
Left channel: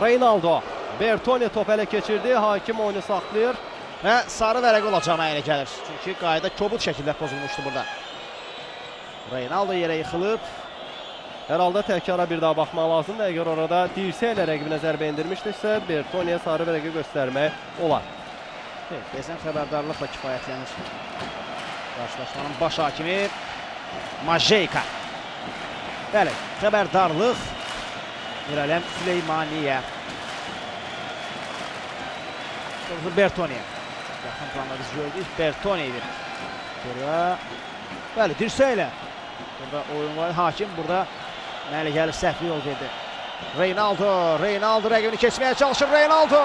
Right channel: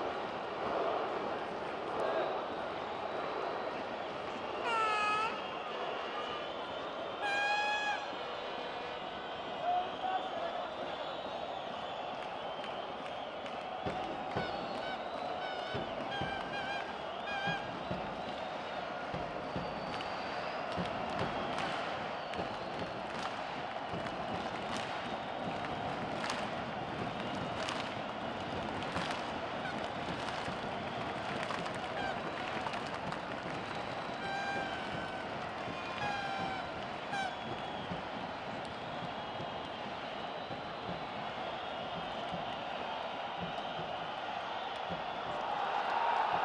Reynaldo, Bertoni top ələ keçirdi, hakim oyunu saxlayır. Və sarı vərəq olacaq mənə gəlir. Çünki qayda kobud şəkildə pozulmuşdu burada. Reynaldo yerə yıxılıb. Hər halda təkara bir daha baxmaq lazımdır. Əgər orada dirsəklə rəqibinə zərbə endirmişdirsə, Bertoniyə sarı vərəqi göstərmək olar. Bezən xəbərdarlıqla kifayətlənir. Qarşılaşmanın baş hakimi Majeyka. Bəli, xəbərdarlıq İrələm Süleymaniyə. Bertoniyə. Yaxın planda biz gördük. Bertoniyə. Bəli, dirsəklə. Burada oyun var. Hakim burada mənə gəlir səhvi yol verdi. Reynaldo rəqibini keçməyə çalışır. Reynaldo!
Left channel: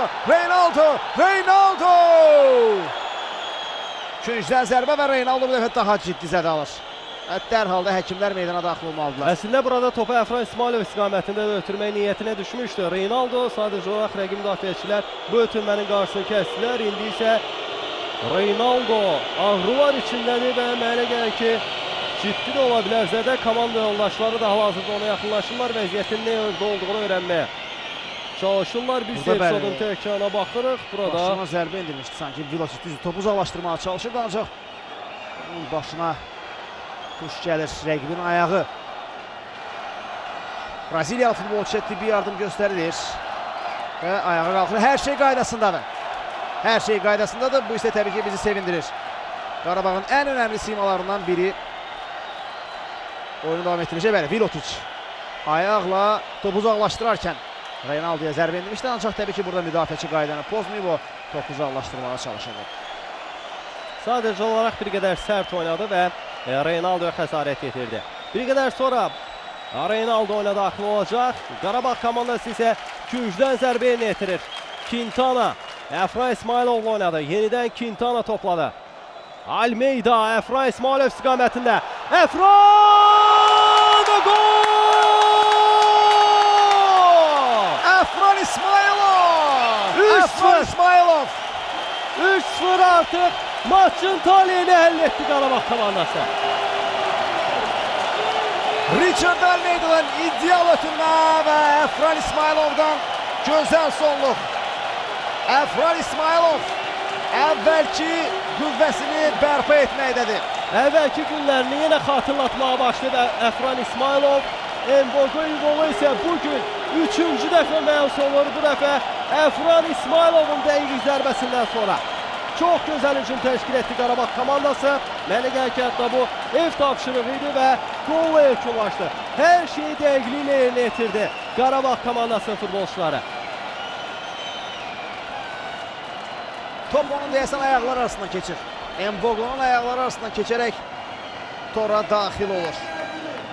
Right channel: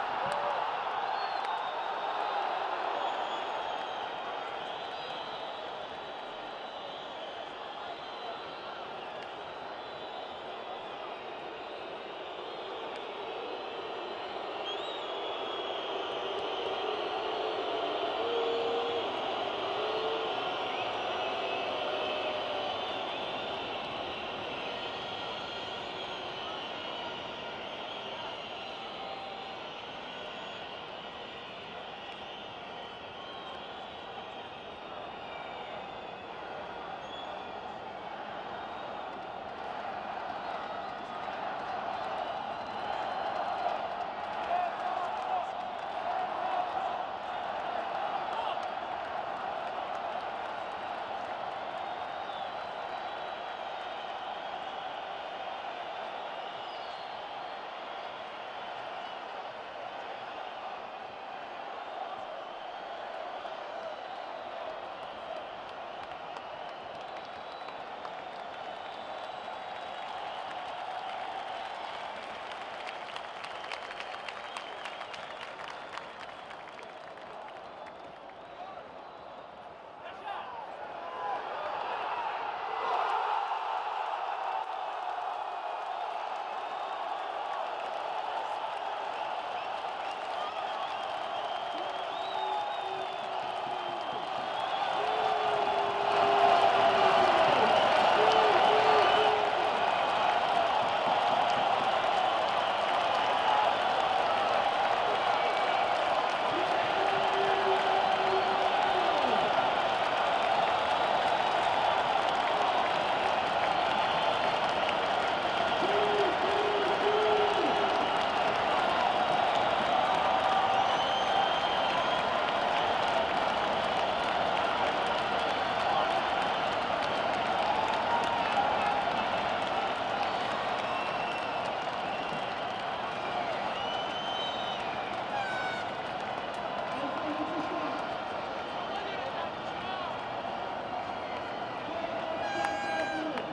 Küncdən zərbə və Reynaldo bu dəfə daha ciddi zədə alır. Dərhal da həkimlər meydana daxil olmalıdırlar. Əslində burada topu Əfran İsmailov istiqamətində də ötürmək niyyətinə düşmüşdü. Reynaldo sadəcə olaraq rəqib müdafiəçilər bu ötürmənin qarşısını kəsdilər. İndi isə Reynaldo ağrılar içindədir və mənə gəlir ki, ciddi də ola bilər. Zədə komanda yoldaşları da hal-hazırda ona yaxınlaşırlar, vəziyyətin nə yolda olduğunu öyrənməyə çalışırlar. Bir episodun təkrarına baxırıq. Burada başına zərbə indirmişdi sanki. Vilotiç düz topu uzaqlaşdırmağa çalışırdı, ancaq onun başına tuş gəlir, rəqibin ayağı. Braziliyalı futbolçuya tibbi yardım göstərilir və ayağa qalxır. Hər şey qaydasındadır. Hər şey qaydasındadır. Bu isə təbii ki bizi sevindirir. Qarabağın ən önəmli simalarından biri oyunu davam etdirecək. Bəli, Vilotiç ayaqla topu uzaqlaşdırarkən Reynaldoya zərbə endirmişdi, ancaq təbii ki burada müdafiəçi qaydanı pozmayıb, o topu uzaqlaşdırmağa çalışırdı. Sadəcə olaraq bir qədər sərt oynadı və Reynaldoya xəsarət yetirdi. Bir qədər sonra Reynaldo oyuna daxil olacaq. Qarabağ komandası isə küncdən zərbə yetirir. Quintana Əfran İsmailovla oynadı. Yenidən Quintana topladı. Almeida Əfran İsmailov istiqamətində. Əfran və gol! Əfran İsmailov! 3-0 artıq maçın taleyini həll etdi Qarabağ komandası. Richard Almeida'dan ideal ötürmə və Əfran İsmailovdan gözəl sonluq. Əfran İsmailov əvvəlki qüvvəsini bərpa etməkdədir. Əvvəlki günlərini yenə xatırlatmağa başladı Əfran İsmailov. Mbogo'nun qolu isə bugün 3-cü dəfə məhz olur. Bu dəfə Əfran İsmailovun dəqiq zərbəsindən sonra. Çox gözəl hücum təşkil etdi Qarabağ komandası. Mənə gəlir ki, hətta bu ev tapşırığı idi və golla yekunlaşdı. Hər şeyi dəqiqliklə yerinə yetirdi Qarabağ komandasının futbolçuları. Top onun deyəsən ayaqlar arasından keçir. Mbogo'nun ayaqları arasından keçərək tora daxil olur.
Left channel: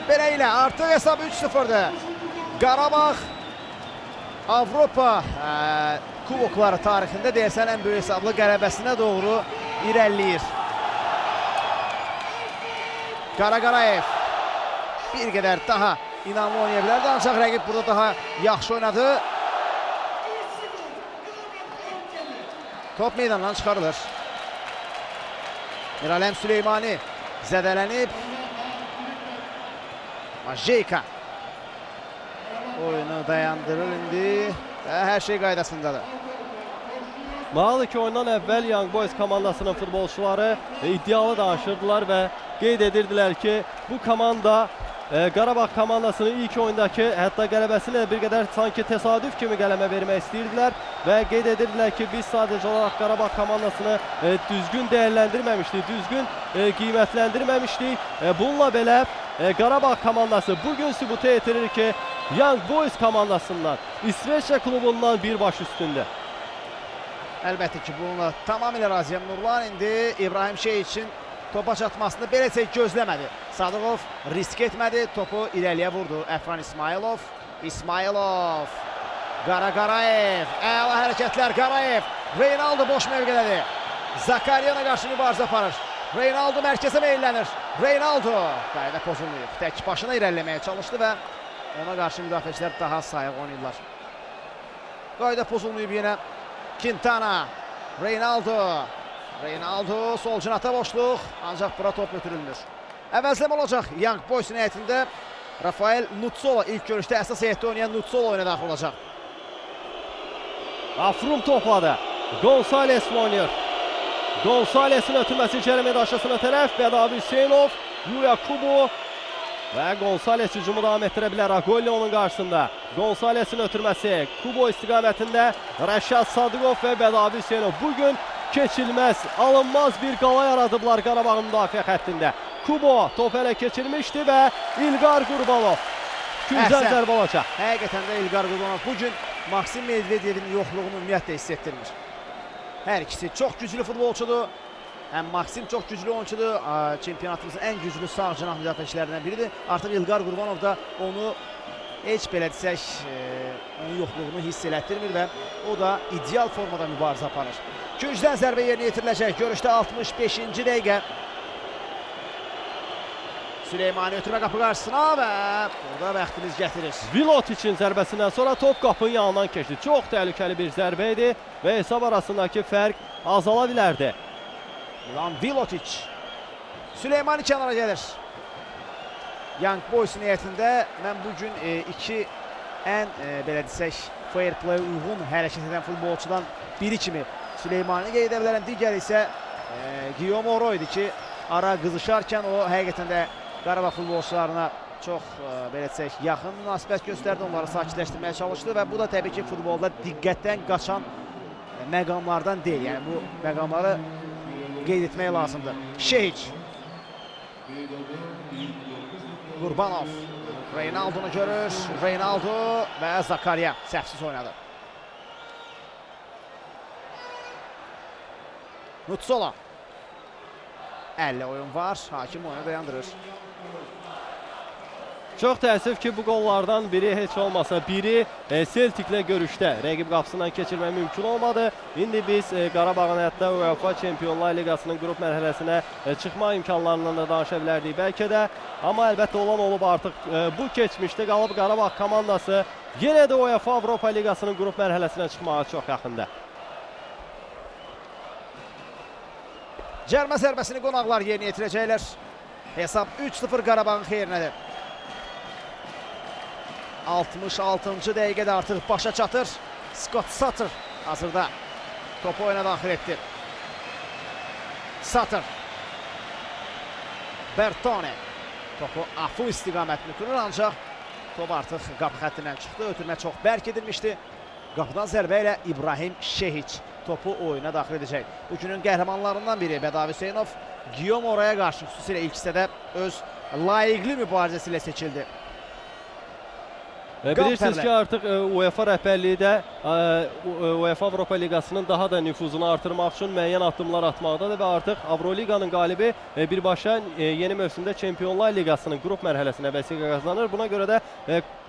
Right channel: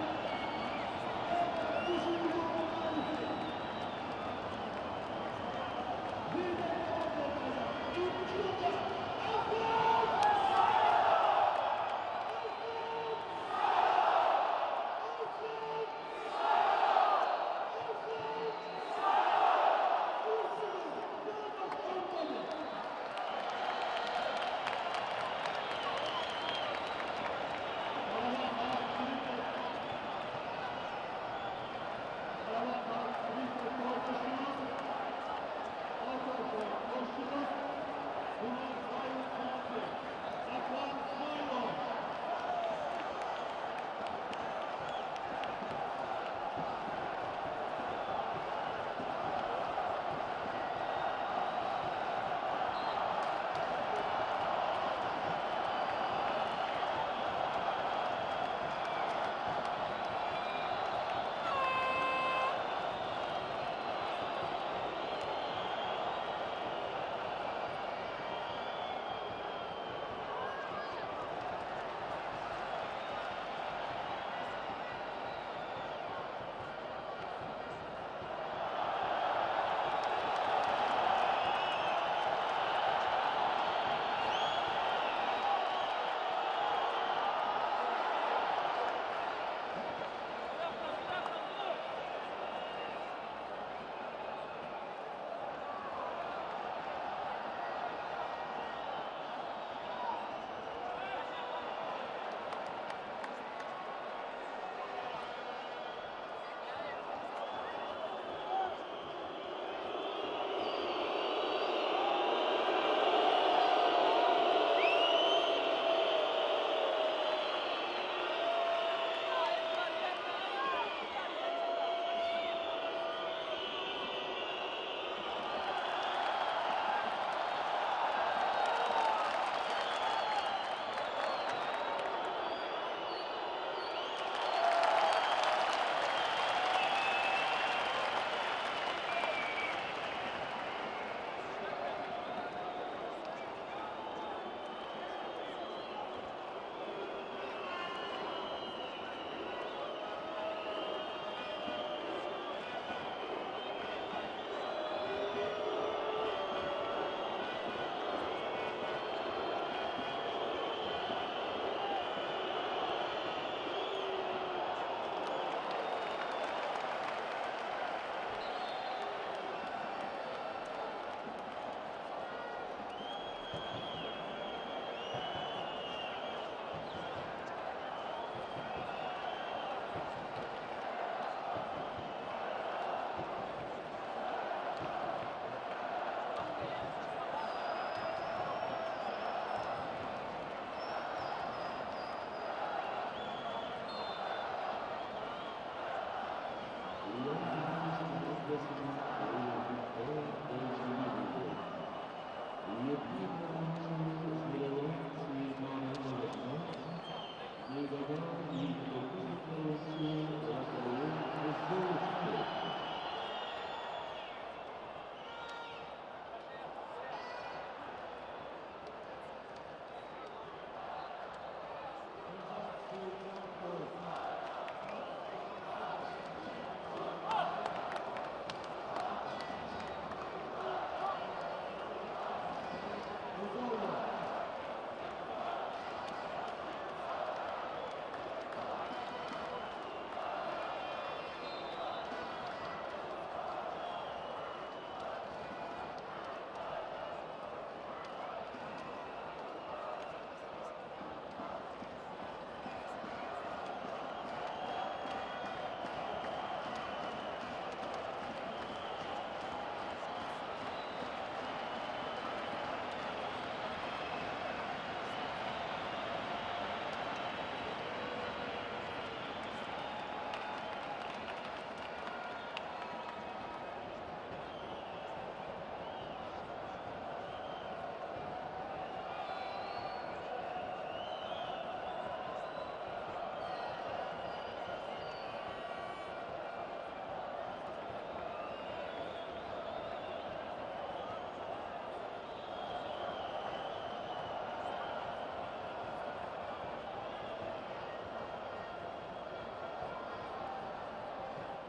Belə ilə artıq hesab 3-0'dır. Qarabağ Avropa kubokları tarixində deyəsən ən böyük hesablı qələbəsinə doğru irəliləyir. Qaraqarayev bir qədər daha inanlı oynaya bilərdi, ancaq rəqib burada daha yaxşı oynadı. Top meydandan çıxarılır. Miralem Süleymani zədələnib. Majeyka oyunu dayandırır indi. Hər şey qaydasındadır. Mağlı ki oyundan əvvəl Young Boys komandasının futbolçuları iddialı danışırdılar və qeyd edirdilər ki, bu komanda Qarabağ komandasının ilk oyundakı hətta qələbəsinə bir qədər sanki təsadüf kimi qələmə vermək istəyirdilər və qeyd edirdilər ki, biz sadəcə olaraq Qarabağ komandasını düzgün dəyərləndirməmişdik, düzgün qiymətləndirməmişdik. Bununla belə Qarabağ komandası bugün sübuta yetirir ki, Young Boys komandasından, İsveçrə klubundan bir baş üstündür. Əlbəttə ki, bununla tamamilə razıyam. Nurlan indi İbrahim Şeyh topa çatmasını beləcə gözləmədi. Sadıqov risk etmədi, topu irəliyə vurdu. Əfran İsmailov. İsmailov. Qaraqarayev. Əla hərəkətlər Qarayev. Reynaldo boş mövqədədir. Zakariyana qarşı mübarizə aparır. Reynaldo mərkəzə meylənir. Reynaldo. Qayda pozulmayıb. Tək başına irəliləməyə çalışdı və ona qarşı müdafiəçilər daha sayıq oynayırlar. Qayda pozulmayıb yenə. Quintana. Reynaldo. Reynaldo sol cinata boşluq, ancaq bura top götürülmür. Əvəzləmə olacaq Young Boys'un heyətində. Rafael Nutsolo ilk görüşdə əsas heyətdə oynayan Nutsolo oyuna daxil olacaq. Afrum topladı. Gonzales oynayır. Gonzales'in ötürməsi cərimə daşısına tərəf. Bədavi Hüseynov, Yuya Kubo və Gonzales hücumu davam etdirə bilər Agolli onun qarşısında. Gonzales'in ötürməsi Kubo istiqamətində Rəşad Sadıqov və Bədavi Hüseynov. Bugün keçilməz, alınmaz bir qala yaradıblar Qarabağın müdafiə xəttində. Kubo top ələ keçirmişdi və İlqar Qurbanov güzel zərbə olacaq. Həqiqətən də İlqar Qurbanov bugün Maksim Medvedevin yoxluğunu ümumiyyətlə hiss etdirmir. Hər ikisi çox güclü futbolçudur. Həm Maksim çox güclü oyuncudur. Çempionatımızın ən güclü sağ cinah müdafiəçilərindən biridir. Artıq İlqar Qurbanov da onu heç belə desək, onun yoxluğunu hiss elətdirmir və o da ideal formada mübarizə aparır. Gücdən zərbə yerinə yetiriləcək. Görüşdə 65-ci dəqiqə. Süleymani ötürmə qapı qarşısına və burada bəxtimiz gətirir. Vilotic'in zərbəsindən sonra top qapının yanından keçdi. Çox təhlükəli bir zərbə idi və hesab arasındakı fərq azala bilərdi. Lan Vilotic. Süleymani kənara gəlir. Young Boys'un heyətində mən bugün iki ən belə desək fair play uyğun hərəkət edən futbolçudan biri kimi Süleymani qeyd edə bilərəm. Digəri isə Guillaume Oro idi ki, ara qızışarkən o həqiqətən də Qarabağ futbolçularına çox belə desək yaxın münasibət göstərdi, onları sakitləşdirməyə çalışdı və bu da təbii ki, futbolda diqqətdən qaçan məqamlardan deyil. Yəni bu məqamları qeyd etmək lazımdır. Şeyh. Qurbanov. Reynaldo'nu görür. Reynaldo və Zakariya səhvsiz oynadı. Nutsolo. 50 oyun var. Hakim oyunu dayandırır. Çox təəssüf ki, bu qollardan biri heç olmasa biri Celtic'lə görüşdə rəqib qapısından keçirmək mümkün olmadı. İndi biz Qarabağın hətta UEFA Çempionlar Liqasının qrup mərhələsinə çıxma imkanlarından da danışa bilərdik bəlkə də. Amma əlbəttə olan olub artıq bu keçmişdə qalıb Qarabağ komandası yenə də UEFA Avropa Liqasının qrup mərhələsinə çıxmağa çox yaxında. Cərmə zərbəsini qonaqlar yerinə yetirəcəklər. Hesab 3-0 Qarabağın xeyrinədir. 66-cı dəqiqədə artıq başa çatır. Scott Sutter hazırda topu oyuna daxil etdi. Sutter. Bertone. Topu Afu istiqamətini kurur, ancaq top artıq qapı xəttindən çıxdı. Ötürmə çox bərk edilmişdi. Qapıdan zərbə ilə İbrahim Şehiç topu oyuna daxil edəcək. Bugünün qəhrəmanlarından biri Bədavi Hüseynov Guillaume Oraya qarşı xüsusilə ilk hissədə öz layiqli mübarizəsi ilə seçildi. Bilirsiniz ki, artıq UEFA rəhbərliyi də UEFA Avropa Liqasının daha da nüfuzunu artırmaq üçün müəyyən addımlar atmaqdadır və artıq Avroliqanın qalibi birbaşa yeni mövsümdə Çempionlar Liqasının qrup mərhələsinə vəsiqə qazanır. Buna görə də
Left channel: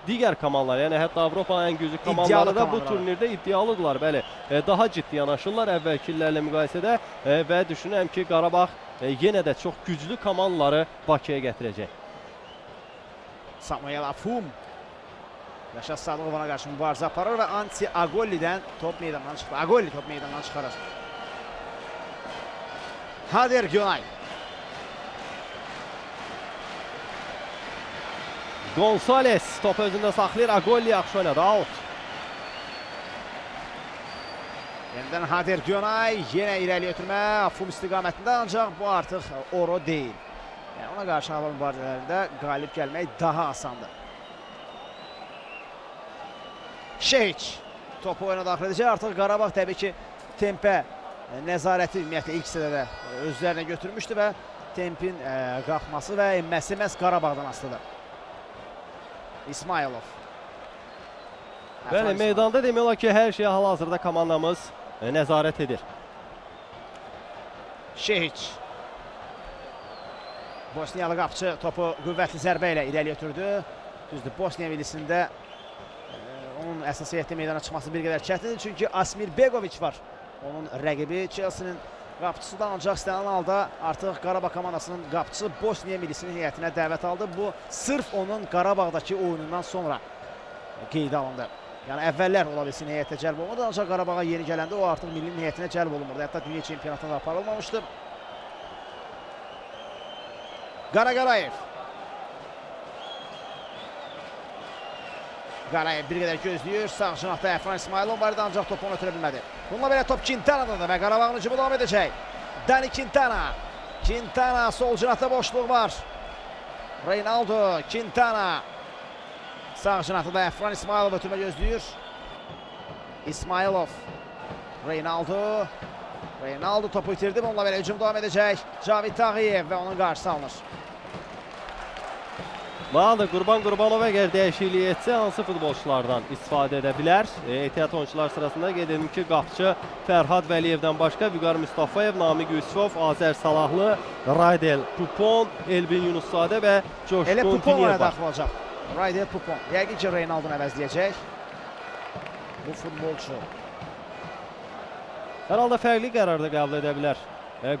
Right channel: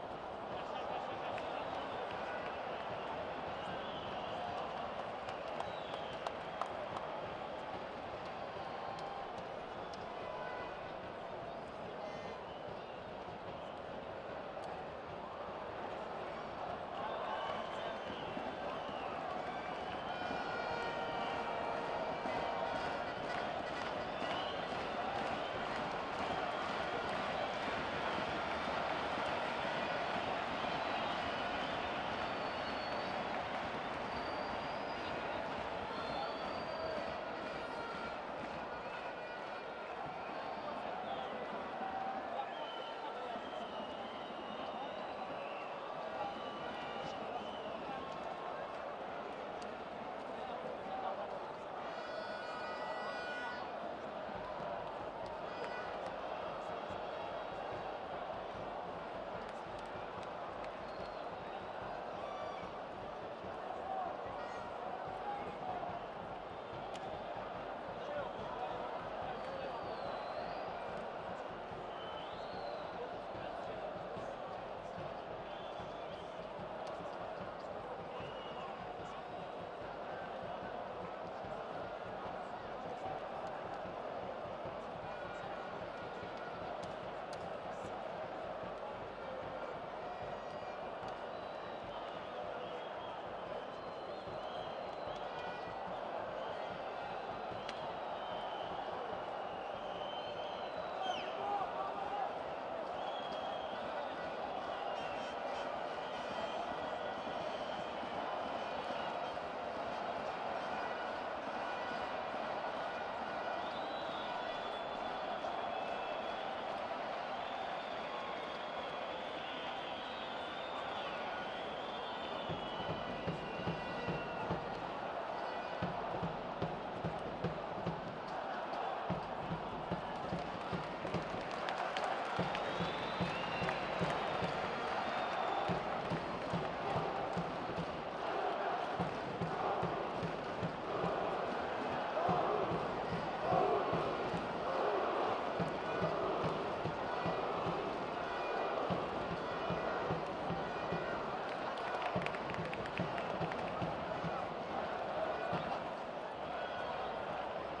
digər komandalar, yəni hətta Avropanın ən güclü komandaları da bu turnirdə iddialıdırlar. Bəli, daha ciddi yanaşırlar əvvəlki illərlə müqayisədə və düşünürəm ki, Qarabağ yenə də çox güclü komandaları Bakıya gətirəcək. Samuel Afum Rəşad Sadıqov'a qarşı mübarizə aparır və Anti Agolli'dən top meydandan çıxır. Agolli top meydandan çıxarır. Hader Günay. Gonzales top özündə saxlayır. Agolli yaxşı oynadı. Out. Yeniden Hader Günay. Yenə irəli ötürmə. Afum istiqamətində, ancaq bu artıq oro deyil. Yəni, ona qarşı hava mübarizələrində qalib gəlmək daha asandır. Şehiç topu oyuna daxil edəcək. Artıq Qarabağ təbii ki tempə nəzarəti ümumiyyətlə ilk hissədə özlərinə götürmüşdü və tempin qalxması və enməsi məhz Qarabağdan asılıdır. İsmailov. Bəli, meydanda demək olar ki, hər şeyə hal-hazırda komandamız nəzarət edir. Şehiç. Bosniyalı qapçı topu qüvvətli zərbə ilə irəli ötürdü. Düzdür, Bosniya millisində onun əsas heyətdə meydana çıxması bir qədər çətindir. Çünki Asmir Begoviç var. Onun rəqibi Chelsea'nin qapçısıdan, ancaq istənilən halda artıq Qarabağ komandasının qapçısı Bosniya millisinin heyətinə dəvət aldı. Bu sırf onun Qarabağdakı oyunundan sonra qeydə alındı. Yəni əvvəllər ola bilsin heyətə cəlb olmadı, ancaq Qarabağa yeni gələndə o artıq millinin heyətinə cəlb olunmadı. Hətta dünya çempionatında aparılmamışdı. Qaraqarayev. Qarayev bir qədər gözləyir. Sağ cinahda Əfran İsmailov var idi, ancaq topu onu ötürə bilmədi. Bununla belə top Quintana'dadır və Qarabağın hücumu davam edəcək. Dani Quintana. Quintana, sol cinahda boşluq var. Reynaldo, Quintana. Sağ cinahda da Əfran İsmailov ötürmə gözləyir. İsmailov. Reynaldo. Reynaldo topu itirdi. Bununla belə hücum davam edəcək. Cavid Tağıyev və onun qarşısı alınır. Bağlı Qurban Qurbanov əgər dəyişiklik etsə, hansı futbolçulardan istifadə edə bilər? Ehtiyat oyuncular sırasında qeyd edim ki, qapçı Fərhad Vəliyevdən başqa Vüqar Mustafayev, Namiq Yusufov, Azər Salahlı, Raydel Pupon, Elvin Yunuszadə və Coşqun Elə Pupon Piniyev ona daxil olacaq. Raydel Pupon. Yəqin ki, Reynaldonu əvəzləyəcək. Bu futbolçu. Hər halda fərqli qərarda qəbul edə bilər.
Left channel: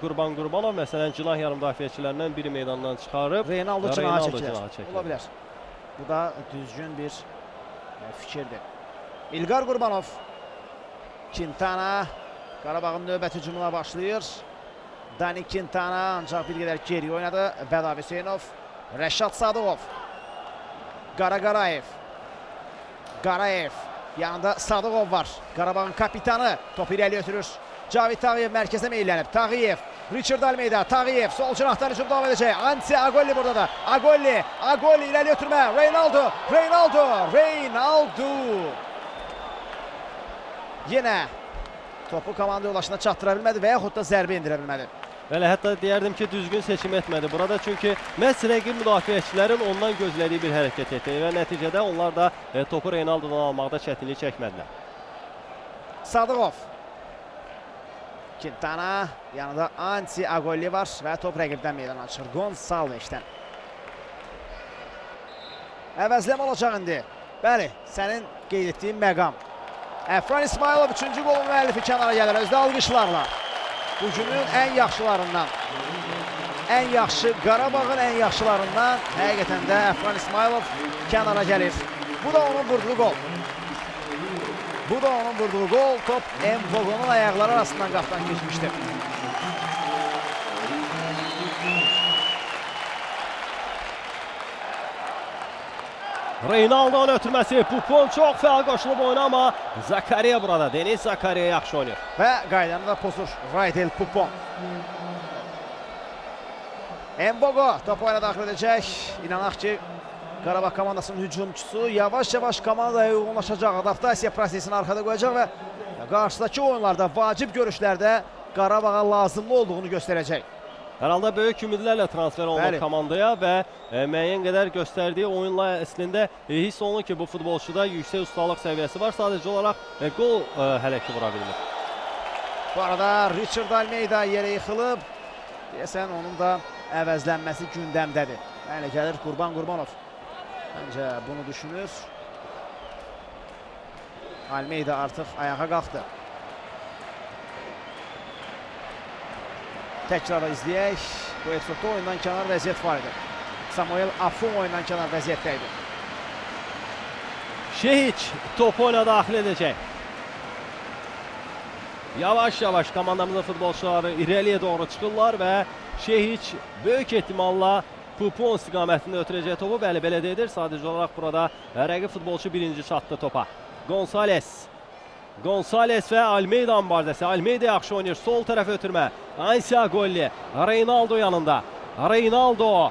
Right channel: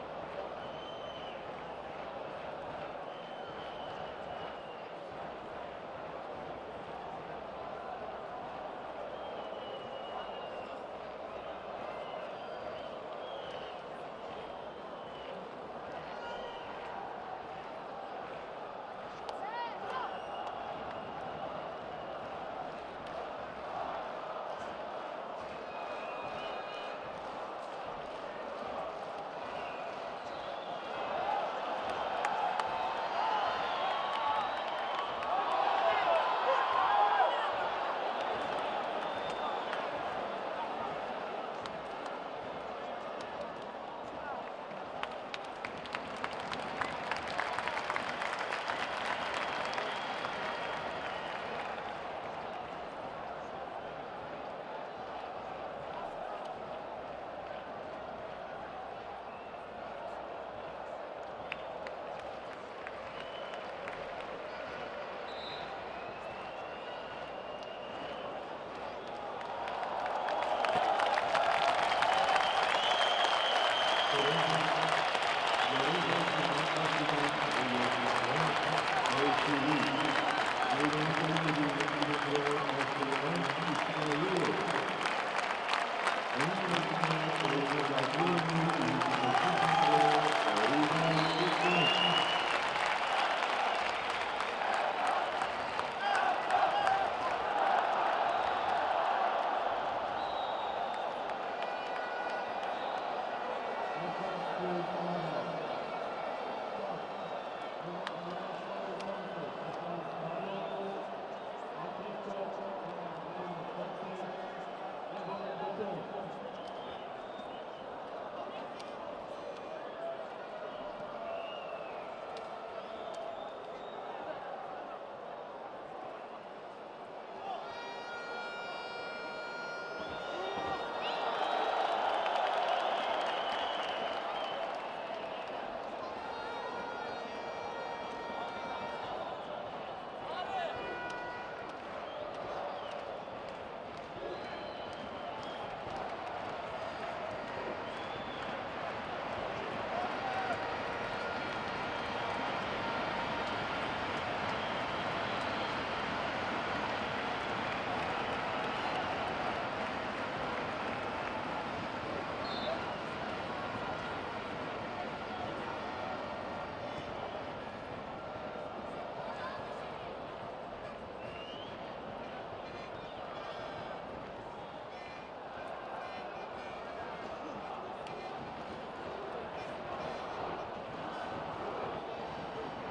Qurban Qurbanov məsələn cinah yarım müdafiəçilərindən biri meydandan çıxarıb. Reynaldo cinaha çəkilər. Ola bilər. Bu da düzgün bir fikirdir. İlqar Qurbanov. Quintana. Qarabağın növbət hücumuna başlayır. Dani Quintana ancaq bir qədər geri oynadı. Bədav Hüseynov. Rəşad Sadıqov. Qaraqarayev. Qarayev. Yanında Sadıqov var. Qarabağın kapitanı. Topu irəli ötürür. Cavid Tağıyev mərkəzə meylənib. Tağıyev, Richard Almeida, Tağıyev sol cinahdan hücum davam edəcək. Anti Agolli burada da. Agolli irəli ötürmə. Reynaldo. Yenə topu komanda yoldaşına çatdıra bilmədi və yaxud da zərbə indirə bilmədi. Bəli, hətta deyərdim ki, düzgün seçim etmədi burada. Çünki məhz rəqib müdafiəçilərin ondan gözlədiyi bir hərəkət etdi və nəticədə onlar da topu Reynaldodan almaqda çətinlik çəkmədilər. Sadıqov. Quintana, yanında Anti Agolli var və top rəqibdən meydana çıxır. Gonçalvesdən. Əvəzləmə olacaq indi. Bəli, sənin qeyd etdiyin məqam. Əfran İsmailov 3-cü qolun müəllifi kənara gəlir. Özdə alqışlarla. Hücumun ən yaxşılarından. Ən yaxşı, Qarabağın ən yaxşılarından həqiqətən də Əfran İsmailov kənara gəlir. Bu da onun vurduğu gol. Top Mbogo'nun ayaqları arasından qapdan geçmişdir. Reynaldo'nun ötürməsi. Pupon çox fəal qoşulub oyuna, amma Zakariya burada. Deniz Zakariya yaxşı oynayır. Və qaydanı da pozur Raydel Pupon. Mbogo top oyuna daxil edəcək. İnanaq ki, Qarabağ komandasının hücumçusu yavaş-yavaş komandaya uyğunlaşacaq, adaptasiya prosesini arxada qoyacaq və qarşıdakı oyunlarda, vacib görüşlərdə Qarabağa lazımlı olduğunu göstərəcək. Hər halda böyük ümidlərlə transfer olunur Bəli. komandaya və müəyyən qədər göstərdiyi oyunla əslində hiss olunur ki, bu futbolçuda yüksək ustalıq səviyyəsi var. Sadəcə olaraq qol hələ ki vura bilmir. Bu arada Richard Almeida yerə yıxılıb. Deyəsən onun da əvəzlənməsi gündəmdədir. Yəni gəlir Qurban Qurbanov. Məncə bunu düşünür. Almeida artıq ayağa qalxdı. Təkrar izləyək. Bu etapda oyundan kənar vəziyyət var idi. Samuel Afum oyundan kənar vəziyyətdəydi. Şehiç topu oyuna daxil edəcək. Yavaş-yavaş komandamızın futbolçuları irəliyə doğru çıxırlar və Şehiç böyük ehtimalla Pupon istiqamətində ötürəcək topu. Bəli, belə deyilir. Sadəcə olaraq burada rəqib futbolçu birinci çatdı topa. Gonzales və Almeida mübarizəsi. Almeida yaxşı oynayır. Sol tərəfə ötürmə. Ansiagolli. Reynaldo yanında. Reynaldo.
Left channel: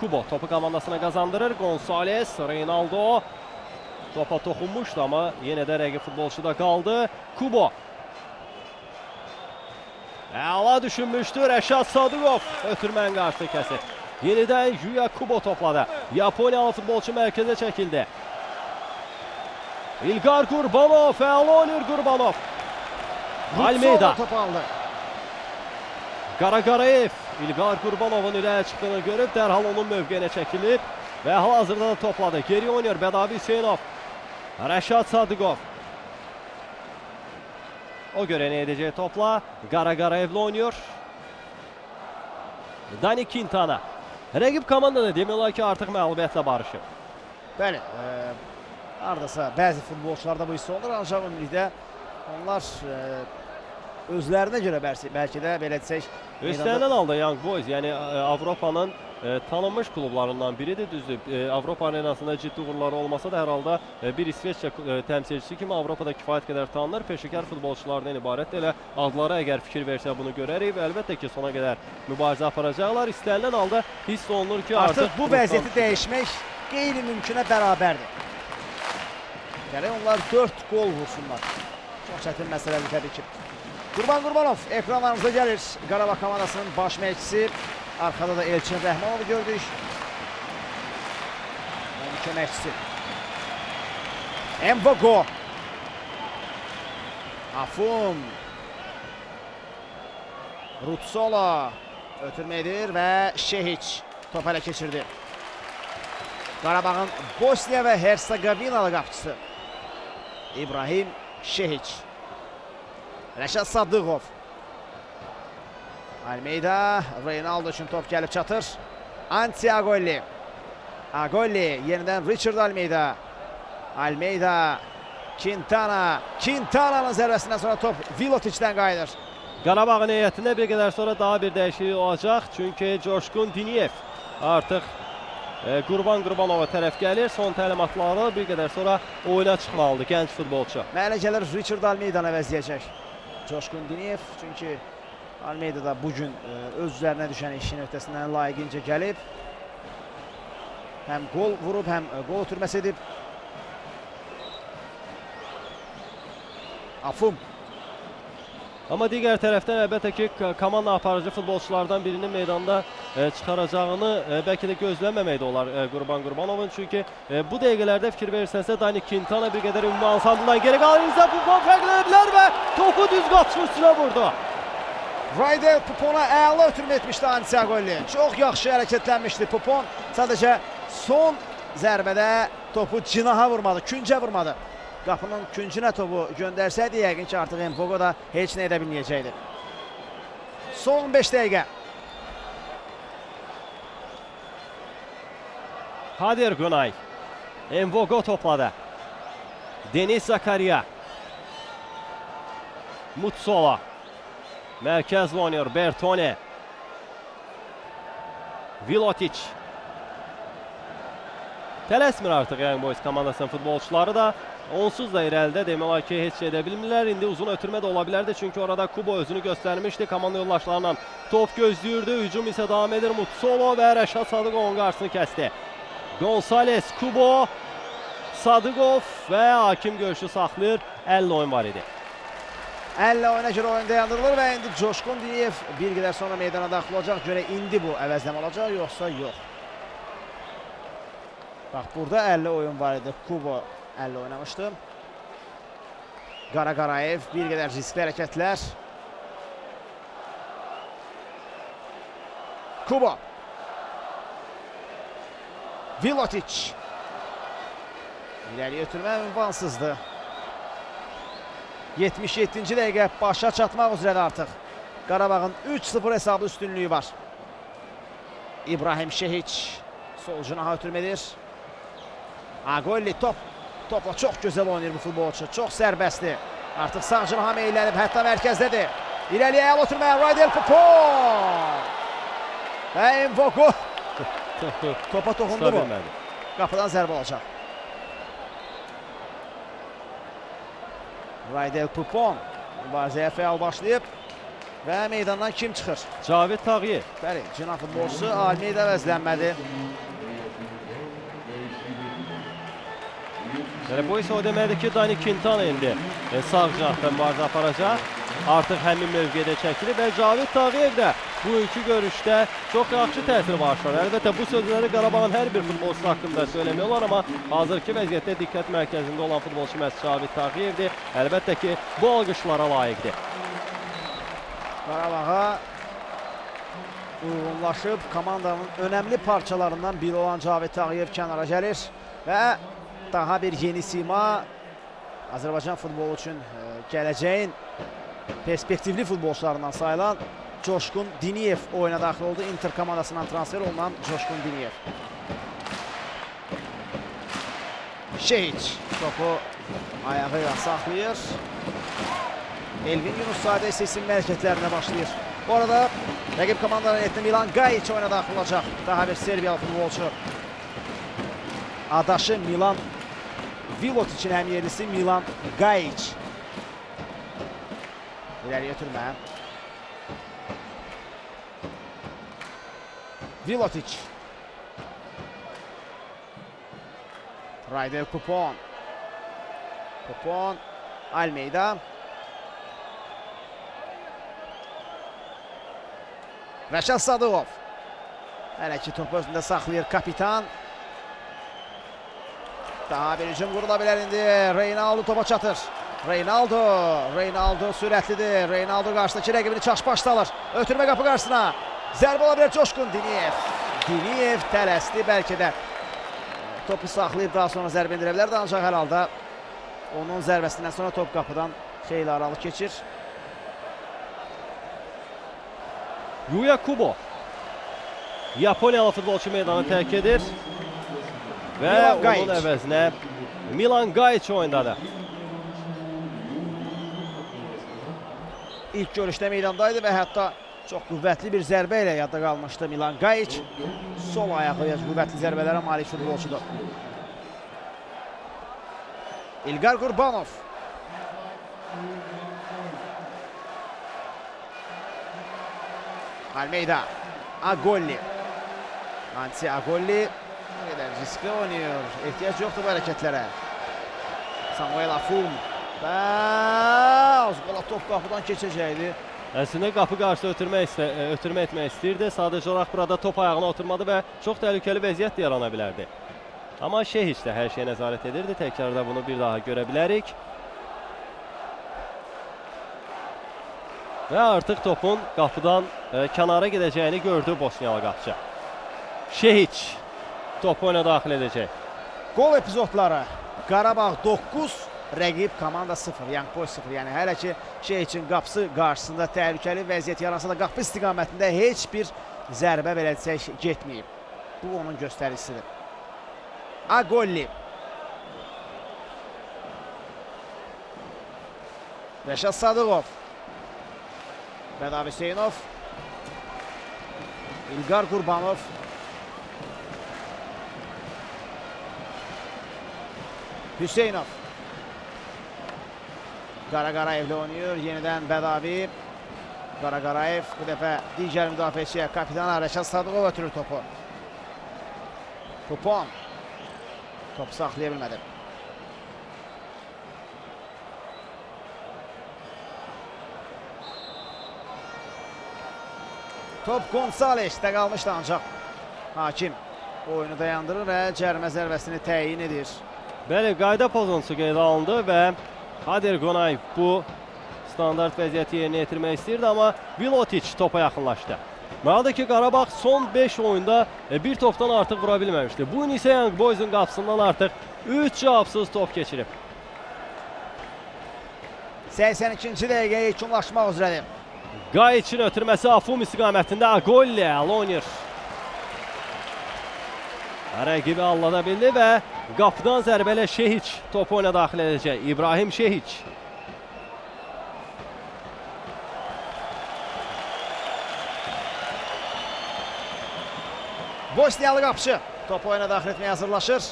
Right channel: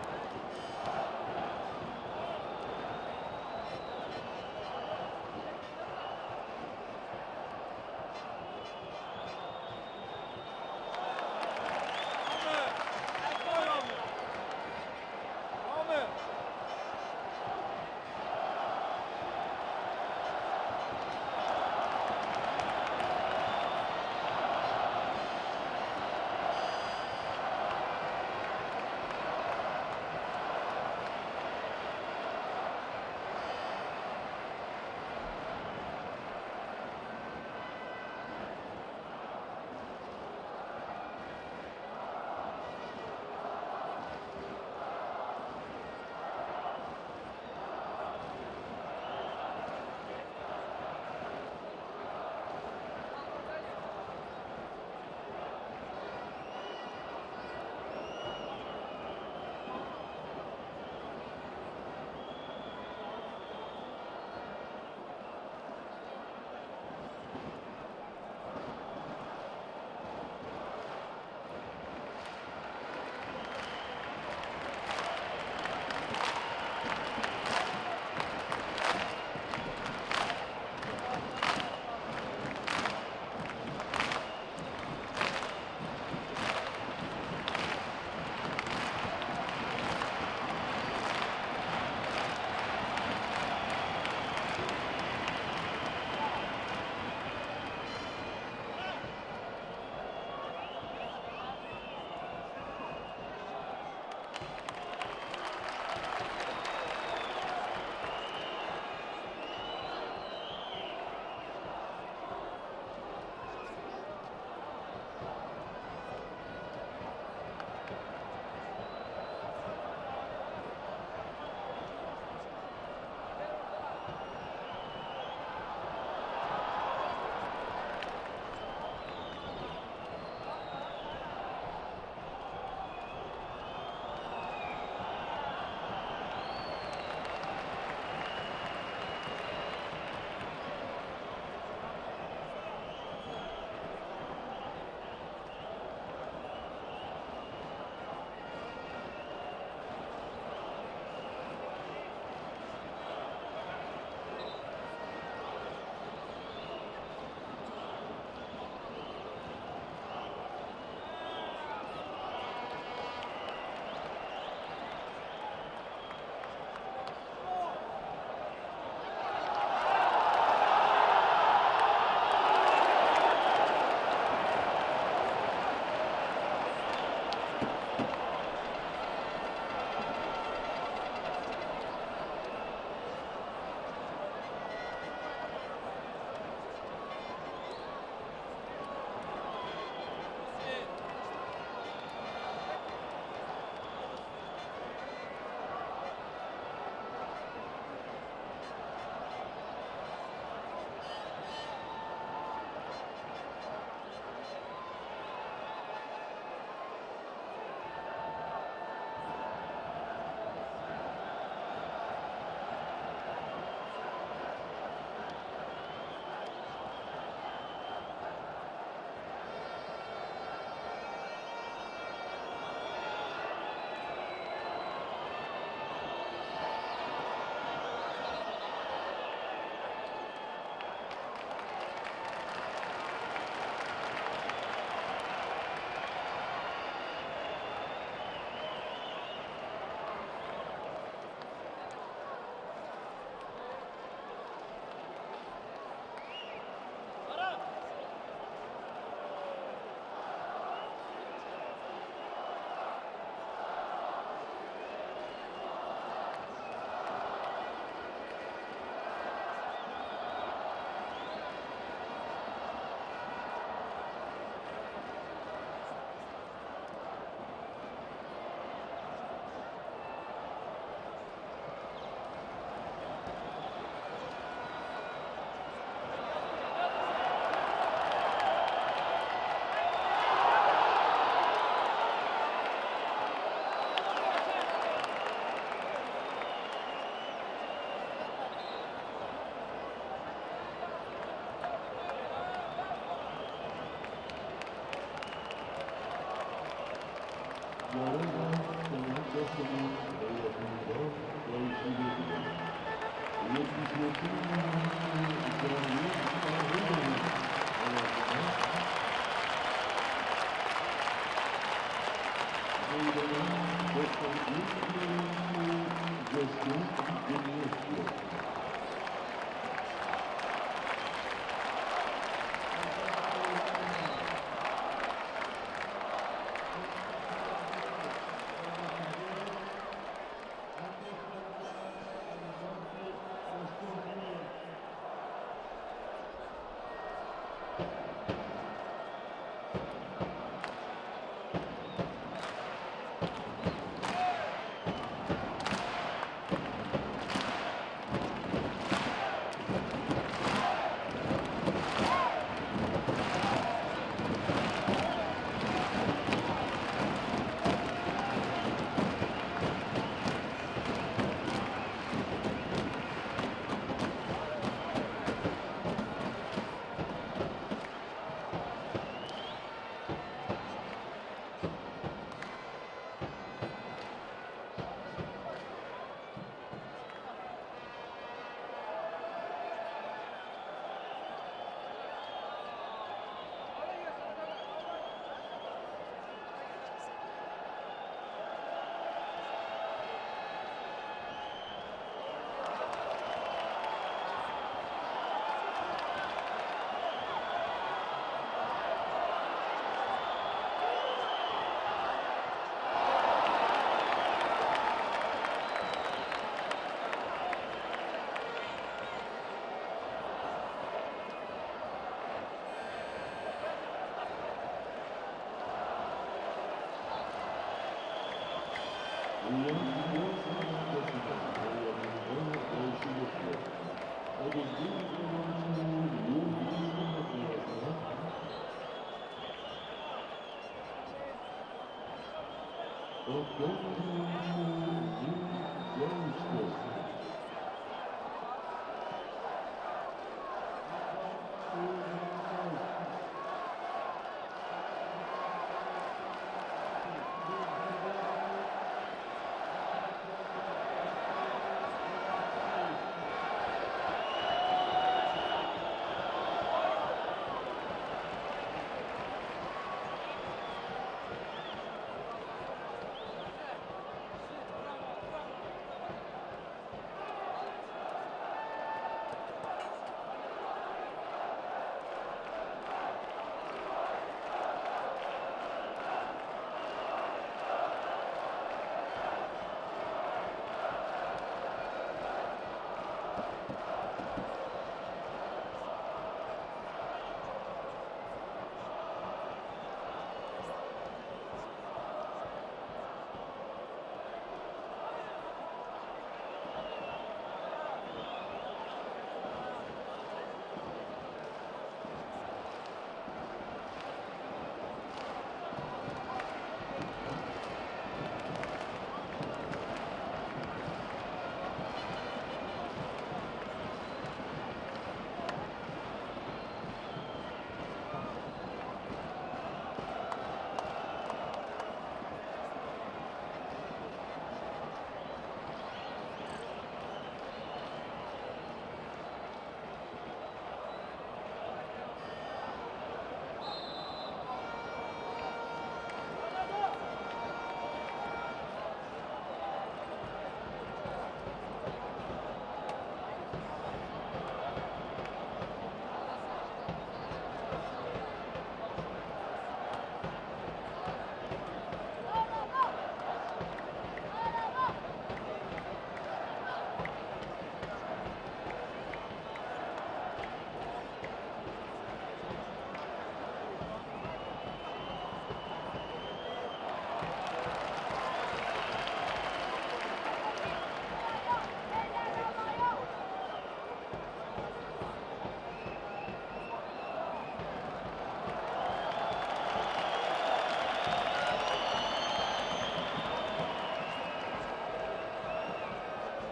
Kubo topu komandasına qazandırır. Gonzales, Reynaldo. Topa toxunmuşdu amma yenə də rəqib futbolçuda qaldı. Kubo. Əla düşünmüşdü. Rəşad Sadıqov ötürmənin qarşı kəsir. Yenidən Yuya Kubo topladı. Yaponiyalı futbolçu mərkəzə çəkildi. İlgar Qurbanov, Fəalonir Qurbanov. Almeida. Qaraqarayev İlgar Qurbanovun irəli çıxdığını görüb dərhal onun mövqeyinə çəkilir və hal-hazırda topladı. Geri oynuyor Bədavi Hüseynov. Rəşad Sadıqov. O görə nə edəcək topla? Qaraqarayevlə oynuyor. Dani Quintana. Rəqib komandada demək olar ki, artıq məğlubiyyətlə barışır. Bəli. Hardasa bəzi futbolçularda bu hiss olur, ancaq ümumilikdə onlar özlərinə görə bəlkə də belə desək Üstəndən aldı Young Boys, yəni Avropanın tanınmış klublarından biridir, düzdür. Avropa arenasında ciddi uğurları olmasa da hər halda bir İsveçrə təmsilçisi kimi Avropada kifayət qədər tanınır. Peşəkar futbolçulardan ibarət elə adlara əgər fikir versə bunu görərik və əlbəttə ki, sona qədər mübarizə aparacaqlar. İstənilən halda hiss olunur ki, artıq bu vəziyyəti dəyişmək qeyri-mümkünə bərabərdir. Yəni onlar 4 gol vursunlar. Çox çətin məsələdir təbii ki. Qurban Qurbanov ekranlarımıza gəlir. Qarabağ komandasının baş məşqçisi. Arkada da Elçin Rəhmanovu gördük. Köməkçisi. Mvogo. Afum. Rutsola ötürmə edir və Şehiç top ələ keçirdi. Qarabağın Bosniya və Hersegovinalı qapıçısı İbrahim Şehiç. Rəşad Sadıqov. Almeida, Reynaldo üçün top gəlib çatır. Ansiagolli. Agolli, yenidən Richard Almeida. Almeida, Quintana. Quintana'nın zərbəsindən sonra top Vilotic'dən qayıdır. Qarabağın heyətində bir qədər sonra daha bir dəyişiklik olacaq. Çünki Coşqun Diniyev artıq Qurban Qurbanova tərəf gəlir. Son təlimatları bir qədər sonra oyuna çıxmalıdır gənc futbolçu. Mənə gəlir Richard Almeidanı əvəzləyəcək Coşqun Diniyev. Çünki Almeida da bugün öz üzərinə düşən işin öhdəsindən layiqincə gəlib. Həm gol vurub, həm gol ötürməsi edib. Afum. Amma digər tərəfdən əlbəttə ki, komanda aparıcı futbolçulardan birinin meydanda çıxaracağını bəlkə də gözləməmək də olar Qurban Qurbanovun. Çünki bu dəqiqələrdə fikir verirsənsə Dani Quintana bir qədər ümumi ansambından geri qalırsa Pupon fərqlənə bilər və topu düz qatışın üstünə vurdu. Rayder Pupon'a əla ötürmə etmişdi Ansiagolli. Çox yaxşı hərəkətlənmişdi Pupon. Sadəcə son zərbədə topu cinaha vurmadı, küncə vurmadı. Qapının küncünə topu göndərsəydi, yəqin ki, artıq Mvogo da heç nə edə bilməyəcəkdi. Son 5 dəqiqə. Hadir Günay. Mvogo topladı. Deniz Zakariya. Mutsola. Mərkəzlə oynuyor Bertone. Vilotic. Tələsmir artıq Young Boys komandasının futbolçuları da. Onsuz da irəlidə demək olar ki, heç şey edə bilmirlər. İndi uzun ötürmə də ola bilərdi. Çünki orada Kubo özünü göstərmişdi. Komanda yoldaşlarından top gözləyirdi. Hücum isə davam edir. Mutsolo və Rəşad Sadıqovun qarşısını kəsdi. Gonzales, Kubo, Sadıqov və hakim görüşü saxlayır. 50 oyun var idi. Elle oyuna göre oyun dayandırılır ve indi Coşkun Diniyev bir qədər sonra meydana daxil olacaq. Göre indi bu əvəzləmə olacaq yoksa yok. Bak burada 50 oyun var idi. Kubo 50 oynamıştı. Qarayev bir qədər riskli hərəkətlər. Kubo. Vilotic. İleri götürmə ünvansızdı. 77-ci dəqiqə başa çatmaq üzrədir artıq. Qarabağın 3-0 hesablı üstünlüyü var. İbrahim Şehiç sol cinaha ötürmədir. Agolli topa çok güzel oynuyor bu futbolçu. Çok serbestli. Artık sağ cinaha meyillenip hatta merkezdedir. İleriye ayağına oturmaya Raydel Kupon. Envoku. Topa toxundu bu. Kapıdan zərbə olacaq. Raydel Kupon mübarizəyə fəal başlayıb və meydandan kim çıxır? Cavid Tağıyev. Bəli, cina futbolçusu Almeyda əvəzlənmədi. Bu ise o deməkdir ki, Dani Quintana indi sağ cinahdan bazı aparacaq. Artıq həmin mövqedə çəkilir və Cavid Tağıyev də bu iki görüşdə çox yaxşı təsir başlar. Əlbəttə bu sözləri Qarabağın hər bir futbolçusu haqqında söylemiyorlar, amma hazırki vəziyyətdə diqqət mərkəzində olan futbolçu məhz Cavid Tağıyevdir. Əlbəttə ki, bu alqışlara layiqdir. Qarabağa uyğunlaşıb komandanın önəmli parçalarından biri olan Cavid Tağıyev kənara gəlir və daha bir yeni sima Azərbaycan futbolu üçün gələcəyin perspektivli futbolçularından sayılan Coşkun Diniyev oyuna daxil oldu. Inter komandasından transfer olunan Coşkun Diniyev. Şehiç topu ayağıyla saxlayır. Elvin Yunus sadə sesin hərəkətlərinə başlayır. Bu arada rəqib komandanın etni Milan Gajic oyuna daxil olacaq. Daha bir Serbiyalı futbolçu. Adaşı Milan Vilotic'in hem yerisi Milan Gajic. İleri götürmə. Vilotic. Raydel Kupon. Kupon. Almeyda. Rəşad Sadıqov. Hələ ki topu özündə saxlayır kapitan. Daha bir hücum qurulabilir indi. Reynaldo topa çatır. Reynaldo sürətlidir. Reynaldo qarşıdakı rəqibini çaş-başda alır. Ötürmə qapı qarşısına. Zərbə olabilir Coşkun Diniyev. Diniyev tələsdi bəlkə də. Topu saxlayıb daha sonra zərbə indirə bilər. Ancaq hər halda onun zərbəsindən sonra top qapıdan xeyli aralı keçir. Yuya Kubo. Yaponiyalı futbolçu meydanı tərk edir. Və onun əvəzinə Milan Gajic oyundadır. İlk görüşdə meydandaydı və hətta çox qüvvətli bir zərbə ilə yadda qalmışdı Milan Gajic. Sol ayaqlı qüvvətli zərbələrə malik futbolçudur. İlqar Qurbanov. Almeyda. Agolli. Anti Agolli. Riskli oynuyor. İhtiyaç yoktu bu hareketlere. Samuel Afum. Azqala top qapıdan keçəcəkdi. Əslində qapı qarşı ötürmə etmək istəyirdi. Sadəcə olaraq burada top ayağına oturmadı və çox təhlükəli vəziyyət yarana bilərdi. Amma Şehiç də hər şeyə nəzarət edirdi. Təkrarda bunu bir daha görə bilərik. Və artıq topun qapıdan kənara gedəcəyini gördü Bosniyalı qapıcı. Şehiç topu oyuna daxil edəcək. Gol epizodları. Qarabağ 9, rəqib komanda 0. Yəni boy 0. Yəni hələ ki Şehiçin qapısı qarşısında təhlükəli vəziyyət yaransa da qapı istiqamətində heç bir zərbə belə desək getməyib. Bu onun göstəricisidir. Agolli. Rəşad Sadıqov. Bədav Hüseynov. İlqar Qurbanov. Hüseynov. Qarayev'de oynuyor. Yeniden Bedavi. Qarayev bu dəfə digər müdafiəçiyə kapitan Rəşad Sadıqov ötürür topu. Kupon. Topu saxlaya bilmədi. Top Gonzales'te qalmışdı ancaq hakim oyunu dayandırır və cərimə zərbəsini təyin edir. Bəli, qayda pozuntusu qeydə alındı və Hader Qonayev bu standart vəziyyəti yerinə yetirmək istəyirdi, amma Vilotiç topa yaxınlaşdı. Məlumatdır ki, Qarabağ son 5 oyunda bir topdan artıq vura bilməmişdi. Bu gün isə Young Boys'un qapısından artıq 3 cavabsız top keçirib. 82-ci dəqiqəyə yekunlaşmaq üzrədir. Qayiçin ötürməsi Afum istiqamətində Agolli Alonir. Rəqibi allada bildi və qapıdan zərbələ Şehiç topu oyuna daxil edəcək. İbrahim Şehiç. Bosniyalı qapıcı topu oyuna daxil etməyə hazırlaşır.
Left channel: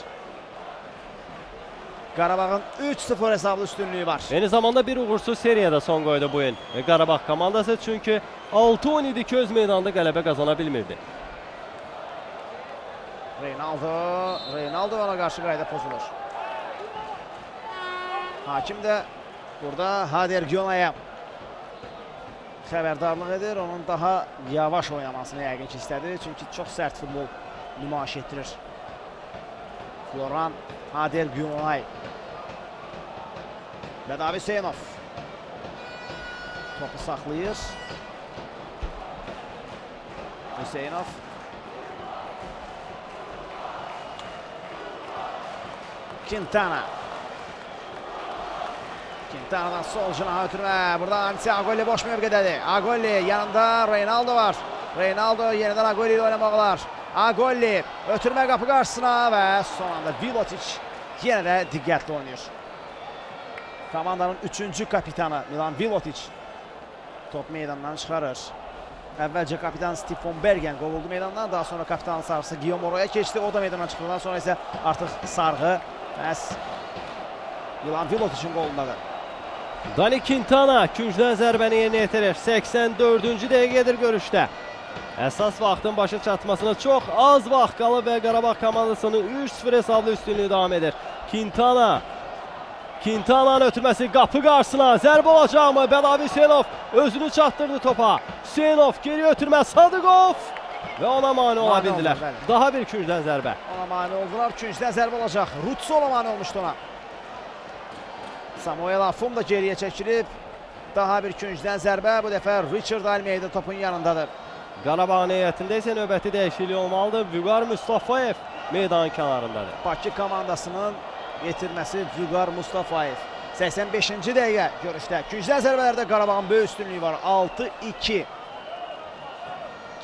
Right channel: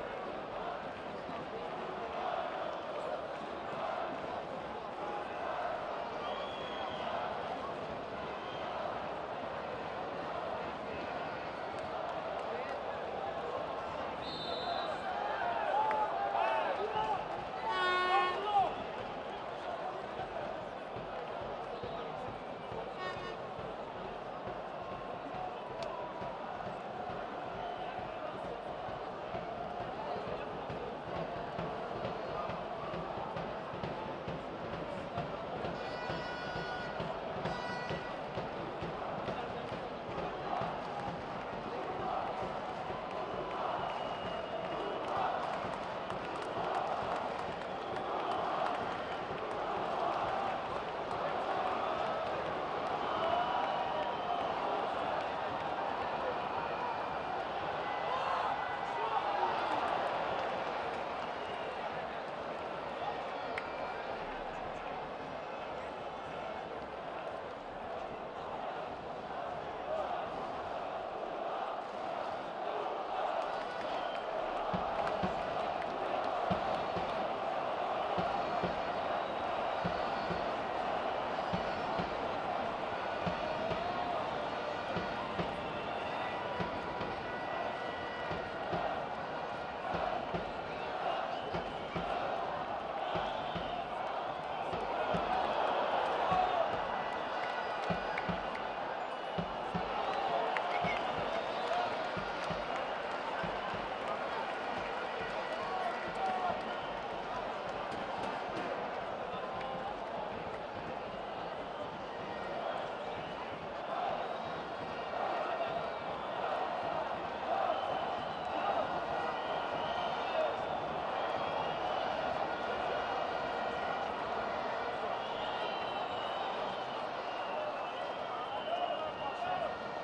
Qarabağın 3-0 hesablı üstünlüyü var. Eyni zamanda bir uğursuz seriyada son qoydu bu il Qarabağ komandası, çünki 6 oyun idi ki öz meydanda qələbə qazana bilmirdi. Reynaldo ona qarşı qayda pozulur. Hakim də burada Hader Gyonayev xəbərdarlıq edir. Onun daha yavaş oynamasını yəqin ki istədi. Çünki çox sərt futbol nümayiş etdirir. Yoran Hader Gyonayev və David Hüseynov topu saxlayır. Hüseynov Quintana. Quintana'dan sol canaha ötürmə. Burada Anti Agolli boş mövqədədir. Agolli yanında Reynaldo var. Reynaldo yenidən Agolli ilə oynamaq olar. Agolli ötürmə qapı qarşısına və son anda Vilotiç yenə də diqqətli oynayır. Komandanın 3-cü kapitanı Milan Vilotiç top meydandan çıxarır. Əvvəlcə kapitan Stefan Bergen qovuldu meydandan, daha sonra kapitanın sarısı Guillaume Moro'ya keçdi. O da meydandan çıxdıqdan sonra isə artıq sarğı məhz Milan Vilotiçin qolundadır. Dani Quintana küncdən zərbəni yerinə yetirir. 84-cü dəqiqədir görüşdə. Əsas vaxtın başa çatmasına çox az vaxt qalıb və Qarabağ komandasının 3-0 hesablı üstünlüyü davam edir. Quintana'nın ötürməsi qapı qarşısına zərbə olacaqmı? Bədavi Hüseynov özünü çatdırdı topa. Hüseynov geri ötürmə, Sadıqov və ona mane ola bildilər. Daha bir küncdən zərbə. Ona mane oldular, küncdən zərbə olacaq. Rutsu ona mane olmuşdu ona. Samuel Afum da geriyə çəkilib. Daha bir küncdən zərbə, bu dəfə Richard Almeida topun yanındadır. Qarabağın heyətində isə növbəti dəyişiklik olmalıdır. Vüqar Mustafayev meydanın kənarındadır. Bakı komandasının yetirməsi Vüqar Mustafayev. 85-ci dəqiqə görüşdə. Küncdən zərbələrdə Qarabağın böyük üstünlüyü var. 6-2.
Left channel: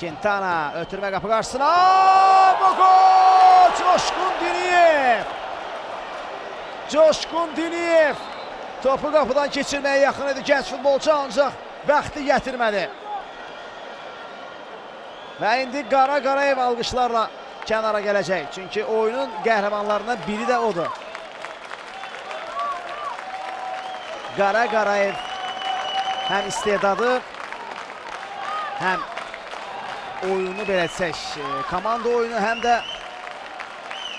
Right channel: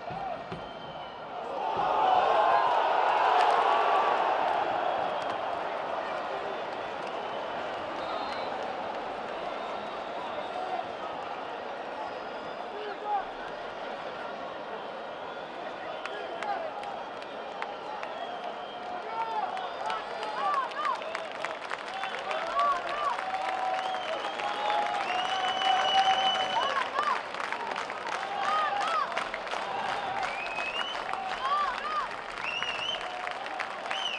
Quintana ötürmə qapı qarşısına. Bu gol! Coşkun Diniyev! Coşkun Diniyev topu qapıdan keçirməyə yaxın idi gənc futbolçu, ancaq bəxti gətirmədi. Və indi Qarayev alqışlarla kənara gələcək. Çünki oyunun qəhrəmanlarından biri də odur. Qarayev həm istedadı, həm oyunu belə desək, komanda oyunu, həm də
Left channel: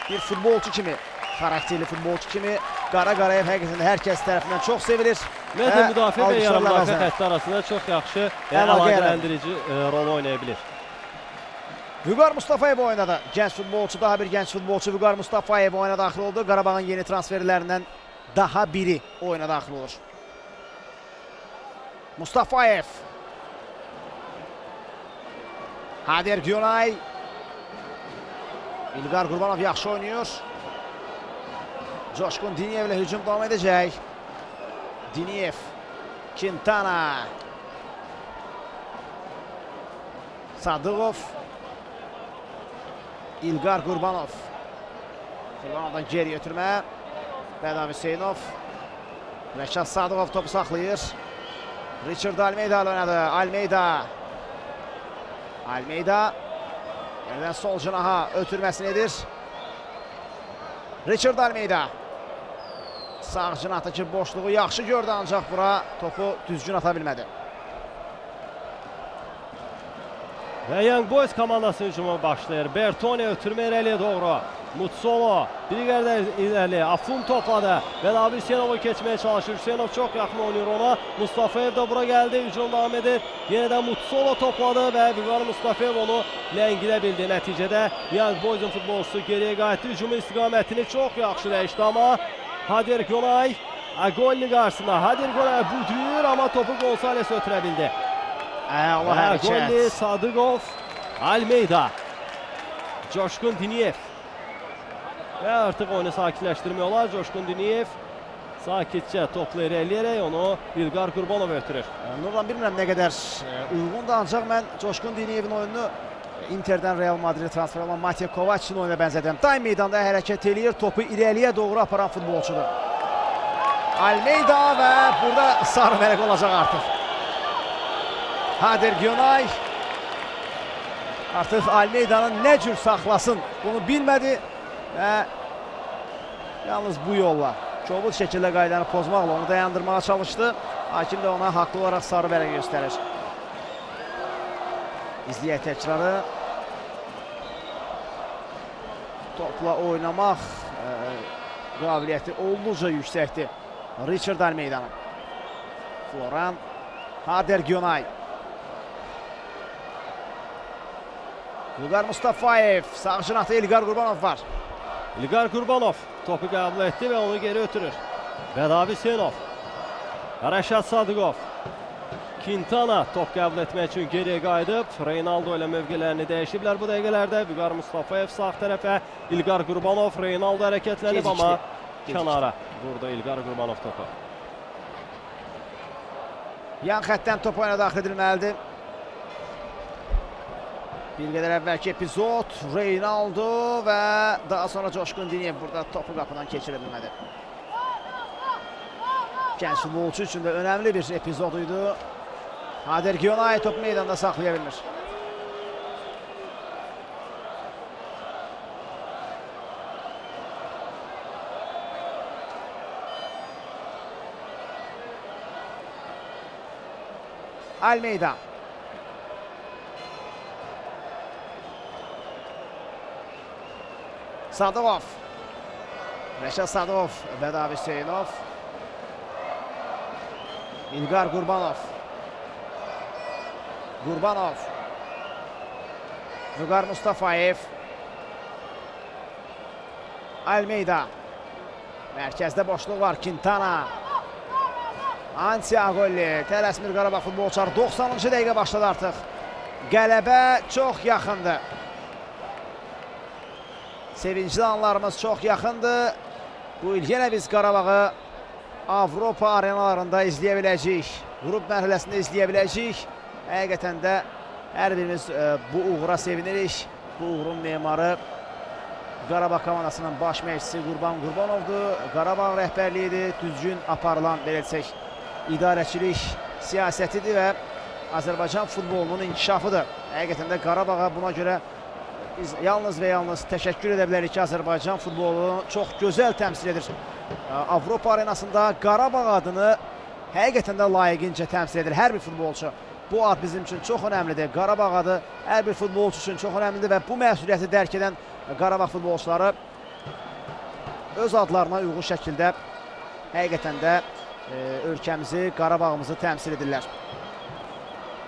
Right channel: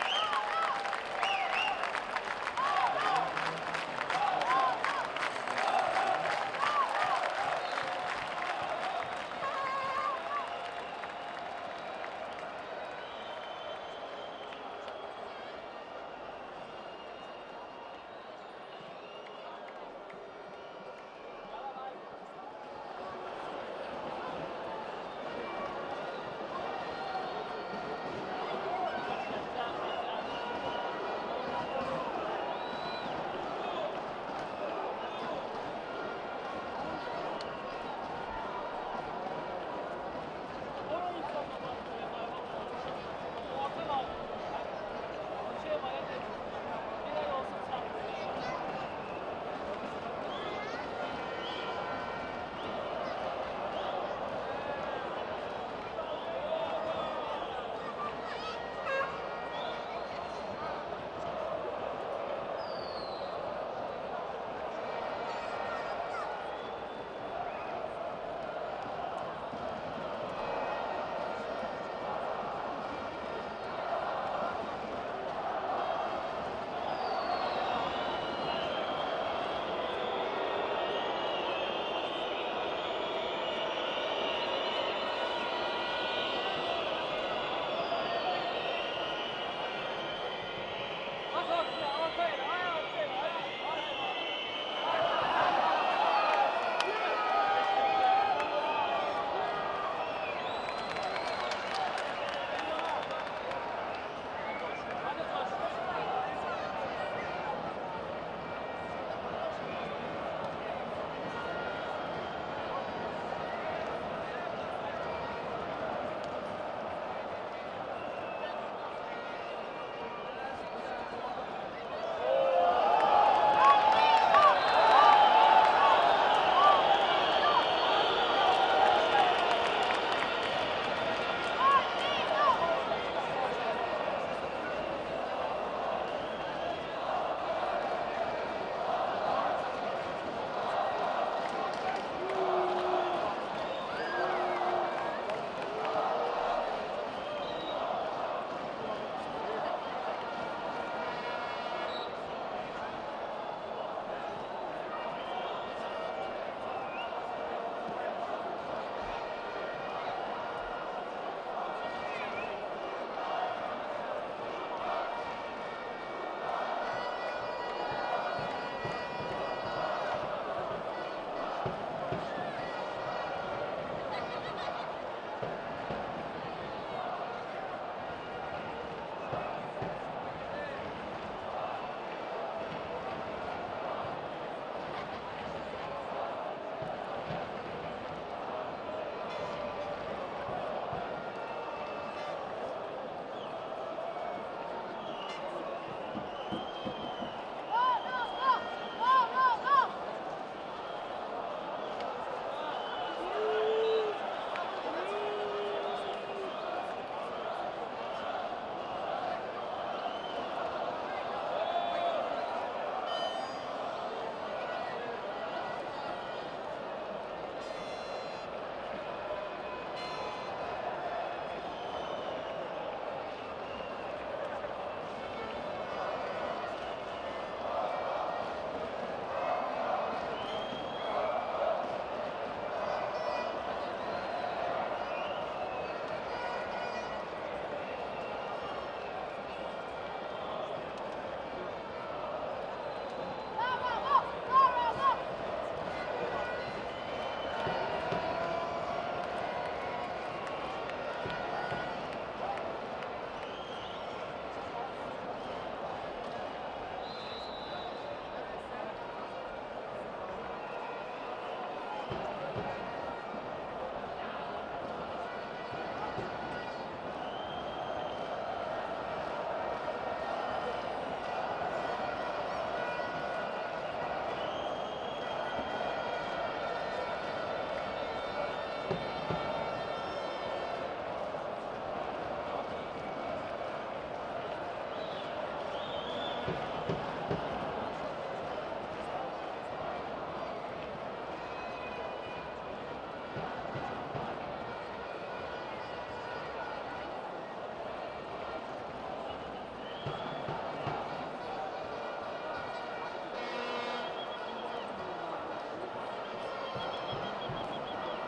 bir futbolçu kimi, xarakterli futbolçu kimi Qarayev həqiqətən hər kəs tərəfindən çox sevilir. Ümumiyyətlə müdafiə və yarım müdafiə xətti arasında çox yaxşı əlaqələndirici rol oynaya bilir. Vüqar Mustafayev oynadı. Gənc futbolçu, daha bir gənc futbolçu Vüqar Mustafayev oyuna daxil oldu. Qarabağın yeni transferlərindən daha biri oyuna daxil olur. Mustafayev. Hader Gyonayev. İlqar Qurbanov yaxşı oynuyor. Coşkun Diniyev ilə hücum davam edəcək. Diniyev. Quintana. Sadıqov. İlqar Qurbanov. Ondan geri götürmə. Bədavi Hüseynov. Rəşad Sadıqov topu saxlayır. Richard Almeida ilə oynadı. Almeida. Nədən sol canaha ötürməsini edir. Richard Almeida. Sağ cinatdakı boşluğu yaxşı gördü, ancaq bura topu düzgün ata bilmədi. Ve Young Boys komandası hücuma başlayır. Bertone ötürme irəliyə doğru. Mutsolo bir yerden ilerli. Afun topladı. Ve Nabi Hüseynov'u geçmeye çalışır. Hüseynov çok yakın oynuyor ona. Mustafaev de bura geldi. Hücum devam edir. Yeniden Mutsolo topladı ve Bilal Mustafaev onu ləngidə Neticede Young Boys'un futbolcusu geriye qayıtdı. Hücumun istikametini çok yaxşı dəyişdi ama Hadir Günay Agolli qarşısında. Hadir Günay budur ama topu Gonzales ötürə bildi. Agolli, Sadıkov, Almeida, Coşkun Diniyev. Ve artık oyunu sakinleştirmiyorlar. Coşkun Diniyev sakitçe topları eləyərək onu İlqar Qurbanov ötürür. Onlardan bilmirəm nə qədər uyğundur, ancaq mən Coşkun Diniyevin oyununu Inter'dən Real Madrid transfer olan Matej Kovac'ın oyuna bənzədirəm. Daim meydanda hərəkət eləyir, topu irəliyə doğru aparan futbolçudur. Almeida və burada sarı vərəq olacaq artıq. Hadir Günay artıq Almeida'nın nə cür saxlasın bunu bilmədi və yalnız bu yolla kobud şəkildə qaydanı pozmaqla onu dayandırmağa çalışdı. Hakim də ona haqlı olaraq sarı vərəq göstərir. İzləyək təkrarı. Topla oynamaq qabiliyyəti olduqca yüksəkdir Richard Almeida'nın. Floran, Hadir Günay. İlqar Mustafaev, sağ cinahda İlqar Qurbanov var. İlqar Qurbanov topu qəbul etdi və onu geri ötürür. Nabi Hüseynov, Rəşad Sadıqov, Quintana top qəbul etmək üçün geriyə qayıdıb. Reynaldo ilə mövqələrini dəyişiblər bu dəqiqələrdə. İlqar Mustafaev sağ tərəfə, İlqar Qurbanov, Reynaldo hərəkətlənib amma kənara. Burada İlqar Qurbanov topu. Yan xəttdən top oyuna daxil edilməlidir. Bir qədər əvvəlki epizod Reynaldo və daha sonra Coşkun Diniyev burada topu qapıdan keçirə bilmədi. Gənc futbolçu üçün də önəmli bir epizod idi. Hadir Günay topu meydanda saxlaya bilmir. Almeida. Sadıqov. Rəşad Sadıqov və Nabi Hüseynov. İlqar Qurbanov. Qurbanov. İlqar Mustafaev. Almeida. Mərkəzdə boşluq var. Quintana. Agolli. Tələsmir Qarabağ futbolçuları. 90-cı dəqiqə başladı artıq. Qələbə çox yaxındır. Sevincli anlarımız çox yaxındır. Bu il yenə biz Qarabağı Avropa arenalarında izləyə biləcəyik. Qrup mərhələsində izləyə biləcəyik. Həqiqətən də hər birimiz bu uğura sevinirik. Bu uğurun memarı Qarabağ komandasının baş məşqçisi Qurban Qurbanovdur. Qarabağ rəhbərliyidir. Düzgün aparılan verəcək idarəçilik siyasətidir və Azərbaycan futbolunun inkişafıdır. Həqiqətən də Qarabağa buna görə biz yalnız və yalnız təşəkkür edə bilərik ki, Azərbaycan futbolunu çox gözəl təmsil edir. Avropa arenasında Qarabağ adını həqiqətən də layiqincə təmsil edir hər bir futbolçu. Bu ad bizim üçün çox önəmlidir. Qarabağ adı hər bir futbolçu üçün çox önəmlidir və bu məsuliyyəti dərk edən Qarabağ futbolçuları öz adlarına uyğun şəkildə həqiqətən də ölkəmizi, Qarabağımızı təmsil edirlər.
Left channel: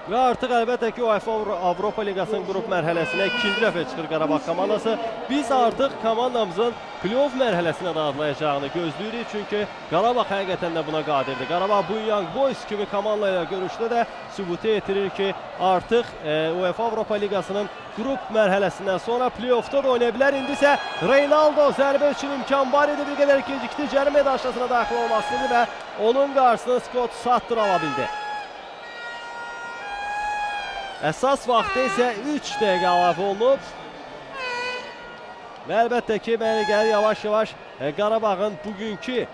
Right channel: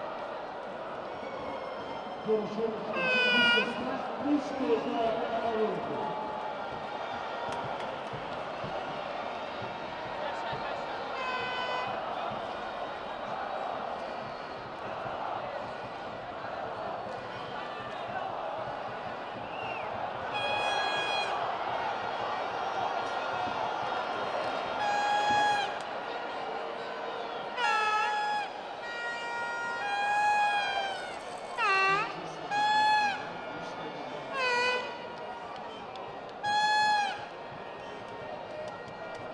Və artıq əlbəttə ki, UEFA Avropa Liqasının qrup mərhələsinə ikinci dəfə çıxır Qarabağ komandası. Biz artıq komandamızın playoff mərhələsinə daxlayacağını gözləyirik. Çünki Qarabağ həqiqətən də buna qadirdir. Qarabağ bu Young Boys kimi komanda ilə görüşdə də sübut etdirir ki, artıq UEFA Avropa Liqasının qrup mərhələsindən sonra playoffda da oynaya bilər. İndi isə Reynaldo zərbə üçün imkan var idi. Bir qədər gecikdi. Cərimə daşlasına daxil olmasını və onun qarşısını Scott Sutter ala bildi. Əsas vaxtı isə 3 dəqiqə əlavə olunub. Və əlbəttə ki, mənə gəlir yavaş-yavaş Qarabağın bugünkü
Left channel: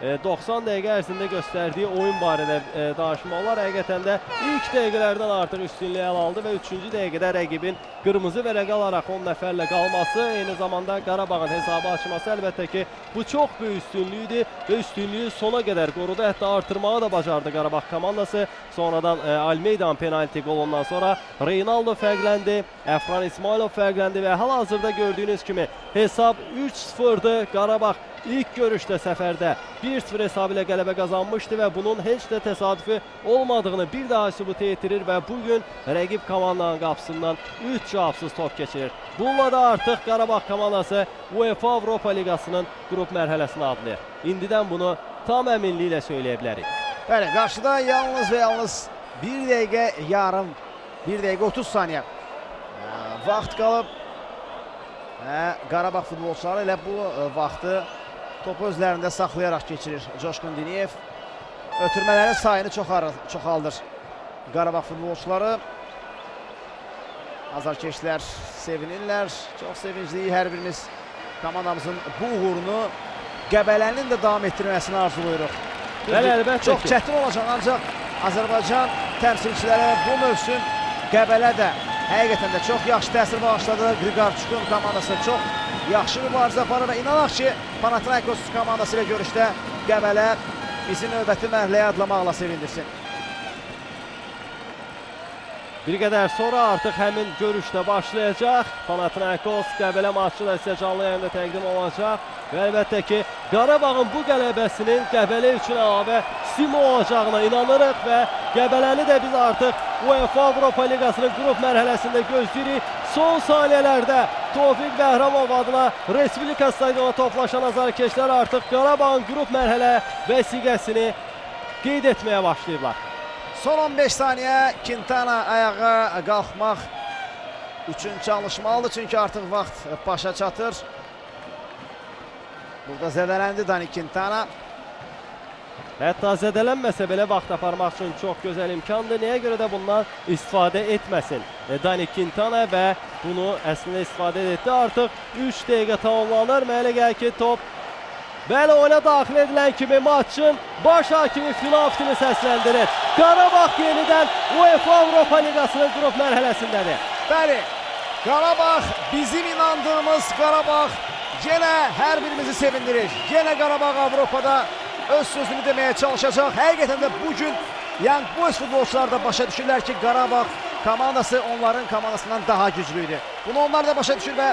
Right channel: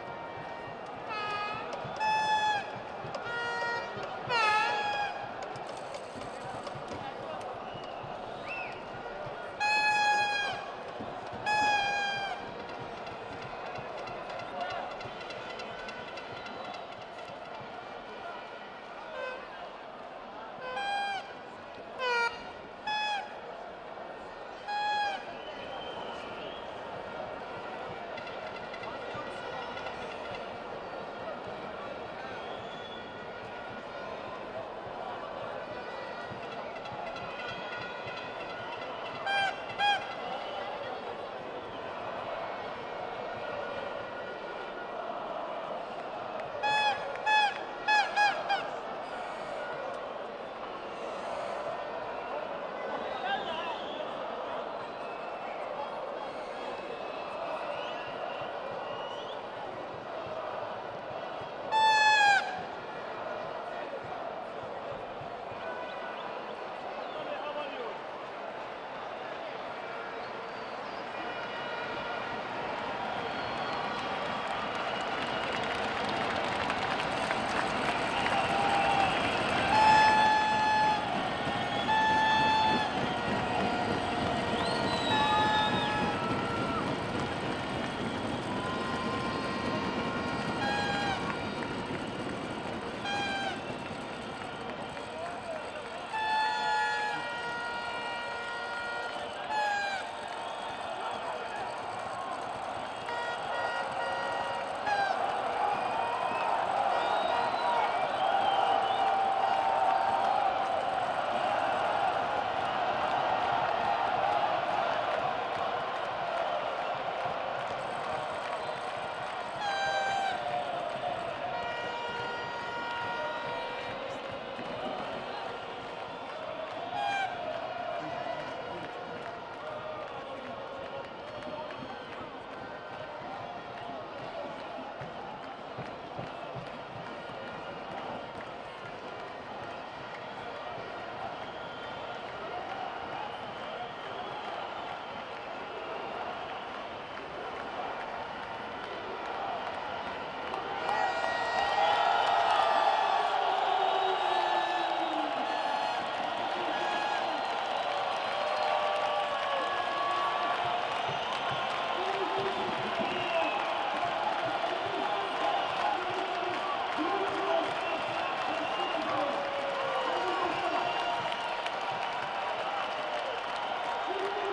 90 dəqiqə ərzində göstərdiyi oyun barədə danışmaq olar. Həqiqətən də ilk dəqiqələrdən artıq üstünlüyü ələ aldı və 3-cü dəqiqədə rəqibin qırmızı vərəqə alaraq 10 nəfərlə qalması, eyni zamanda Qarabağın hesabı açması əlbəttə ki, bu çox böyük üstünlükdür və üstünlüyü sona qədər qorudu. Hətta artırmağı da bacardı Qarabağ komandası. Sonradan Almeida'nın penalti qolundan sonra Reynaldo fərqləndi, Əfran İsmailov fərqləndi və hal-hazırda gördüyünüz kimi hesab 3-0'dır. Qarabağ ilk görüşdə səfərdə 1-0 hesabı ilə qələbə qazanmışdı və bunun heç də təsadüfi olmadığını bir daha sübut etdirir və bugün rəqib komandanın qapısından 3 cavabsız top keçirir. Bununla da artıq Qarabağ komandası UEFA Avropa Liqasının qrup mərhələsini adlayır. İndidən bunu tam əminliklə söyləyə bilərik. Bəli, qarşıda yalnız və yalnız 1 dəqiqə yarım, 1 dəqiqə 30 saniyə vaxt qalıb və Qarabağ futbolçuları elə bu vaxtı topu özlərində saxlayaraq keçirir. Coşqun Diniyev ötürmələrin sayını çoxaldır. Qarabağ futbolçuları azarkeşlər sevinirlər. Çox sevincliyik hər birimiz komandamızın bu uğurunu Qəbələnin də davam etdirməsini arzuluyoruz. Çox çətin olacaq, ancaq Azərbaycan təmsilçiləri bu mövsüm Qəbələ də həqiqətən də çox yaxşı təsir bağışladı. Qriqarçukun komandası çox yaxşı mübarizə aparır və inanaq ki, Panathinaikos komandası ilə görüşdə Qəbələ bizi növbəti mərhələyə adlamaqla sevindirsin. Bir qədər sonra artıq həmin görüşdə başlayacaq. Panathinaikos Qəbələ maçı da sizə canlı yayında təqdim olacaq. Və əlbəttə ki, Qarabağın bu qələbəsinin Qəbələ üçün əlavə stimul olacağına inanırıq və Qəbələni də biz artıq UEFA Avropa Liqasının qrup mərhələsində gözləyirik. Son saniyələrdə Tofiq Bəhramov adına Respublika stadionuna toplaşan azarkeşlər artıq Qarabağın qrup mərhələ vəsiqəsini qeyd etməyə başlayıblar. Son 15 saniyə Quintana ayağa qalxmaq üçün çalışmalıdır, çünki artıq vaxt başa çatır. Burada zədələndi Dani Quintana. Hətta zədələnməsə belə vaxt aparmaq üçün çox gözəl imkandır. Nəyə görə də bundan istifadə etməsin Dani Quintana və bunu əslində istifadə etdi. Artıq 3 dəqiqə tamamlanır. Mənə gəlir ki, top bəli, oyuna daxil edilən kimi maçın baş hakimi final kimi səsləndirir. Qarabağ yenidən UEFA Avropa Liqasının qrup mərhələsindədir. Bəli, Qarabağ, bizim inandığımız Qarabağ yenə hər birimizi sevindirir. Yenə Qarabağ Avropada öz sözünü deməyə çalışacaq. Həqiqətən də bugün Young Boys futbolçular da başa düşürlər ki, Qarabağ komandası onların komandasından daha güclüydü. Bunu onlar da başa düşür və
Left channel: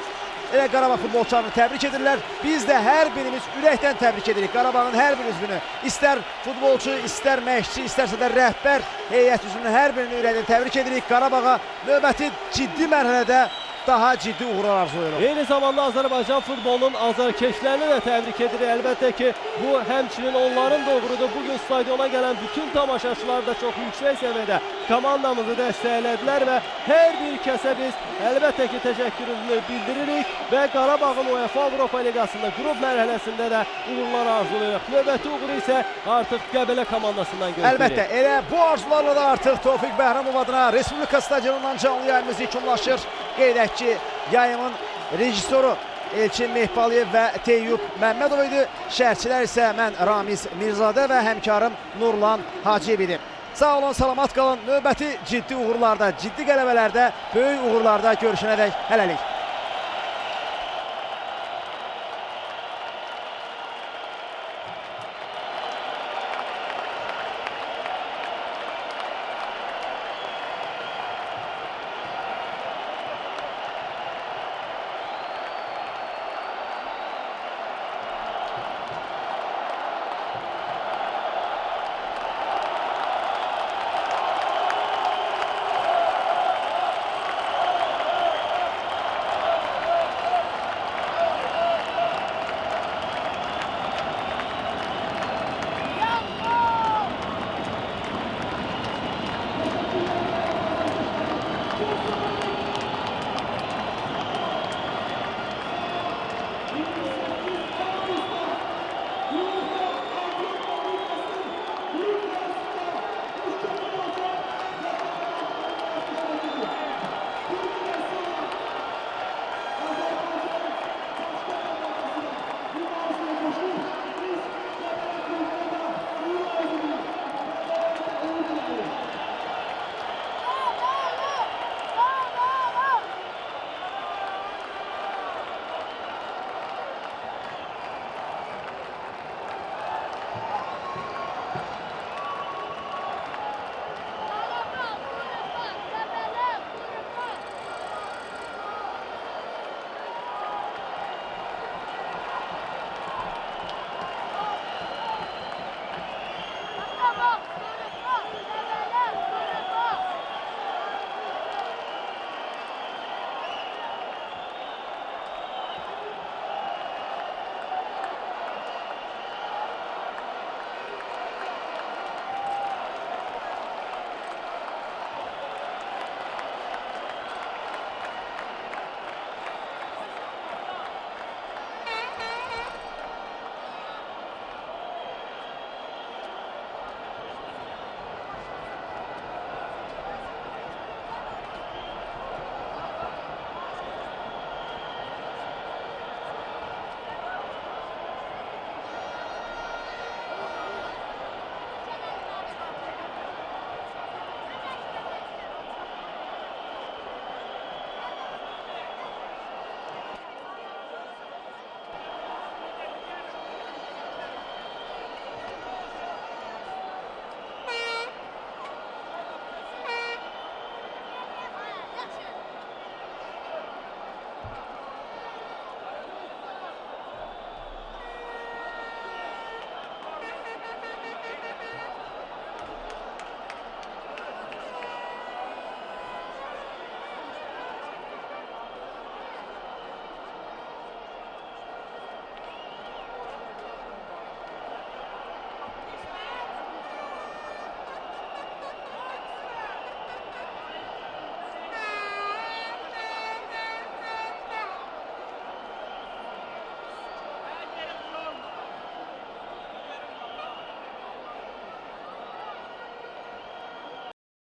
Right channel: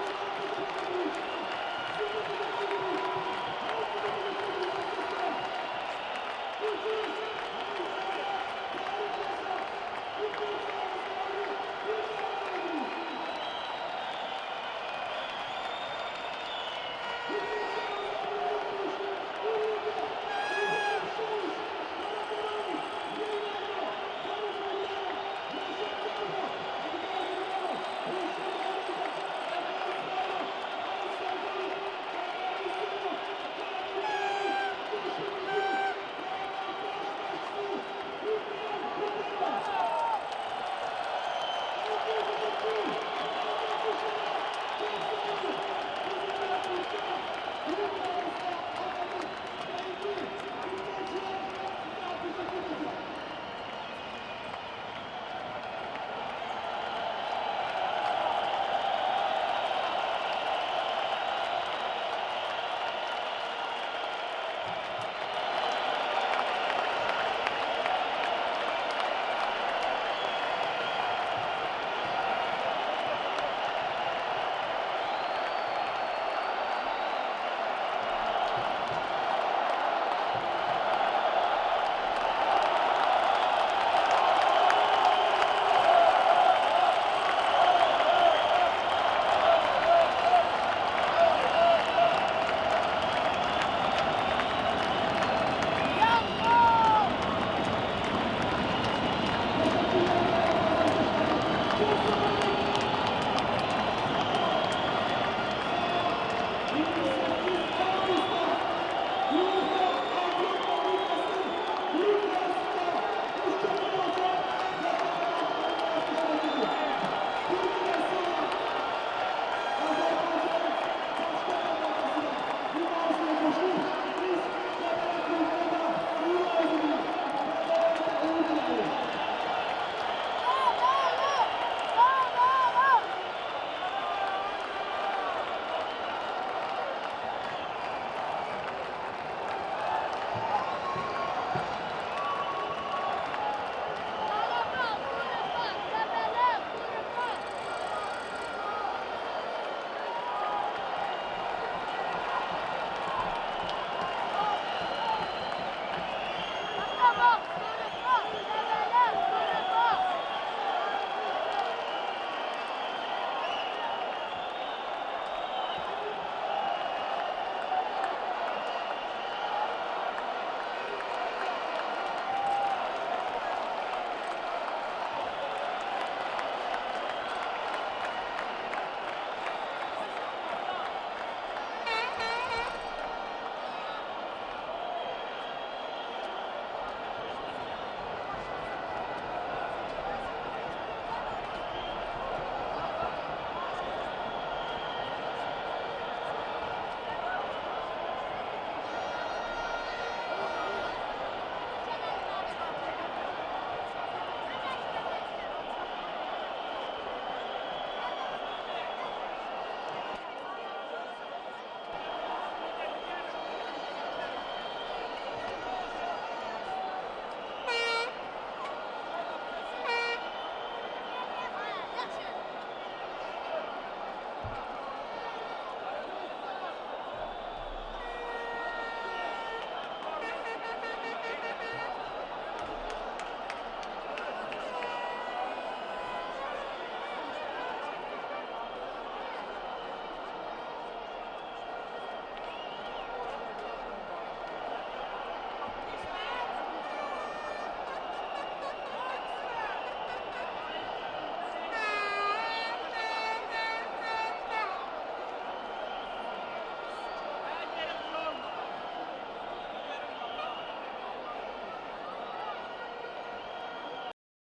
elə Qarabağ futbolçularını təbrik edirlər. Biz də hər birimiz ürəkdən təbrik edirik Qarabağın hər bir üzvünü. İstər futbolçu, istər məşqçi, istərsə də rəhbər heyət üzvünü hər birini ürəkdən təbrik edirik. Qarabağa növbəti ciddi mərhələdə daha ciddi uğurlar arzulayırıq. Eyni zamanda Azərbaycan futbolunun azarkeşlərini də təbrik edirik. Əlbəttə ki, bu həmçinin onların da uğurudur. Bugün stadiona gələn bütün tamaşaçılar da çox yüksək səviyyədə komandamızı dəstəklədilər və hər bir kəsə biz əlbəttə ki, təşəkkürümüzü bildiririk və Qarabağın UEFA Avropa Liqasında qrup mərhələsində də uğurlar arzulayırıq. Növbəti uğuru isə artıq Qəbələ komandasından gözləyirik. Əlbəttə, elə bu arzularla da artıq Tofiq Bəhramov adına Respublika stadionundan canlı yayımız yekunlaşır. Qeyd edək ki, yayımın rejissoru Elçin Mehbaliyev və Teyyub Məmmədov idi. Şərhçilər isə mən Ramiz Mirzadə və həmkarım Nurlan Hacıyev idi. Sağ olun, salamat qalın. Növbəti ciddi uğurlarda, ciddi qələbələrdə, böyük uğurlarda görüşənədək hələlik.